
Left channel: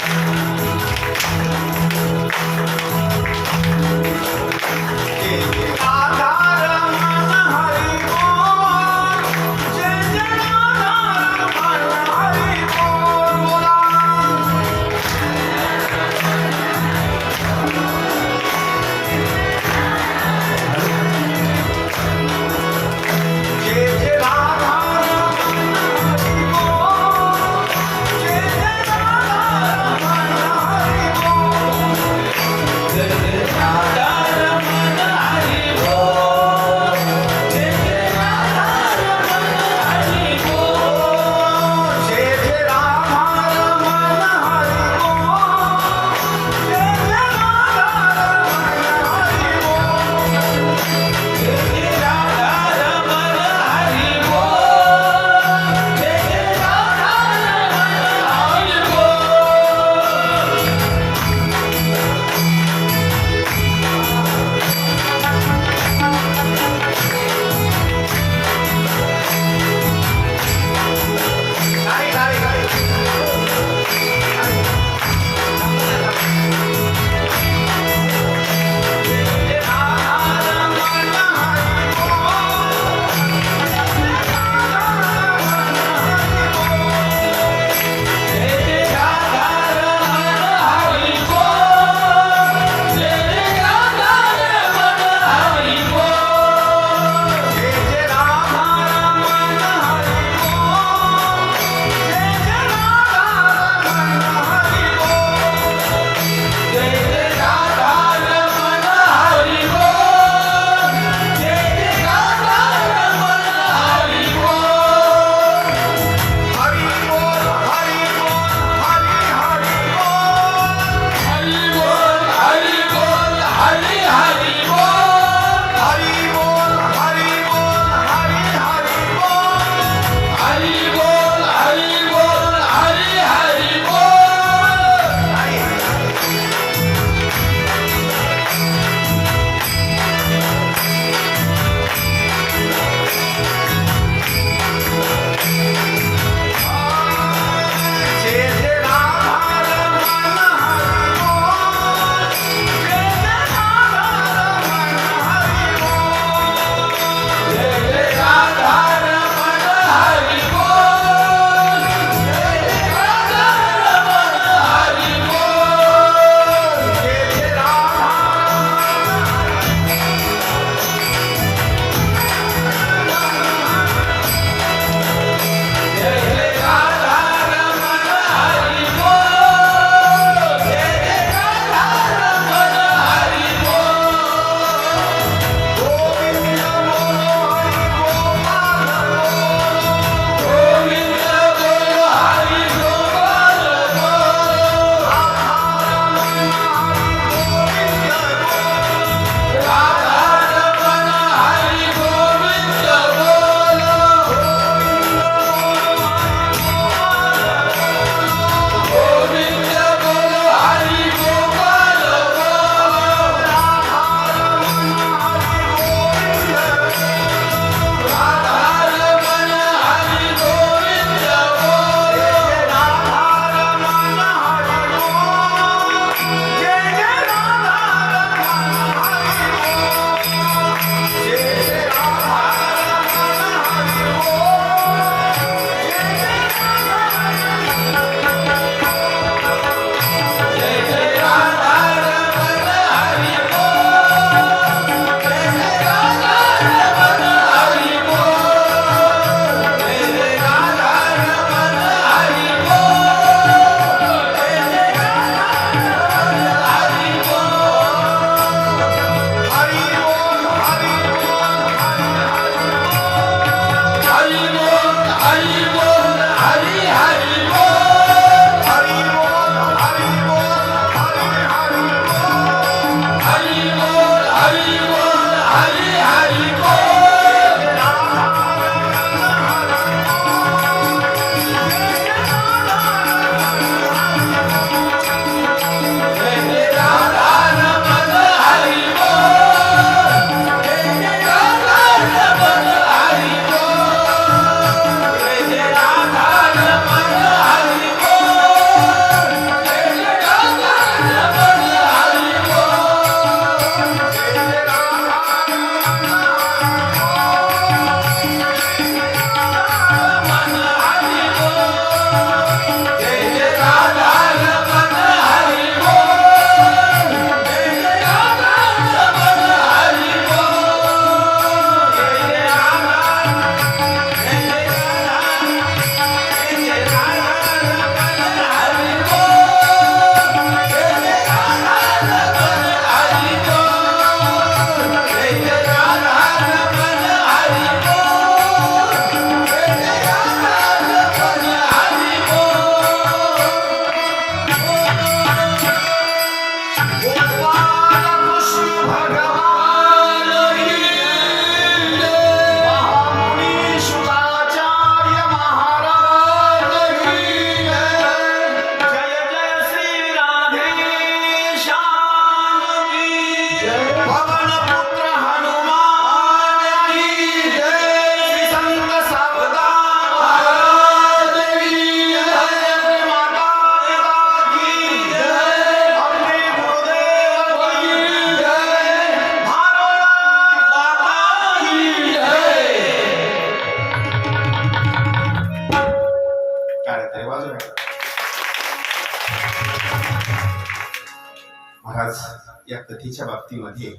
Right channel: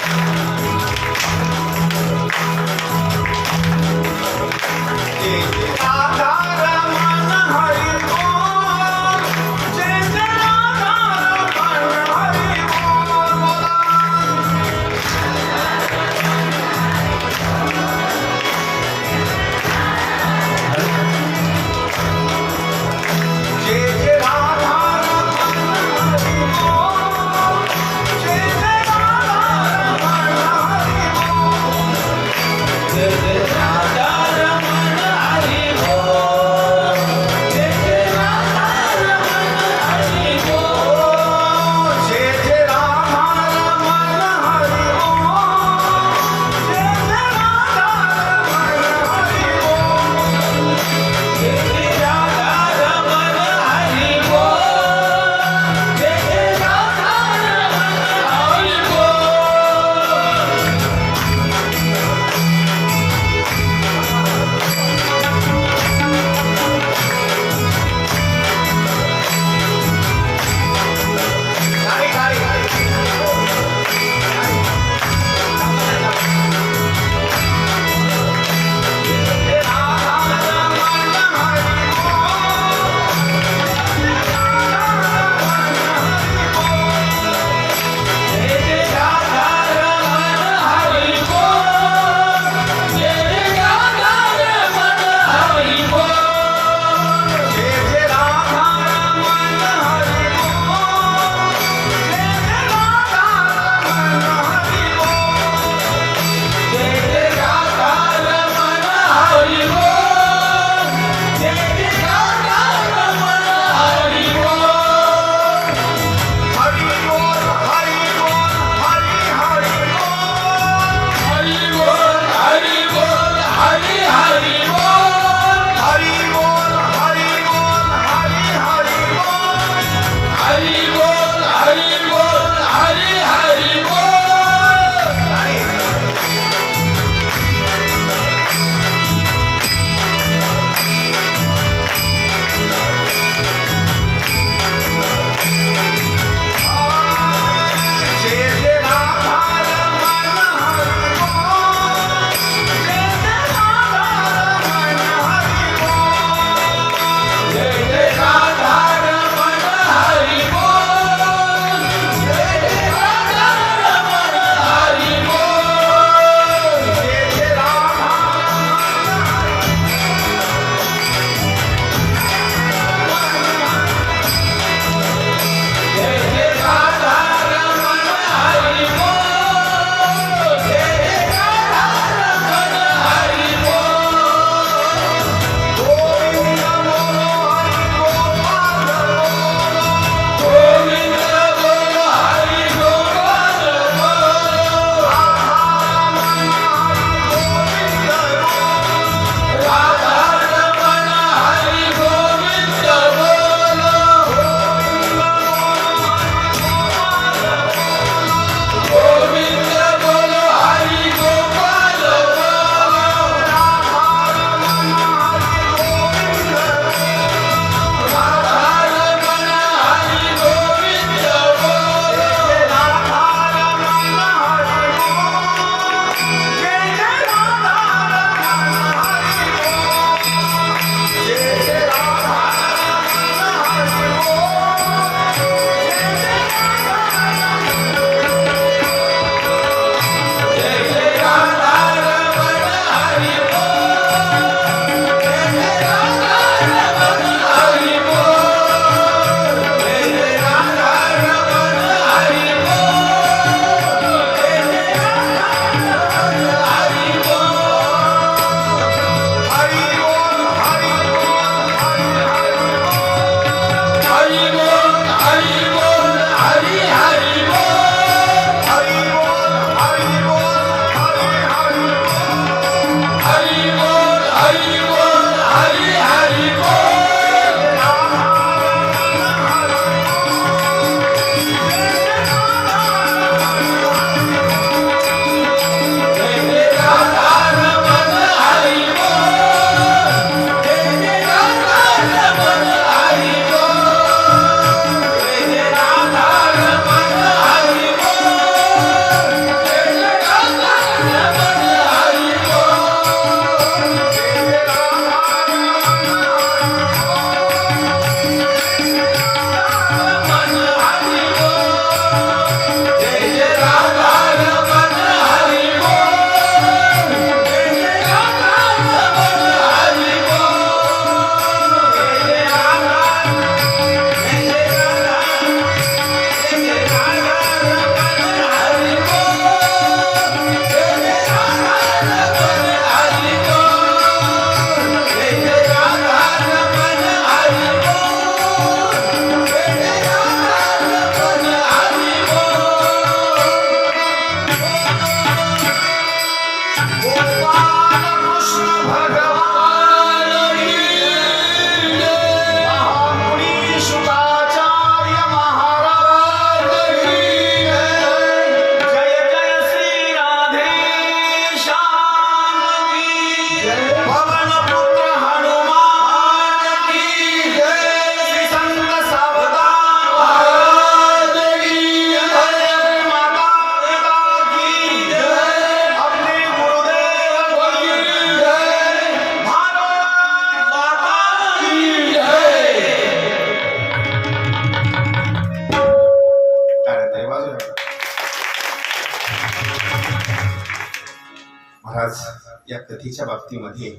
या कथेच्या बाबतीमध्ये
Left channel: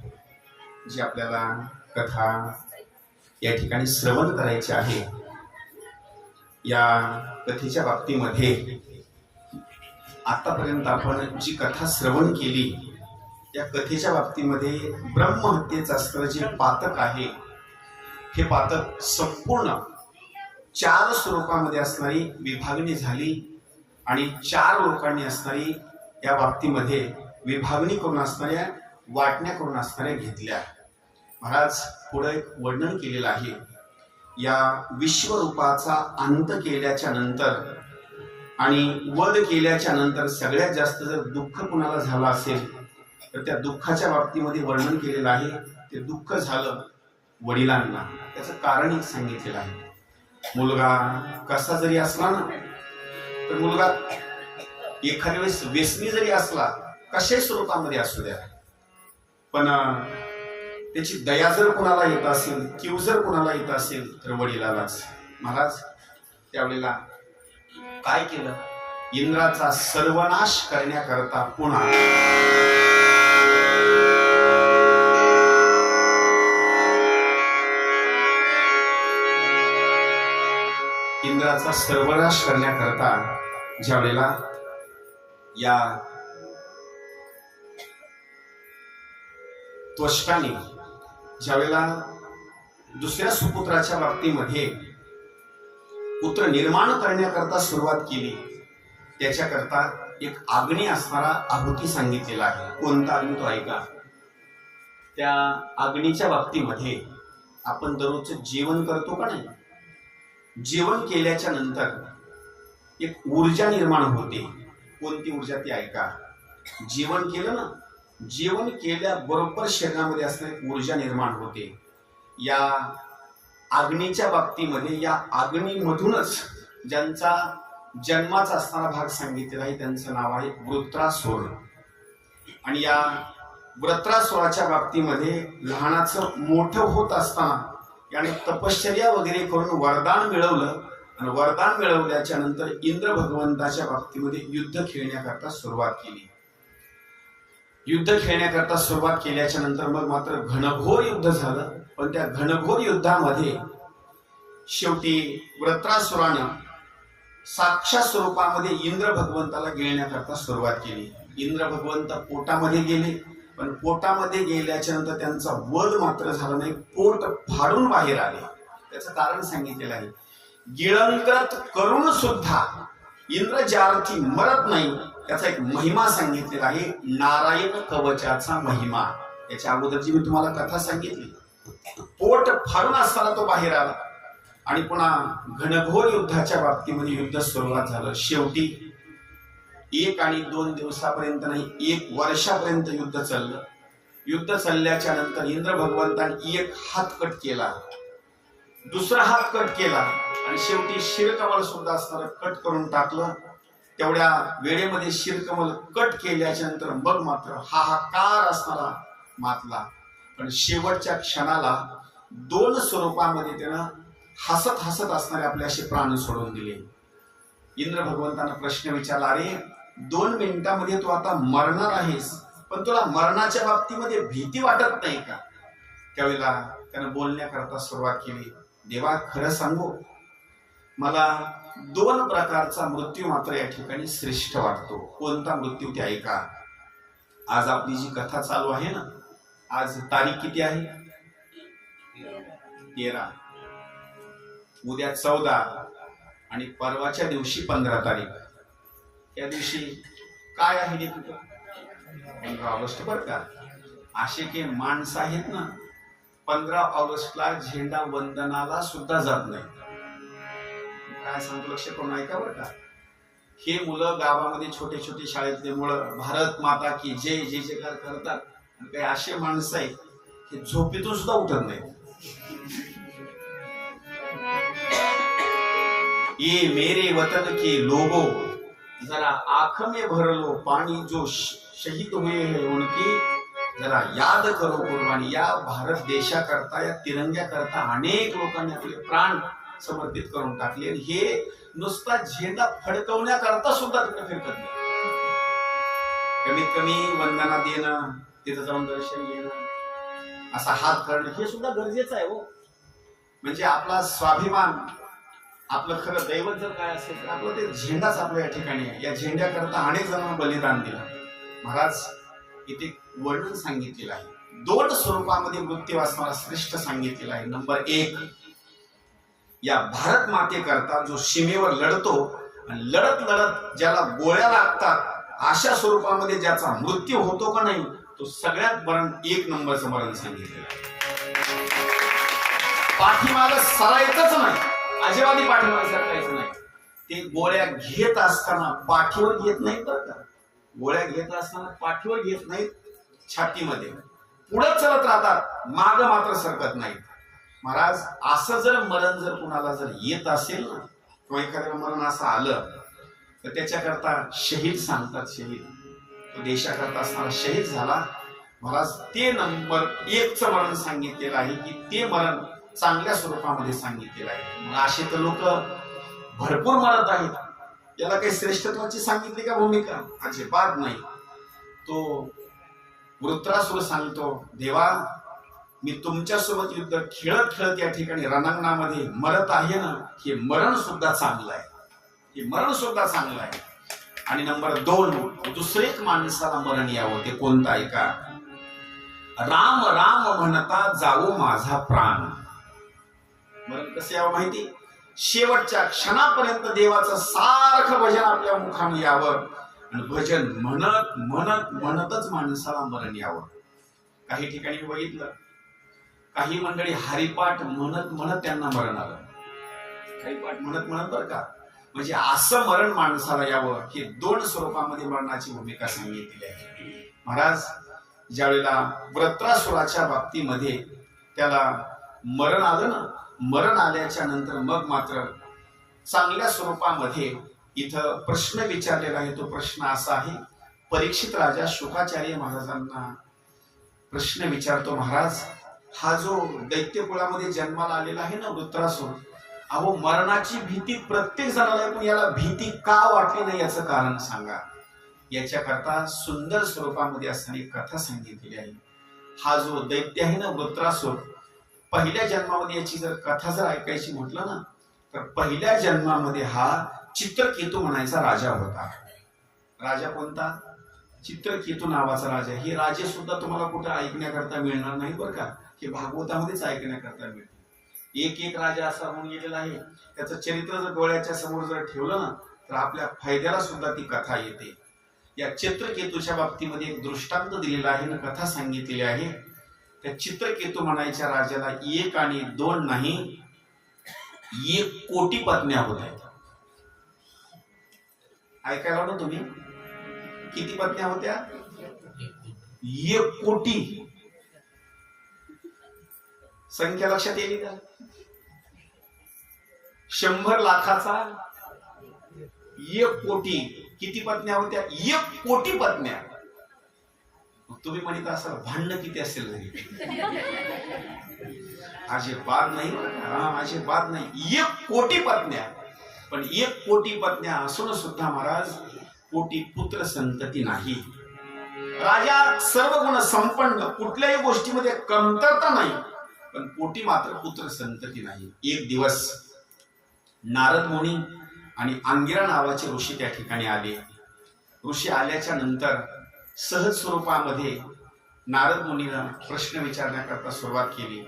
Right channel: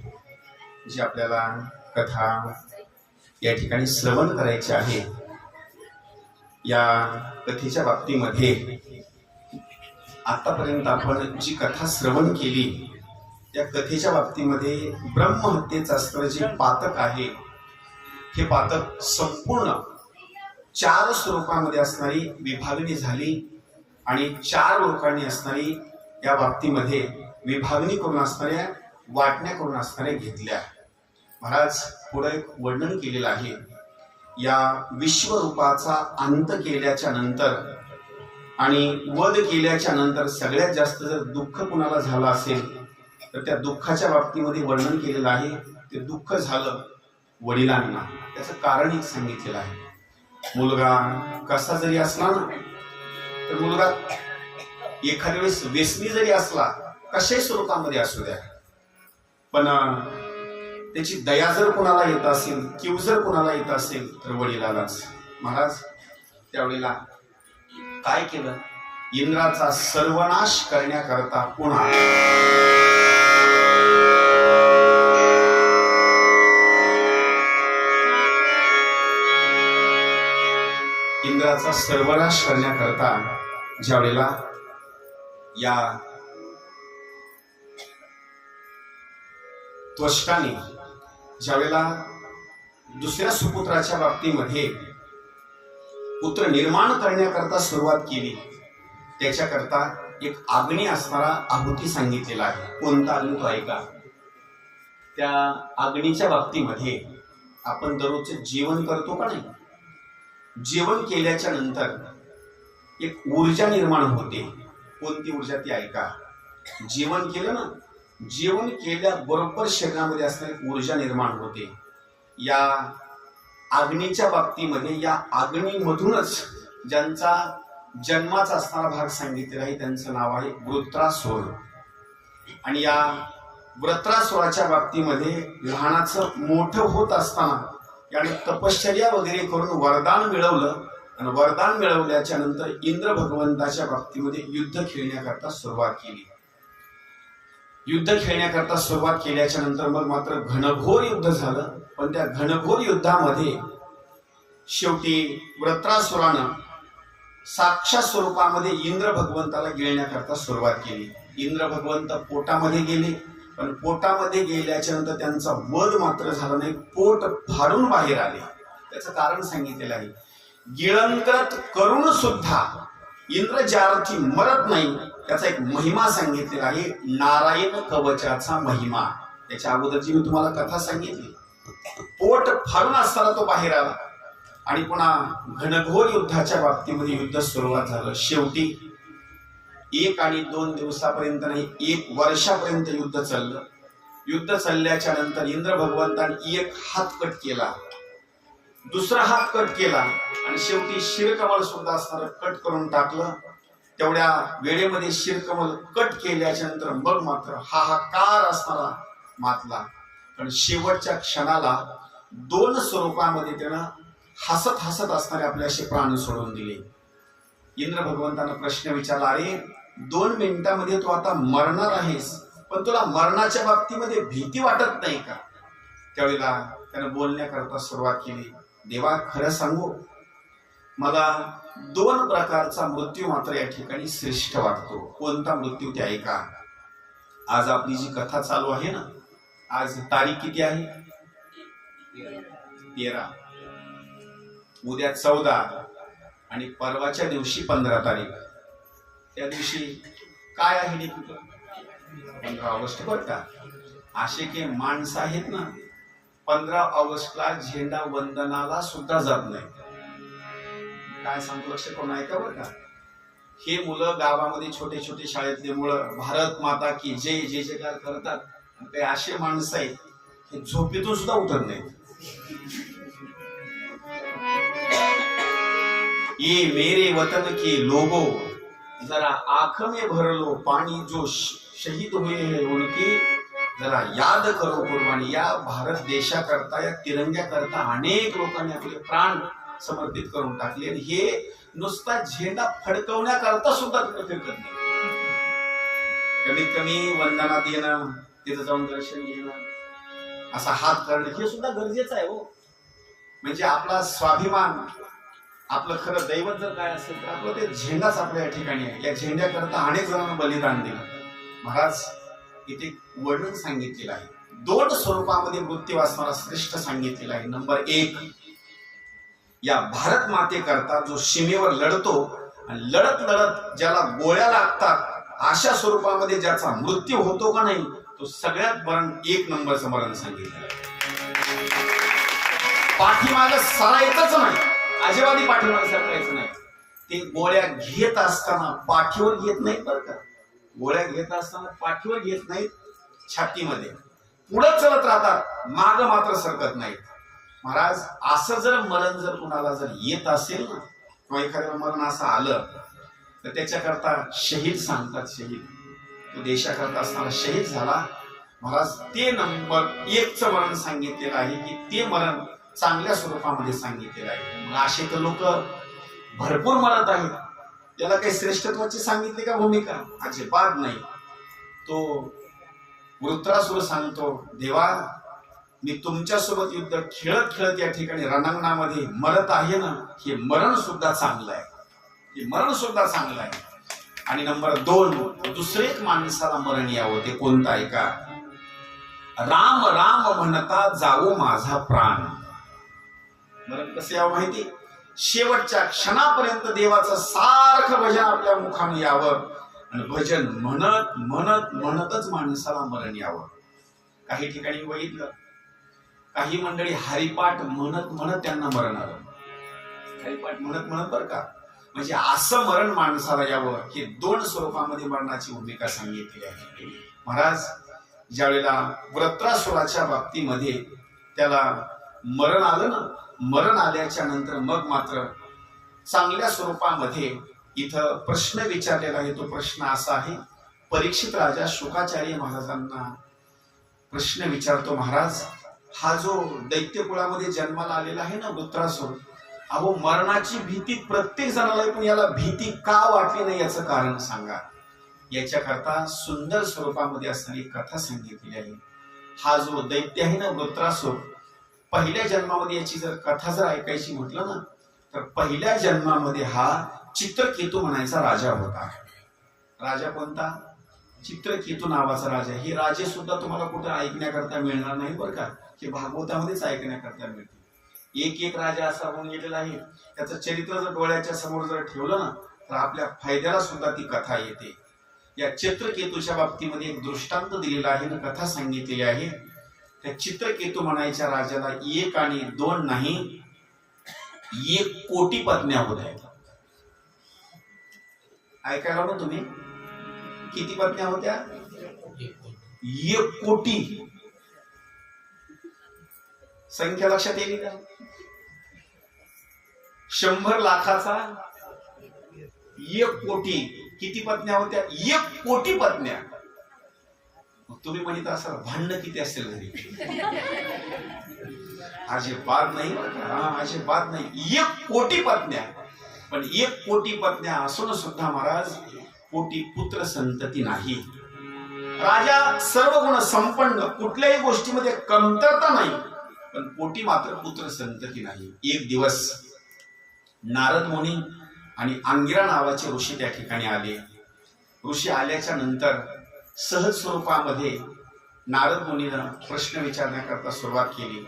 जी आपल्याला कथा या ठिकाणी श्रवण करायची आहे, या कथेच्या बाबतीमध्ये आतापर्यंत आपण जी कथा श्रवण केली, त्या कथेच्या बाबतीमध्ये ब्रह्महत्येचं असणारं जे पातक आहे, हे पातक संपूर्ण 4 स्वरूपामध्ये असणारी विभागणी झाली आणि 4 लोकांनी असणारी या बाबतीमध्ये विभागणी करून असणाऱ्या, वाटण्या करून असणाऱ्या घेतल्या. महाराज पुढे एक वर्णन केलेलं आहे. या विश्वरूपाचा अंत केल्याच्या नंतर आणि वध केल्याच्या नंतर सगळ्यात जास्त जर दुःख कुणाला झालं असेल तर त्या दुःखाच्या बाबतीमध्ये वर्णन केलेलं आहे. ते दुःख झालं वडिलांना. त्याचं कारण एक सांगितलेलं आहे. मुलगा कसा जरी असला ना, तर मुलगा एखाद्या वेळेस व्यसनी जरी असला, कशाही स्वरूपामध्ये असू द्या, पण त्याची दया जर कुणाला येत असेल, कीव जर कुणाला येत असेल तर वडिलालाच. महाराज त्यावेळेला काय केलं? इंद्राचा सर्वनाश करण्याकरता पुन्हा इंद्राचा सर्वनाश करण्याकरता ज्या वेळेला या त्वष्टाने ज्या वेळेला दुसऱ्या सुपुत्राच्या बाबतीमध्ये पुत्र निर्माण करण्याकरता सुरुवात केली, त्याच्याकरता एक अग्नी असणारा आहुती सांगितलेला आहे. कोणता अग्नी तो ऐका. त्या अग्नीच्या बाबतीमध्ये आपण दररोजचं जेवण करतो का नाही? जेवण केल्याच्या नंतर एक ऊर्जा निर्माण होते. कोणती ऊर्जा ती ऐका. जेवण केलं ना, जेवण केल्याबरोबर शरीरामध्ये असणारी ऊर्जा निर्माण होते. या अग्नीच्या बाबतीमध्ये या अग्नीमधूनच ज्यांचा जन्माचा असणारा भाग सांगितलेला आहे, त्यांचं नाव आहे वृत्रासुर. आणि या वृत्रासुराच्या बाबतीमध्ये लहानाचं मोठं होत असताना याने तपश्चर्या वगैरे करून वरदान मिळवलं आणि वरदान मिळवल्याच्या नंतर इंद्र भगवंताच्या बाबतीमध्ये युद्ध खेळण्याकरता सुरुवात केली. युद्ध खेळण्याकरता सुरुवात केल्याच्या नंतर मग मात्र घनघोर युद्ध झालं. पण त्या घनघोर युद्धामध्ये शेवटी वृत्रासुरानं साक्षात स्वरूपामध्ये इंद्र भगवंताला गिळण्याकरता सुरुवात केली. इंद्र भगवंत पोटामध्ये गेले, पण पोटामध्ये गेल्याच्या नंतर त्यांचा वध मात्र झाला नाही, पोट फाडून बाहेर आले. त्याचं कारण सांगितलेलं आहे. गिळंकृत करून सुद्धा इंद्र ज्यार्थी मरत नाही, त्याचा एक महिमा सांगितलेला आहे. नारायण कवचाचा महिमा. त्याच्या अगोदरची मी तुम्हाला कथा सांगितली. पोट फाडून असताना तो बाहेर आला आणि पुन्हा घनघोर युद्धाच्या बाबतीमध्ये युद्ध सुरुवात झालं. शेवटी 1 आणि 2 दिवसापर्यंत नाही, 1 वर्षापर्यंत युद्ध चाललं. युद्ध चालल्याच्या नंतर इंद्र भगवंताने एक हात कट केला, दुसरा हात कट केला आणि शेवटी शिरकमल सुद्धा असणारं कट करून टाकलं. तेवढ्या वेळेमध्ये शिरकमल कट केल्याच्या नंतर मग मात्र हाहाकार असणारा मातला. पण शेवटच्या क्षणाला 2 स्वरूपामध्ये त्यानं हसत हसत असणारे आपल्याशी प्राण सोडून दिले. इंद्र भगवंतानं प्रश्न विचारला, अरे 2 मिनिटांमध्ये तू आता मरणार आहेस, पण तुला मरणाच्या बाबतीमध्ये भीती वाटत नाही का? त्यावेळेला त्यानं बोलण्याकरता सुरुवात केली. देवा, खरं सांगू, मला 2 प्रकारचा मृत्यू मात्र या ठिकाणी श्रेष्ठ वाटतो. कोणता मृत्यू ते ऐका. आज आपली जी कथा चालू आहे ना, आज तारीख किती आहे? 13. उद्या 14 आणि परवाच्या दिवशी 15 तारीख. त्या दिवशी काय आहे? 15 ऑगस्ट. बरं का, असे काही माणसं आहेत ना, 15 ऑगस्टला झेंडा वंदनाला सुद्धा जात नाही. काय सांगतो, लक्ष करून ऐका बरं का. हे मुलं गावामध्ये छोटे छोटे शाळेतले मुलं भारत माता की जय जय जयकार करतात. काही असे माणसं आहेत हे झोपेतून सुद्धा उठत नाही. ये मेरे वतन के लोगो जरा आंख में भर लो पानी, जो शहीद हुए हैं उनकी जरा याद करो कुर्बानी. या भारत देशाकरता, या तिरंग्याकरता अनेक लोकांनी आपले प्राण समर्पित करून टाकले. हे नुसता झेंडा फडकवण्याकरता सुद्धा तिथे फिरकत नाही. कमीत कमी वंदना देणं, तिथं जाऊन दर्शन घेणं, असा हात करणं हे सुद्धा गरजेचं आहे हो. म्हणजे आपला स्वाभिमान, आपलं खरं दैवत जर काय असेल तर आपलं ते झेंडाच आपल्या या ठिकाणी आहे. या झेंड्याकरता अनेक जणांना बलिदान दिलं. महाराज इथे वर्णन सांगितलेलं आहे. 2 स्वरूपामध्ये मृत्यूवासनाला श्रेष्ठ सांगितलेलं आहे. नंबर 1, या भारत मातेकरता जो सीमेवर लढतो आणि लढत लढत ज्याला गोळ्या लागतात अशा स्वरूपामध्ये ज्याचा मृत्यू होतो का नाही, तो सगळ्यात मरण 1 नंबरचं मरण सांगितलेलं आहे. पाठीमागं सरायचंच नाही, अजिबात पाठीमागं सरकायचं नाही. ते गोळ्या घेत असताना पाठीवर घेत नाहीत बरं का. गोळ्या घेत असताना पाठीवर घेत नाहीत, छातीमध्ये पुढे चलत राहतात, माग मात्र सरकत नाहीत. महाराज असं जर मरण जर कुणाला जर येत असेल ना, किंवा एखाद्या मरण असं आलं तर त्याच्याकरता शहीद सांगतात. शहीद तो देशाकरता असताना शहीद झाला. महाराज ते नंबर 1चं मरण सांगितलेलं आहे की ते मरण चांगल्या स्वरूपामध्ये सांगितलेलं आहे. मग असे तर लोक भरपूर मरत आहेत. याला काही श्रेष्ठत्वाची सांगितली का भूमिका? अजिबात नाही. तो वृत्रासुर सांगतो, देवा मी तुमच्यासोबत युद्ध खेळत खेळत या ठिकाणी रणांगणामध्ये मरत आहे ना, हे मरण सुद्धा चांगलं आहे, हे मरण सुद्धा चांगलं आहे. आणि नंबर 2, दुसरे एक माणसाला मरण यावं, ते कोणतं आहे का? राम राम म्हणता जावो माझा प्राण. मरण कसं यावं माहिती? शेवटच्या क्षणापर्यंत देवाचं सारखं भजन आपल्या मुखाने यावं आणि भजन म्हणत म्हणत म्हणतच माणसाला मरण यावं. काही ठिकाणी बघितलं, काही मंडळी हरिपाठ म्हणत म्हणत त्यांना मरण आलं. हरिपाठ म्हणत म्हणत बरं का. म्हणजे असं मरण माणसाला यावं, हे 2 स्वरूपामध्ये मरणाची भूमिका सांगितली आहे. महाराज ज्यावेळेला वृत्रासुराच्या बाबतीमध्ये त्याला मरण आलं ना, मरण आल्याच्या नंतर मग मात्र चांगल्या स्वरूपामध्ये इथं प्रश्न विचारलेला आहे. तो प्रश्न असा आहे, परीक्षित राजा शुकाचार्य महाराजांना प्रश्न विचारतो, महाराज हा जो दैत्य कुळामध्ये जन्माला आलेला आहे ना वृत्रासुर, अहो मरणाची भीती प्रत्येक जणाला आहे, पण याला भीती का वाटली नाही याचं कारण सांगा. याच्याकरता सुंदर स्वरूपामध्ये असणारी कथा सांगितलेली आहे. हा जो दैत्य आहे ना वृत्रासुर, पहिल्या जन्मामध्ये याची जर कथा जर ऐकायची म्हटलं ना, तर पहिल्या जन्मामध्ये हा चित्रकेतू म्हणायचा राजा होता. राजा कोणता? चित्रकेतू नावाचा राजा. हे राजे सुद्धा तुम्हाला कुठं ऐकण्याकरता मिळणार नाही बरं का, हे भागवतामध्येच ऐकण्याकरता मिळते. एक एक राजा असा होऊन गेलेला आहे, त्याचं चरित्र जर डोळ्याच्या समोर जर ठेवलं ना, तर आपल्या फायद्याला सुद्धा ती कथा येते. या चित्रकेतूच्या बाबतीमध्ये एक दृष्टांत दिलेला आहे ना, कथा सांगितलेली आहे. त्या चित्रकेतू म्हणायच्या राजाला 1 आणि 2 नाही, 1 कोटी पत्न्या होत्या. ऐकायला ना तुम्ही, किती पत्न्या होत्या? 1 कोटी. संख्या लक्षात येईल का? 100 लाखाचा 1 कोटी. किती पत्न्या होत्या? 1 कोटी पत्न्या. तुम्ही म्हणत असाल भांडणं किती असेल घरी? अजिबात नाही, अजिबात नाही. 1 कोटी पत्न्या. पण 1 कोटी पत्न्या असून सुद्धा महाराज कोटी पुत्र संतती नाही. राजा सर्व गुण संपन्न, कुठल्याही गोष्टीमध्ये कमतरता नाही, पण पोटी मात्र पुत्र संतती नाही. एक दिवस नारद मुनी आणि अंगिरा नावाचे ऋषी त्या ठिकाणी आले. ऋषी आल्याच्या नंतर सहज स्वरूपामध्ये नारद मुनीनं प्रश्न विचारण्याकरता सुरुवात केली.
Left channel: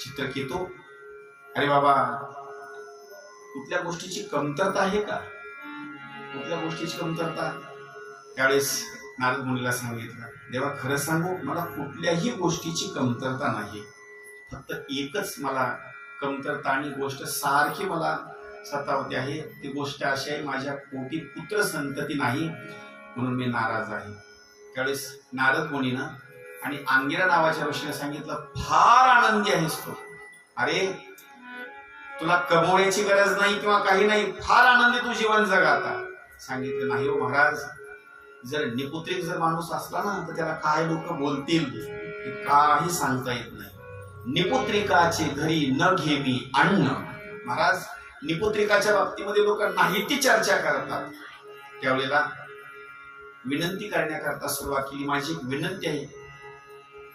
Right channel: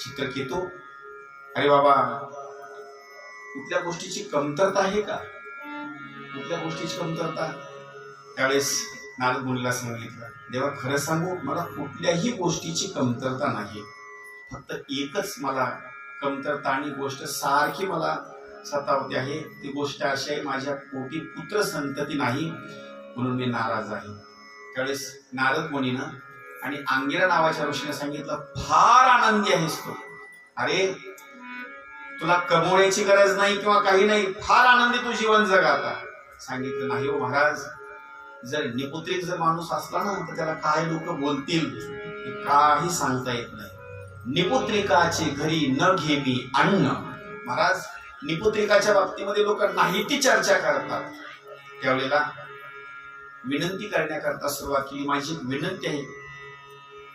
चित्रकेतू, अरे बाबा, कुठल्या गोष्टीची कमतरता आहे का? कुठल्या गोष्टीची कमतरता? त्यावेळेस नारद मुनीला सांगितलं, देवा खरं सांगू, मला कुठल्याही गोष्टीची कमतरता नाही. फक्त एकच मला कमतरता आणि गोष्ट सारखी मला सतावते आहे. ती गोष्ट अशी आहे, माझ्या पोटी पुत्र संतती नाही, म्हणून मी नाराज आहे. त्यावेळेस नारद मुनीनं आणि अंगिरा नावाच्या ऋषीने सांगितलं, फार आनंदी आहेस तू. अरे तुला कमवण्याची गरज नाही किंवा काही नाही, फार आनंदी तू जीवन जगा. आता सांगितलं, नाही हो महाराज, जर निपुत्रिक जर माणूस असला ना, तर त्याला काय लोक बोलतील हे काही सांगता येत नाही. निपुत्रिकाचे घरी न घेवी अन्न. महाराज निपुत्रिकाच्या बाबतीमध्ये लोक नाही ती चर्चा करतात. त्यावेळेला विनंती करण्याकरता सुरुवात केली. माझी एक विनंती आहे,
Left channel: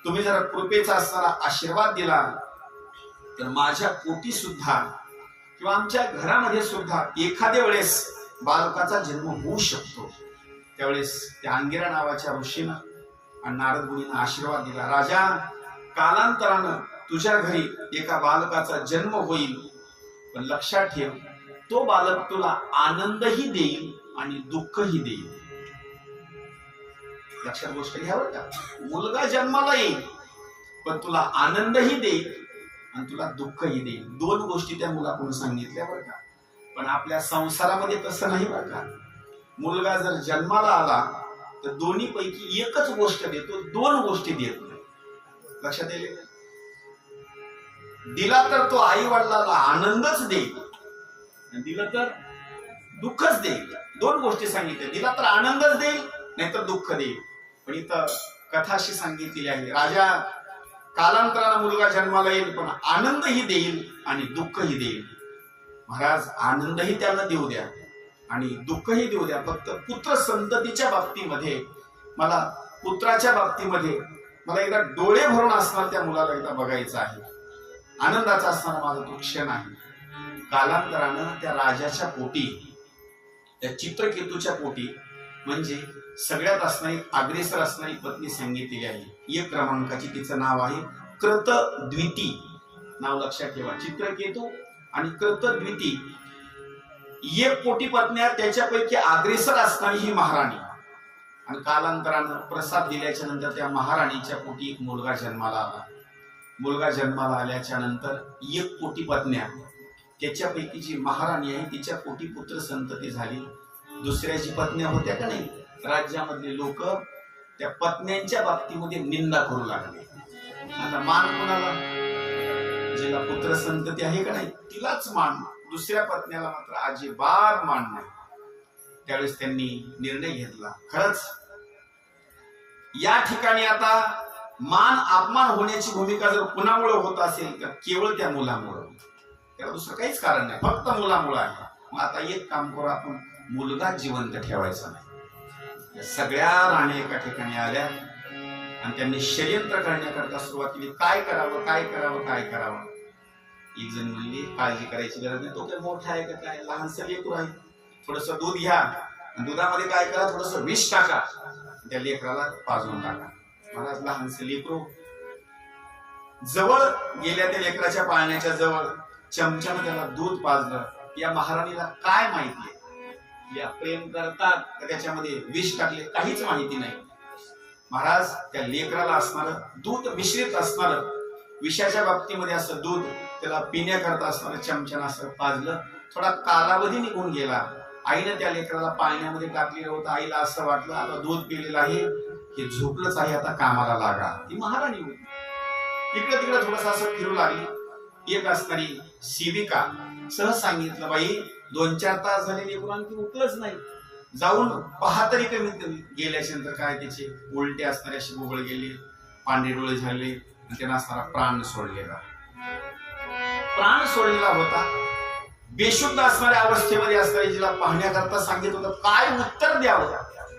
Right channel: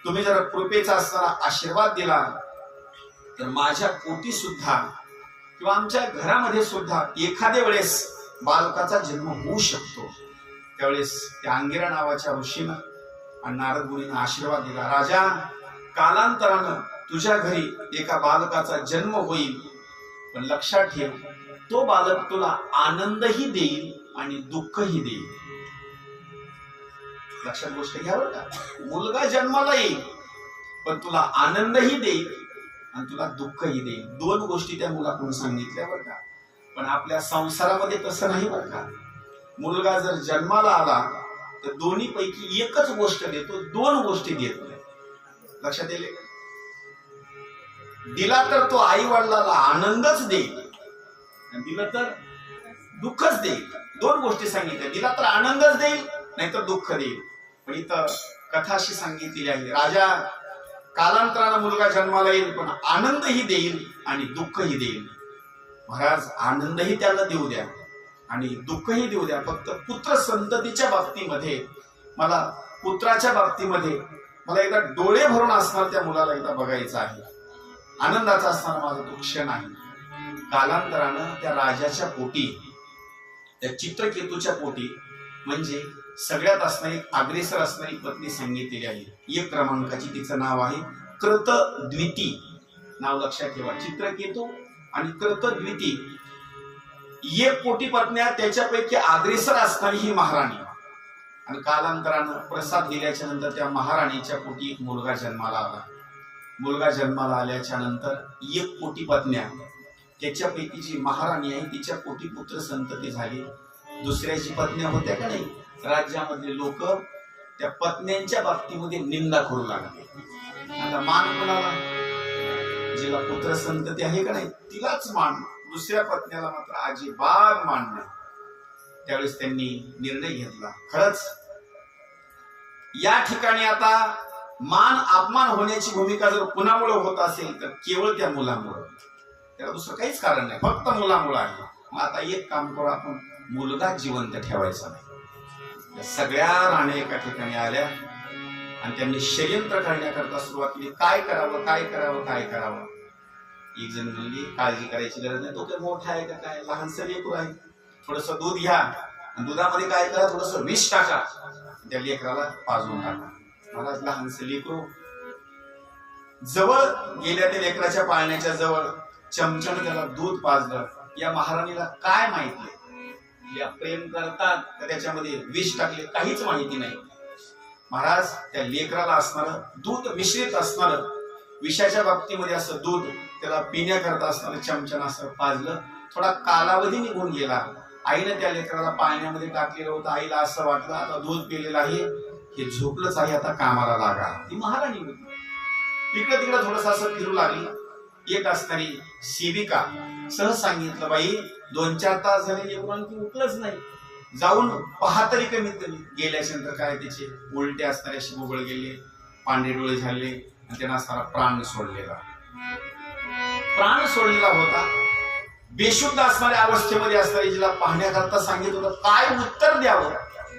तुम्ही जर कृपेचा असणारा आशीर्वाद दिला तर माझ्या पोटी सुद्धा किंवा आमच्या घरामध्ये सुद्धा एखाद्या वेळेस बालकाचा जन्म होऊ शकतो. त्यावेळेस त्या अंगिरा नावाच्या ऋषीनं आणि नारद मुनीनं आशीर्वाद दिला, राजा कालांतरानं तुझ्या घरी एका बालकाचा जन्म होईल, पण लक्षात ठेव तो बालक तुला आनंदही देईल आणि दुःखही देईल. लक्षात गोष्ट घ्या बरं का, मुलगा जन्माला येईल पण तुला आनंदही देईल आणि तुला दुःखही देईल. दोन गोष्टी त्या मुलाकडून सांगितल्या बरं का. पण आपल्या संसारामध्ये तसं नाही बरं का. मुलगा जर जन्माला आला तर दोन्ही पैकी एकच गोष्ट देतो, दोन गोष्टी देत नाही. लक्षात येईल? दिला तर तो आई वडिलाला आनंदच देईल, दिलं तर दुःखच देईल. दोन गोष्टी सांगितल्या, दिला तर आनंदच देईल नाहीतर दुःख देईल. पण इथं कथा अशी सांगितलेली आहे, राजा कालांतरानं मुलगा जन्माला येईल पण आनंदही देईल आणि दुःखही देईल. महाराज आनंदही त्याला देऊ द्या आणि दुःखही देऊ द्या, फक्त पुत्र संततीच्या बाबतीमध्ये मला पुत्राच्या बाबतीमध्ये मला एकदा डोळे भरून असणार त्या मुलाला एकदा बघायचं आहे. आनंदाचा असणारा माझा तो क्षण आहे. कालांतरानं त्या राजाच्या पोटी, त्या चित्रकेतूच्या पोटी म्हणजे सगळ्यात असणारी अग्रेसर असणारी पत्नी सांगितलेली आहे. एक क्रमांकाची तिचं नाव आहे कृतद्विती. नाव लक्षात ठेवा, चित्रकेतू आणि कृतद्विती. एक पोटी पत्न्या, त्याच्यापैकी अग्रेसर असणारी ही महाराणी. आणि कालांतरानं प्रसाद दिल्याच्या नंतर त्या महाराणीच्या पोटी एक मुलगा जन्माला आला. मुलगा जन्माला आल्याच्या नंतर एक पोटी पत्न्या, त्याच्यापैकी जी महाराणी आहे तिच्या पोटी पुत्र संतती झाली. दुसऱ्या जी पत्न्या होत्या का नाही, राज्यामधले लोक त्या पत्न्यांच्या बाबतीमध्ये निंदा करू लागले. आता मान कोणाला? जिला पुत्र संतती आहे का नाही तिलाच मान, दुसऱ्या पत्न्याला मात्र अजिबात मान नाही. त्यावेळेस त्यांनी निर्णय घेतला, खरंच या ठिकाणी आता मान अपमान होण्याची भूमिका जर कुणामुळे होत असेल तर केवळ त्या मुलामुळं, त्याला दुसरं काहीच कारण नाही, फक्त मुलामुळं आहे. मग आता एक काम करू, आपण मुलगा जिवंत ठेवायचा नाही. या सगळ्या राण्या एका ठिकाणी आल्या आणि त्यांनी षडयंत्र करण्याकरता सुरुवात केली. काय करावं काय करावं काय करावं. एक जण म्हणली काळजी करायची गरज नाही, तो काय मोठा आहे का काय, लहानसं लेकरू आहे, थोडस दूध घ्या आणि दुधामध्ये काय करा, थोडस विष टाका, त्या लेकराला पाजून टाका. महाराज लहानसं लेकरू जवळ गेल्या, त्या लेकराच्या पाळण्याच्या जवळ चमच्यानं त्याला दूध पाजलं. या महाराणीला काय माहिती, या प्रेम करतात तर त्याच्यामध्ये विष टाकले, काहीच माहिती नाही. महाराज त्या लेकराला असणार दूध मिश्रित असणार विषाच्या बाबतीमध्ये असं दूध त्याला पिण्याकरता असणार चमच्यानं असं पाजलं. थोडा कालावधी निघून गेला. आईनं त्या लेकराला पाण्यामध्ये टाकलेलं होतं. आईला असं वाटलं आता दूध पिलेलं आहे, हे झोपलंच आहे, आता कामाला लागा. ती महाराणी होती. तिकडं तिकडं थोडस असं फिरू लागली. एक असणारी सेविका सहज सांगितलं, बाई 2-4 तास झाले लेकरू आणखी उठलंच नाही, जाऊन पहा तरी कमीत कमी. गेल्याच्या नंतर काय त्याचे उलटे असणारे असे बोबळ गेले, पांढरे डोळे झाले आणि त्यांना असणारा प्राण सोडलेला होता. बेशुद्ध असणाऱ्या अवस्थेमध्ये असणारी जिला पाहण्याकरता सांगितलं होतं, काय उत्तर द्यावं.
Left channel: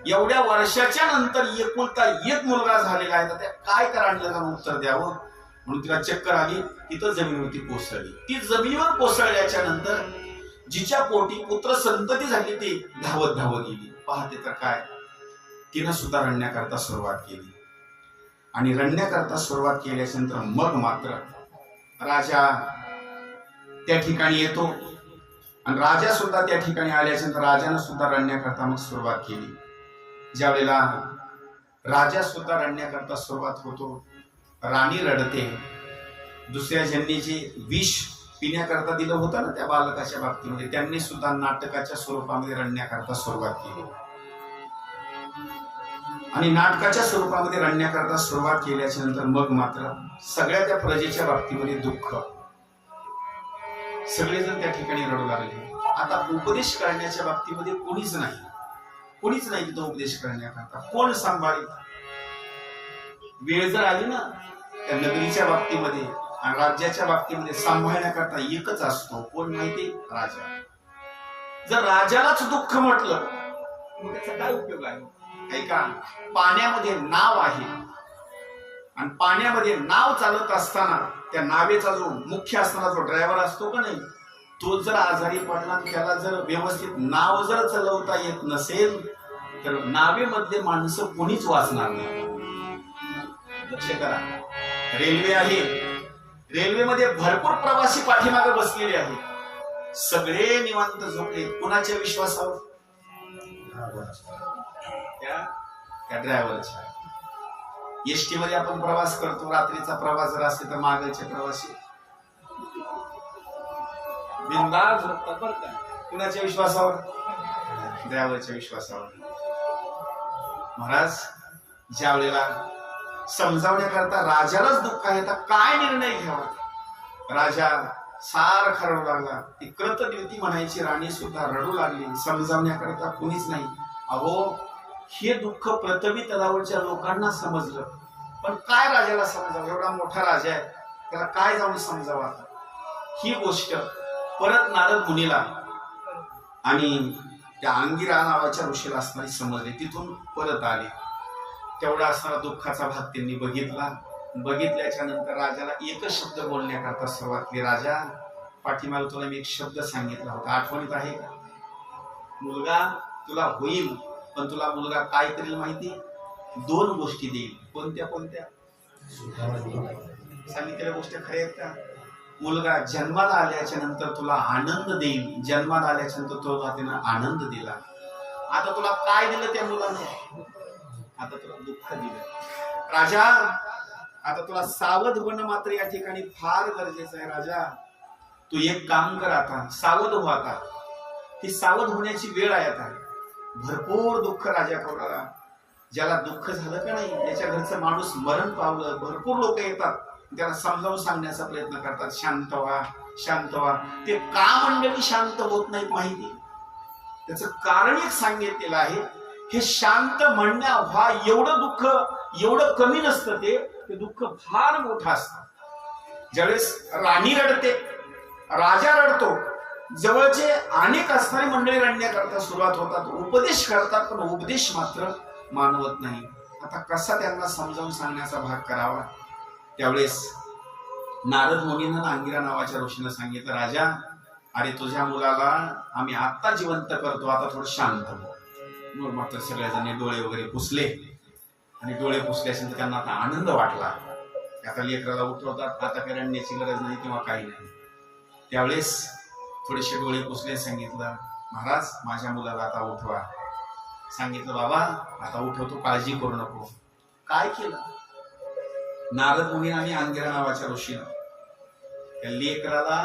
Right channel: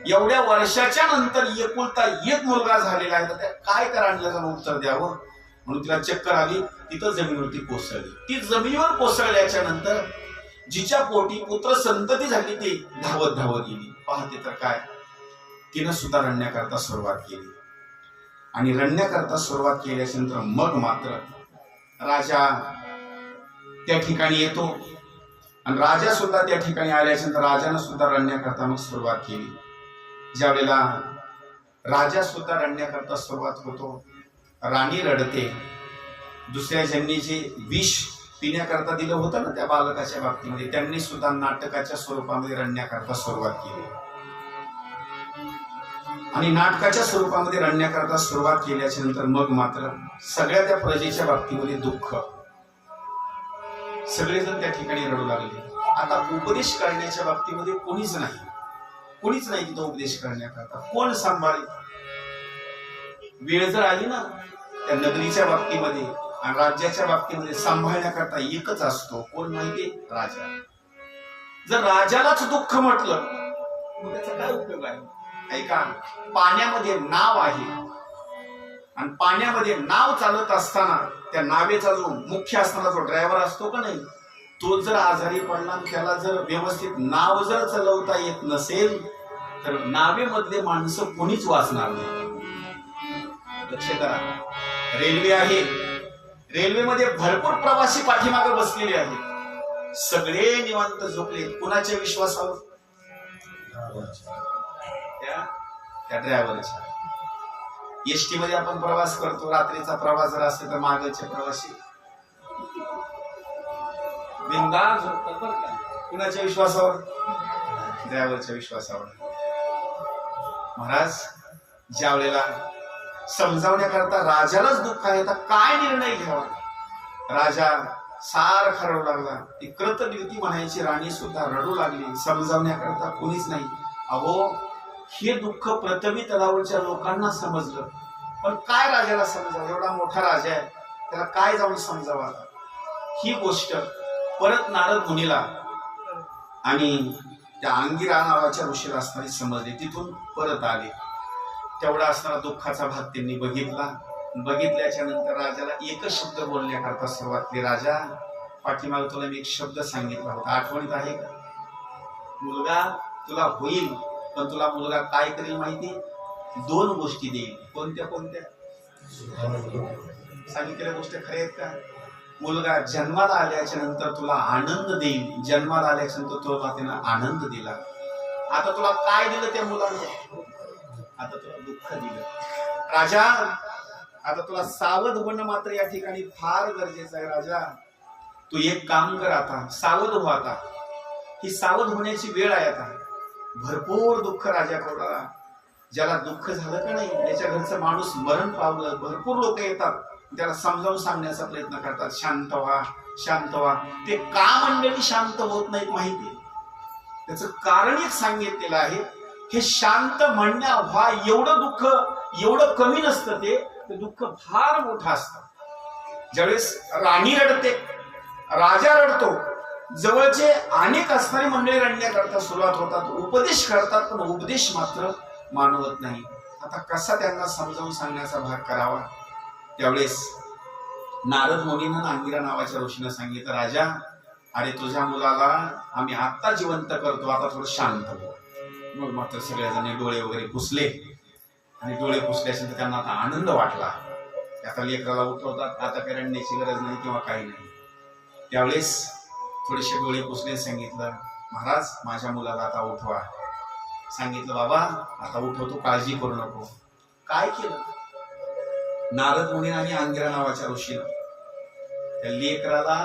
एवढ्या वर्षाच्या नंतर एकुलता एक मुलगा झालेला आहे, तर काय करायला उत्तर द्यावं म्हणून तिला चक्कर आली. तिथं जमिनीवरती कोसळली. ती जमिनीवर कोसळल्याच्या नंतर जिच्या पोटी पुत्र संतती झाली ती धावत धावत गेली. पाहते तर काय, तिनं सुद्धा रडण्याकरता सुरुवात केली. आणि रडण्याकरता सुरुवात केल्याच्या नंतर मग मात्र राजा त्या ठिकाणी येतो आणि राजा सुद्धा त्या ठिकाणी आल्याच्या नंतर राजानं सुद्धा रडण्याकरता मग सुरुवात केली. ज्या वेळेला राजा सुद्धा रडण्याकरता सुरुवात होतो, राणी रडते. दुसऱ्या ज्यांनी जे विष पिण्याकरता दिलं होतं ना त्या बालकाच्या बाबतीमध्ये, त्यांनी सुद्धा नाटकाच्या स्वरूपामध्ये रडण्याकरता सुरुवात केली. आणि नाटकाच्या स्वरूपामध्ये रडण्याकरता सुरुवात केल्याच्या नंतर मग मात्र सगळ्या त्या प्रजेच्या बाबतीमध्ये दुःख, सगळेजण त्या ठिकाणी रडू लागले. आता उपदेश करण्याच्या बाबतीमध्ये कोणीच नाही तिथं उपदेश करण्याकरता. कोण सांभाळेल? वेळ जर आली ना त्या नगरीच्या बाबतीमध्ये आणि राज्याच्या बाबतीमध्ये सांभाळण्याकरता एकच असतो, कोण माहिती? राजा. जर राजालाच दुःख म्हटलं मग त्याचा काय उपयोग आहे? ऐका, पाण्यामध्ये नाव आहे आणि पाण्यामध्ये नाव चालत असताना त्या नावेचा जो मुख्य असणारा जो ड्रायव्हर असतो का नाही, तो जर आजारी पडला आणि त्याला जर व्यवस्थित नाव जर चालवता येत नसेल तर नावेमधले माणसं कोणीच वाचणार नाही. लक्ष करा, रेल्वे आहे, रेल्वेमध्ये भरपूर प्रवासी पाठीमागे बसलेले आहेत, सगळे निवांत झोपले. कुणाच्या विश्वासावर? त्या ड्रायव्हरच्या. एसटी मध्ये आपण प्रवास करतो, रात्रीचा प्रवास जर असेल तर मागचे प्रवासी बिनधास्त झोपतात बरं का. कुणाच्या विश्वासावर? ड्रायव्हरच्या विश्वासावर. महाराज ज्या वेळेला समजावण्याकरता राजालाच दुःख आहे, तर काय निर्णय घ्यावा. राजा सारखा रडू लागला. ती कृतदिवती म्हणायची राणी सुद्धा रडू लागली. समजावण्याकरता कोणीच नाही. अहो, हे दुःख पृथ्वी तलावरच्या लोकांना समजलं, पण काय राजाला समजावं? एवढा मोठा राजा आहे, त्याला काय जाऊन समजावं? ही गोष्ट परत नारद मुनीला आणि त्या अंगिरा नावाच्या ऋषीला असणारी समजली. तिथून परत आले. तेवढा असणारा दुःखाचा भाग त्यांनी बघितला. बघितल्याच्या नंतर राजाला एकच शब्द बोलण्याकरता सुरुवात केली. राजा, पाठीमागे तुला मी एक शब्द सांगितला होता, आठवणीत आहे का? मुलगा तुला होईल, पण तुला मुलगा काय करेल माहिती? 2 गोष्टी देईल. कोणत्या कोणत्या? सांगितलेल्या गोष्टी खऱ्या आहेत का? मुलगा जन्माला आल्याच्या नंतर तुला आनंद देईल. जन्माला आल्याच्या नंतर तुला त्यानं आनंद दिला. आता तुला काय दिलं त्या मुलाने? आता तुला दुःख दिलं. राजा, आता तुला सावध होणं मात्र या ठिकाणी फार गरजेचं आहे. राजा, तू एक काम कर, आता सावध हो. आता ही सावध होण्याची वेळ आहे. आता भरपूर दुःख राजा करू लागला. ज्याला दुःख झालं का नाही, त्याच्या घरचं माणूस मरण पावलं, भरपूर लोक येतात, त्याला समजावून सांगण्याचा प्रयत्न करतात, शांत व्हा, शांत व्हा. ते का मंडळी शांत होत नाहीत माहिती? त्याचं कारण एक सांगितलेलं आहे. हे शांत म्हणण्या व्हा एवढं दुःख एवढं कमी नसतं, ते दुःख फार मोठं असतं. ज्यावेळेस राणी रडते, राजा रडतो, जवळचे अनेक असणारी मंडळी रडण्याकरता सुरुवात होतात, उपदेश करतात, पण उपदेश मात्र मानवत नाही. आता कसा त्यांना समजावून सांगण्याचा भाग करावा? त्यावेळेस नारद मुनींना अंगिरा नावाच्या ऋषीनं सांगितलं, राजा, अरे तुझ्या मुलाला आम्ही आत्ता जिवंत करतो, आता थोडं शांत हो. मग मात्र सगळ्याजणी डोळे वगैरे पुसले आणि डोळे पुसल्यानंतर त्यांना आता आनंद वाटला. आता लेकराला उठवतात, आता काही रडण्याची गरज नाही किंवा काही नाही. त्यावेळेस थोडेसे डोळे पुसले, सांगितलं, महाराज माझ्या मुलाला आता उठवा. सांगितलं, बाबा आता उठवतो, काळजी करू नको. काय केलं नारद मुनी आणि अंगिरा नावाच्या ऋषीनं? त्या लेकराला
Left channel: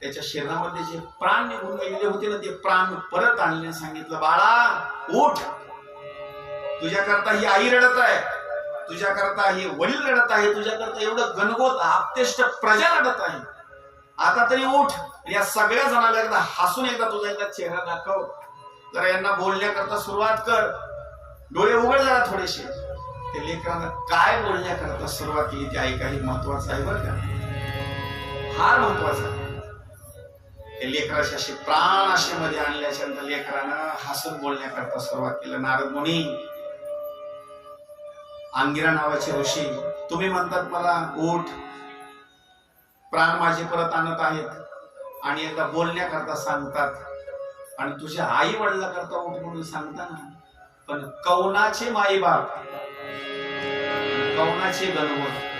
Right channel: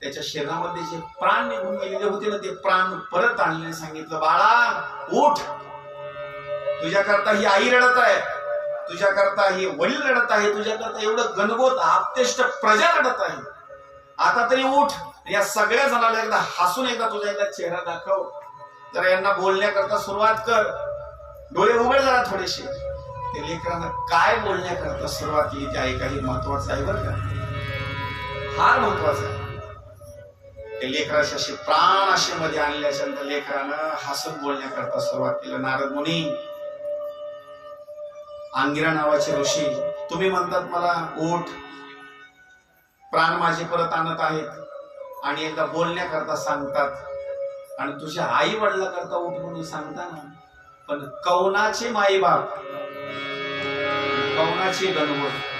त्याच्या शरीरामध्ये जे प्राण निघून गेलेले होते ना, ते प्राण परत आणले. सांगितलं, बाळा उठ, तुझ्याकरता ही आई रडत आहे, तुझ्याकरता ही वडील रडत आहे, तुझ्याकरता एवढं गणगोत आपतेष्ट प्रजा रडत आहे. आता तरी उठ. या सगळ्या जणांना एकदा हसून एकदा तुझा एकदा चेहरा दाखव, जरा यांना बोलण्याकरता सुरुवात कर, डोळे उघड जरा थोडेसे. ते लेकरांना काय बोलण्याकरता सुरुवात केली ते ऐका, हे महत्वाचं आहे बरं का, फार महत्वाचं आहे. ते लेकराचे असे प्राण असे मध्ये आणल्याच्या नंतर लेकरानं हसून बोलण्याकरता सुरुवात केलं. नारद मुनी, अंगिरा नावाचे ऋषी, तुम्ही म्हणतात मला उठ, प्राण माझे परत आणत आहेत आणि एकदा बोलण्याकरता सांगतात, आणि तुझ्या आई वडिला करता उठ म्हणून सांगता ना, पण कौनाचे माई बाप, कौनाचे गणवत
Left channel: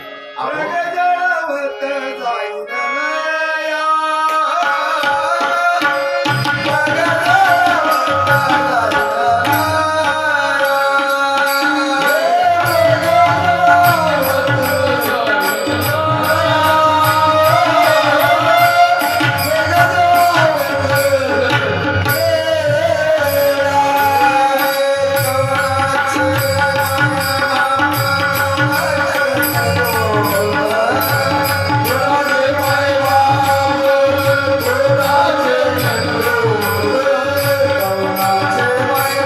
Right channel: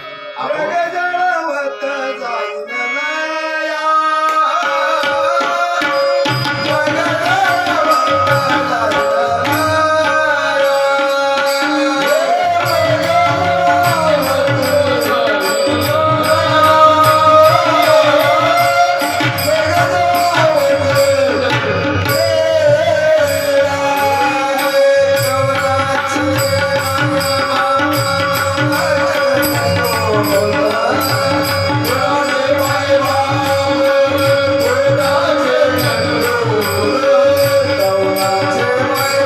Bye.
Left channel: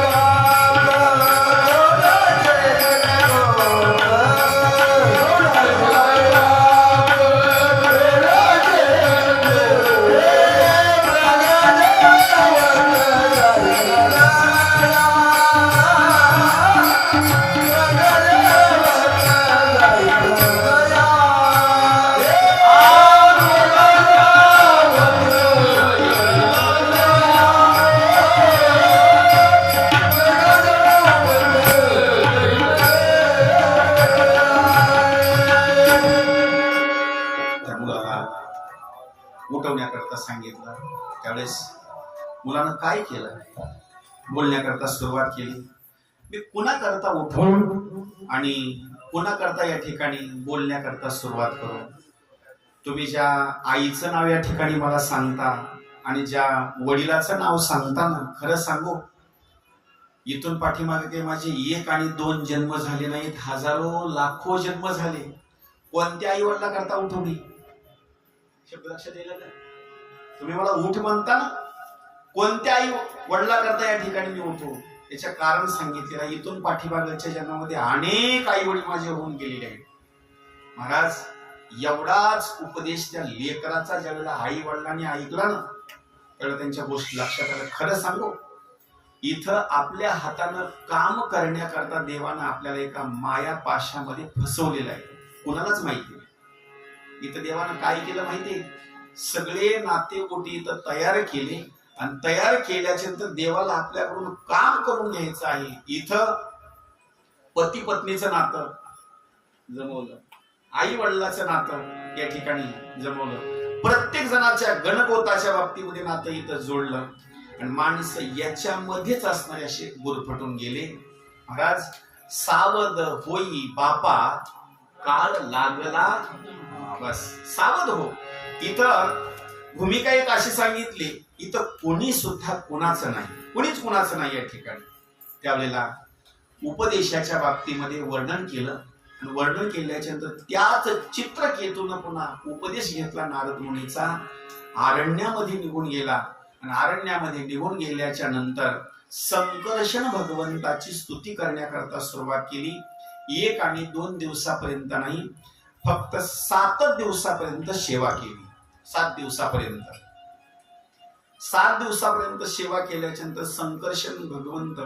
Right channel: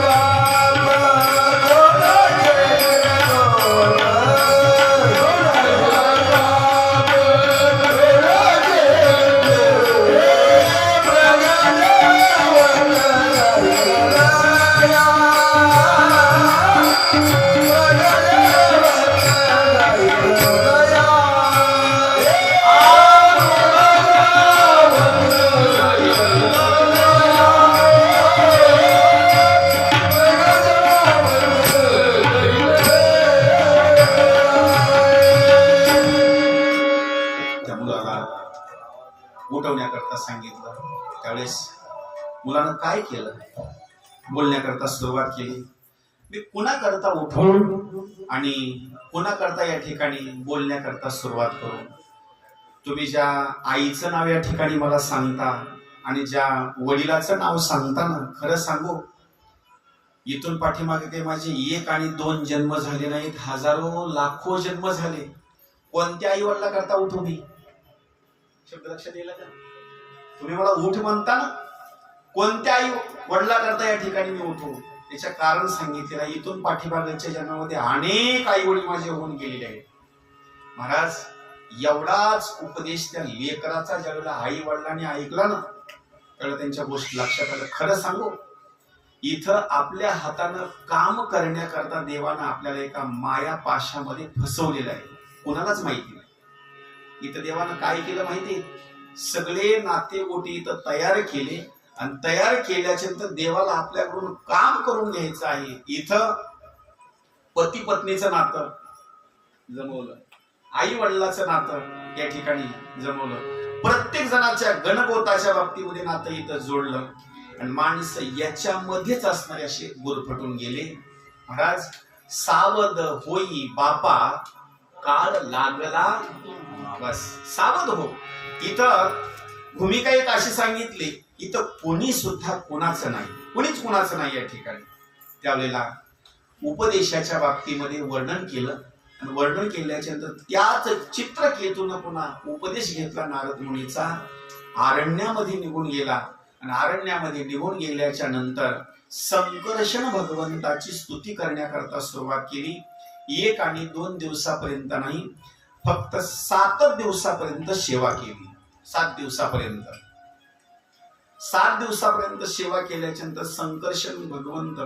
उठवण्याकरता सांगितलं. त्यावेळेस मुलानं काय केलं? बोलण्याकरता सुरुवात केली. मी कुणाकरता उठवू आणि कुणाकरता या ठिकाणी बोलण्याकरता सुरुवात करू? तुम्ही ज्या आईचं नाव या ठिकाणी मला सांगता आणि ज्या वडिलाचं नाव सांगता ना, खरं सांगू, इथून पाठीमागे काही माझे 1 आणि 2 जन्म झाले नाहीत, हजारो लाखो जन्म झाले. कोणत्या आई वडिला करता उठू मी? शब्द लक्षात येईल का? तुम्ही मला उठ म्हणता ना, कोणत्या आई वडिला करता या ठिकाणी मी उठू? त्याचं कारण सांगितलेलं आहे. इथून पाठीमागच्या जन्मामध्ये अनेक आई वडील माझे होऊन गेलेले आहेत. महाराज, एवढाच उपदेश त्या लेकराचा ज्यावेळेला आई वडिलांनी ऐकला ना, त्यावेळेला त्यांच्या गोष्टी लक्षात आलं. खरं सांगू, इथं आपल्या हातानं काम करण्याकरता देवानं आपल्याला एका माया पाशामध्ये फसवलेलं आहे. कोणालाच माहिती नाही. इथं देवानं काय केलं माहिती? सगळे नाते गोटी इथं तयार केले आणि तयार केल्याच्या नंतर देवाला आपल्याकडून काम करून घ्यायचं आहे. इथं पती पत्नीचं नातं जमवलं, आई वडिलाचं नातं या ठिकाणी जमवलं, प्रत्येक जणाच्या गणगोताच्या बाबतीमध्ये नातं इथं जोडलं आणि माणसं याच्यामध्येच असणारे असे गुरफटून गेले. महाराज, सावध होई बापा, काळ लागला, बस सावध हो. इथं भूमिका एक अशी सांगितली, इथं कोणी सुद्धा कोणाचं नाही, कोणीच कोणाचं नाही या ठिकाणी. त्यावेळेला उपदेशाच्या बाबतीमध्ये वर्णन केलं आणि वर्णन केल्याच्या नंतर त्याच चित्रकेतून पुन्हा उपदेश घेतला नारद मुनीचा. अरण्यामध्ये निघून गेला आणि अरण्यामध्ये निघून गेल्याच्या नंतर संकर्षण भगवंताची स्तुती करण्याकरता सुरुवात केली. 1 आणि 2 दिवसापर्यंत नाही, फक्त 7 दिवसापर्यंत सेवा केली. 7 दिवसापर्यंत 7 दिवसापर्यंत सेवा केल्याच्या नंतर संकर्षण भगवंत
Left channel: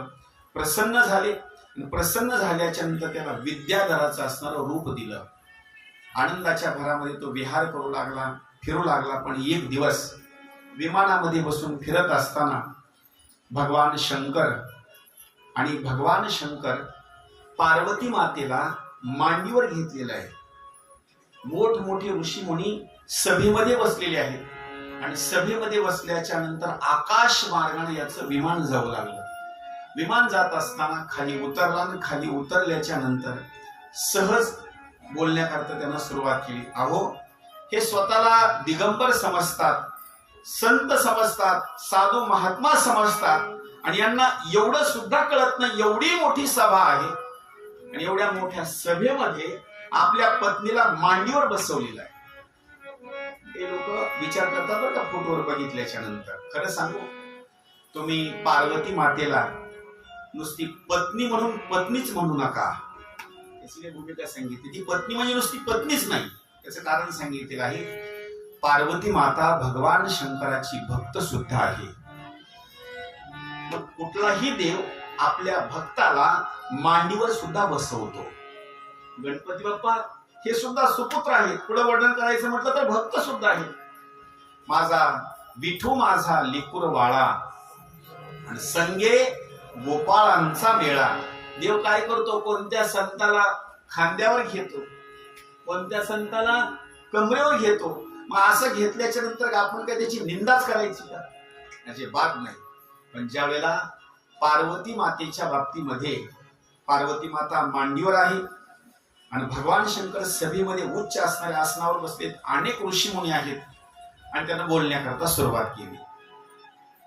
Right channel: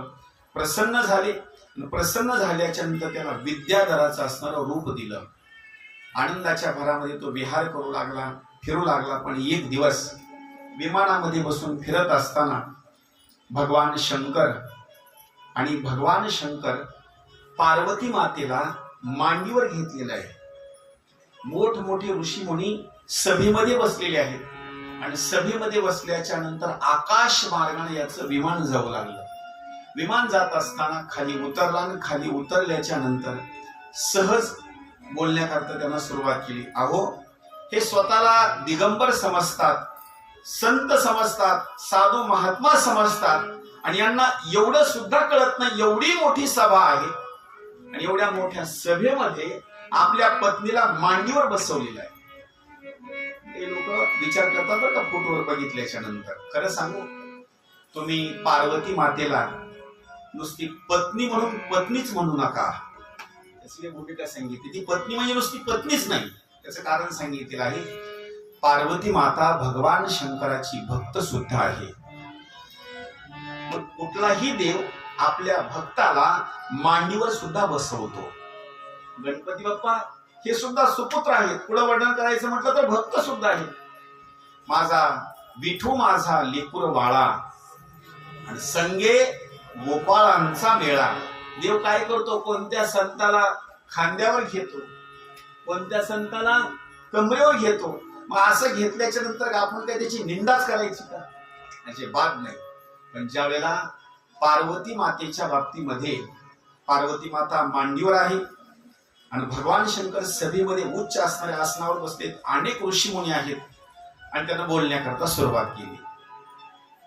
प्रसन्न झाले. प्रसन्न झाल्याच्या नंतर त्याला विद्याधराचं असणारं रूप दिलं. आनंदाच्या भरामध्ये तो विहार करू लागला, फिरू लागला. पण एक दिवस विमानामध्ये बसून फिरत असताना भगवान शंकर पार्वती मातेला मांडीवर घेतलेलं आहे. मोठमोठे ऋषी मुनी सभेमध्ये बसलेले आहेत आणि सभेमध्ये बसल्याच्या नंतर आकाश मार्गाने याचं विमान जाऊ लागलं. विमान जात असताना खाली उतरला आणि खाली उतरल्याच्या नंतर सहज बोलण्याकरता त्यांना सुरुवात केली. अहो, हे स्वतःला दिगंबर समजतात, संत समजतात, साधू महात्मा समजतात आणि यांना एवढं सुद्धा कळत नाही. एवढी मोठी सभा आहे आणि एवढ्या मोठ्या सभेमध्ये आपल्या पत्नीला मांडीवर बसवलेलं आहे. हे लोक विचार करतात बरं का फोटोवर बघितल्याच्या नंतर. खरं सांगू, तुम्ही पार्वती मातेला नुसती पत्नी म्हणून पत्नीच म्हणू नका. त्याची भूमिका सांगितली. ती पत्नी म्हणजे नुसती पत्नीच नाही, त्याचं कारण सांगितलेलं आहे. पार्वती माता भगवान शंकराची भक्त सुद्धा आहे. मग कुठलाही देव आपल्या भक्ताला मांडीवर सुद्धा बसवतो. गणपती बाप्पा हे सुद्धा सुपुत्र आहेत. पुढे वर्णन करायचं म्हटलं तर भक्त सुद्धा आहेत. माझा विठू माझा लेकुर वाळा आणि संगे गोपाळांचा मेळा. देव काय करतो? कोणत्या संताला खांद्यावर घेतो, कोणत्या संताला कमरेवर घेतो. मग असं घेतल्याच्या नंतर आपण काय त्याची निंदाच करायची का? याची बात नाही. पण ज्या वेळेला पार्वती मातेच्या बाबतीमध्ये पार्वती माता मांडीवर आहे आणि भगवान शंकर सभेमध्ये उच्च असणाऱ्या आसनावर बसलेत, अनेक ऋषी मुनी आहेत आणि त्यांना बोलण्याकरता सुरुवात केली.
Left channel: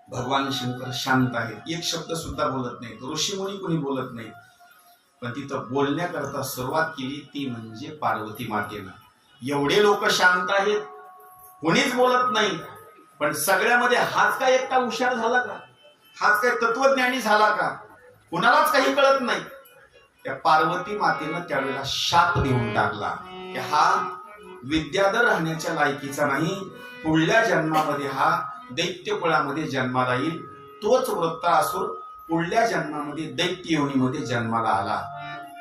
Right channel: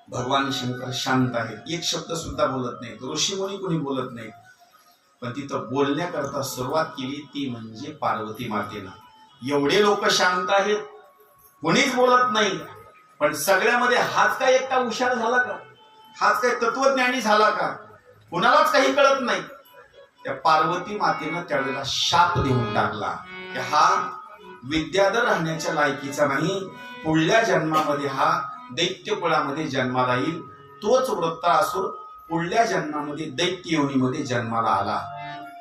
भगवान शंकर शांत आहेत, एक शब्द सुद्धा बोलत नाहीत, ऋषी मुनी कोणी बोलत नाहीत. पण तिथं बोलण्याकरता सुरुवात केली ती म्हणजे पार्वती मातेनं. एवढे लोक शांत आहेत, कोणीच बोलत नाही. पण सगळ्यामध्ये हाच काय एकटा हुशार झाला का? हाच काय तत्वज्ञानी झाला का? कुणालाच काही कळत नाही. त्या पार्वती मातेनं त्यावेळेला शाप देऊन टाकला की हा विद्याधर राहण्याच्या लायकीचा नाही, पुढल्या जन्मामध्ये हा दैत्य कुळामध्ये जन्माला येईल. तोच वृत्तासुर पुढल्या जन्मामध्ये दैत्य योनीमध्ये जन्माला आला.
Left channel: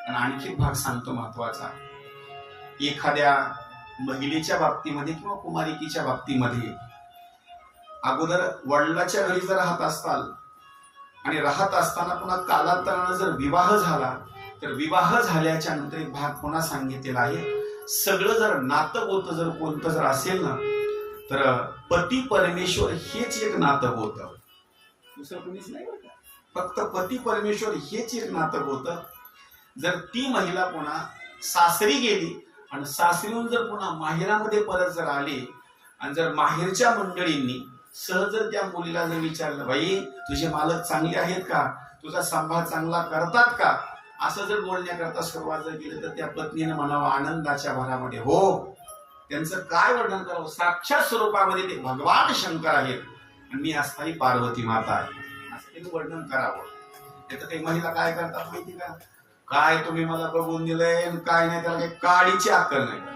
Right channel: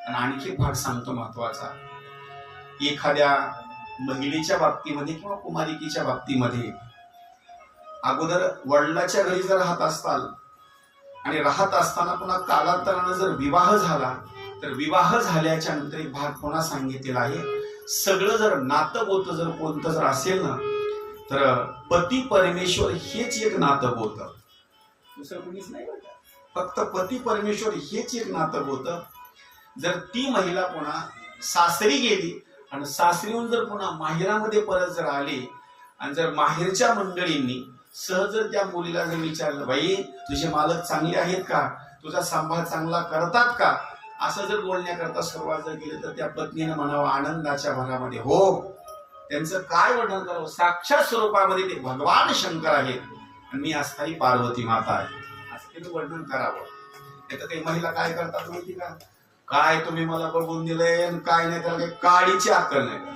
आणि आणखी भाग सांगतो महत्वाचा. एखाद्या महिलेच्या बाबतीमध्ये किंवा कुमारिकीच्या बाबतीमध्ये अगोदर वडिलाच्या घरी जर राहत असताल आणि राहत असताना पुन्हा कालांतरानं जर विवाह झाला तर विवाह झाल्याच्या नंतर एक भाग पुन्हा सांगितलेला आहे. सगळं जर नातं गोतं जर कोणतं जर असेल ना तर पती परमेश्वर हेच एक नातं होतं, दुसरं कुणीच नाही बरं का. फक्त पती परमेश्वर हेच एक नातं होतं. जर ती महिला पुन्हा सासरी गेली आणि सासरीहून जर पुन्हा माहेरामध्ये परत जर आली आणि जर माहेरच्या मंडळींनी सहज जर त्या मुलीला जर विचारलं, बाई तुझे मालक चांगले आहेत का, तुझा सांभाळ चांगला करतात का, असं जर बोलण्याकरता सुरुवात जर केली तर त्या पत्नीने म्हणावं आनंदाच्या भरामध्ये, हो त्यांचं काय वर्णन करावं, साक्षात स्वरूपामध्ये ते भगवान शंकर आहेत आणि मी असणारी पार्वती माता आहे, असं त्यांनी वर्णन करावं. त्याचं काही महिला काय करतात माहिती का, काय तुम्ही मला बघून दिलंय आणि काय नाही, त्याला काही काळीची अक्कल नाही.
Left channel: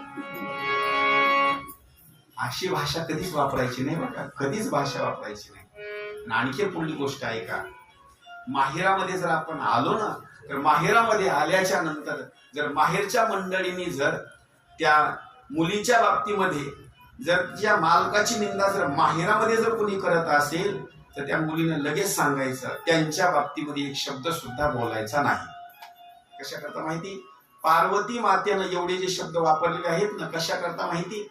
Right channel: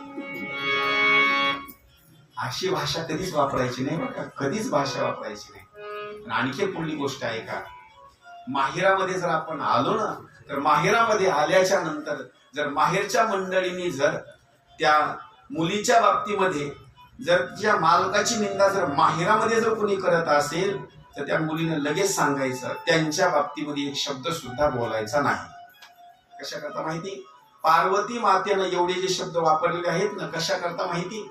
अशी भाषा कधीच वापरायची नाही बरं का, कधीच भाषा वापरायची नाही. आणि आणखी पुढली गोष्ट आहे का, माहेरामध्ये जर आपण आलो ना, तर माहेरामध्ये आल्याच्या नंतर जर माहेरच्या मंडळींनी जर त्या मुलीच्या बाबतीमध्ये जर तिच्या मालकाची निंदा जर माहेरामध्ये जर कोणी करत असेल तर त्या मुलीने लगेच सांगायचं, त्यांच्या बाबतीमध्ये एक शब्द सुद्धा बोलायचा नाही. कशा करता माहिती, पार्वती मातेनं एवढे जे शब्द वापरलेले आहेत ना, कशा करता माहिती,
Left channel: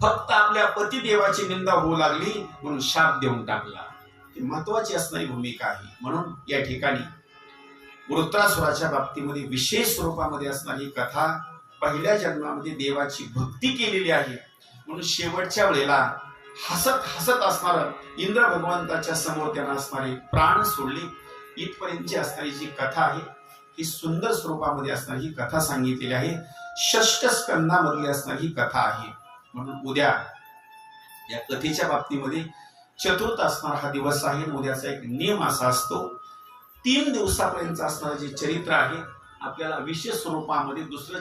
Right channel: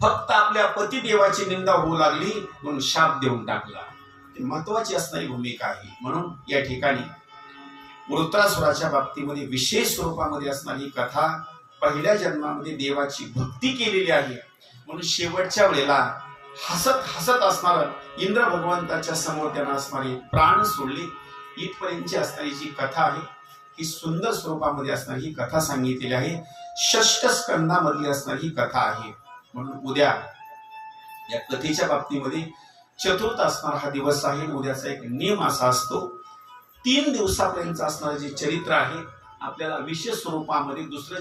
फक्त आपल्या पतिदेवाची निंदा होऊ लागली म्हणून शाप देऊन टाकला. ती महत्वाची असणारी भूमिका आहे. म्हणून या ठिकाणी वृत्रासुराच्या बाबतीमध्ये विशेष स्वरूपामध्ये असणारी कथा, पहिल्या जन्मामध्ये देवाची भक्ती केलेली आहे म्हणून शेवटच्या वेळेला हसत हसत असणार इंद्र भगवंताच्या समोर त्यांना असणारे प्राण सोडले, इथपर्यंतची असणारी जी कथा आहे ही सुंदर स्वरूपामध्ये असणारी ही कथा सांगितलेली आहे. षष्ठ स्कंदामधली असणारी ही कथा आहे. म्हणून उद्या या कथेच्या बाबतीमध्ये चतुर्थ असणारा हा दिवस आहे. उद्याचा एक नियम असा असतो, 3 दिवसापर्यंत असणारं जे चरित्र आहे आपल्याला विशेष स्वरूपामध्ये दुसरं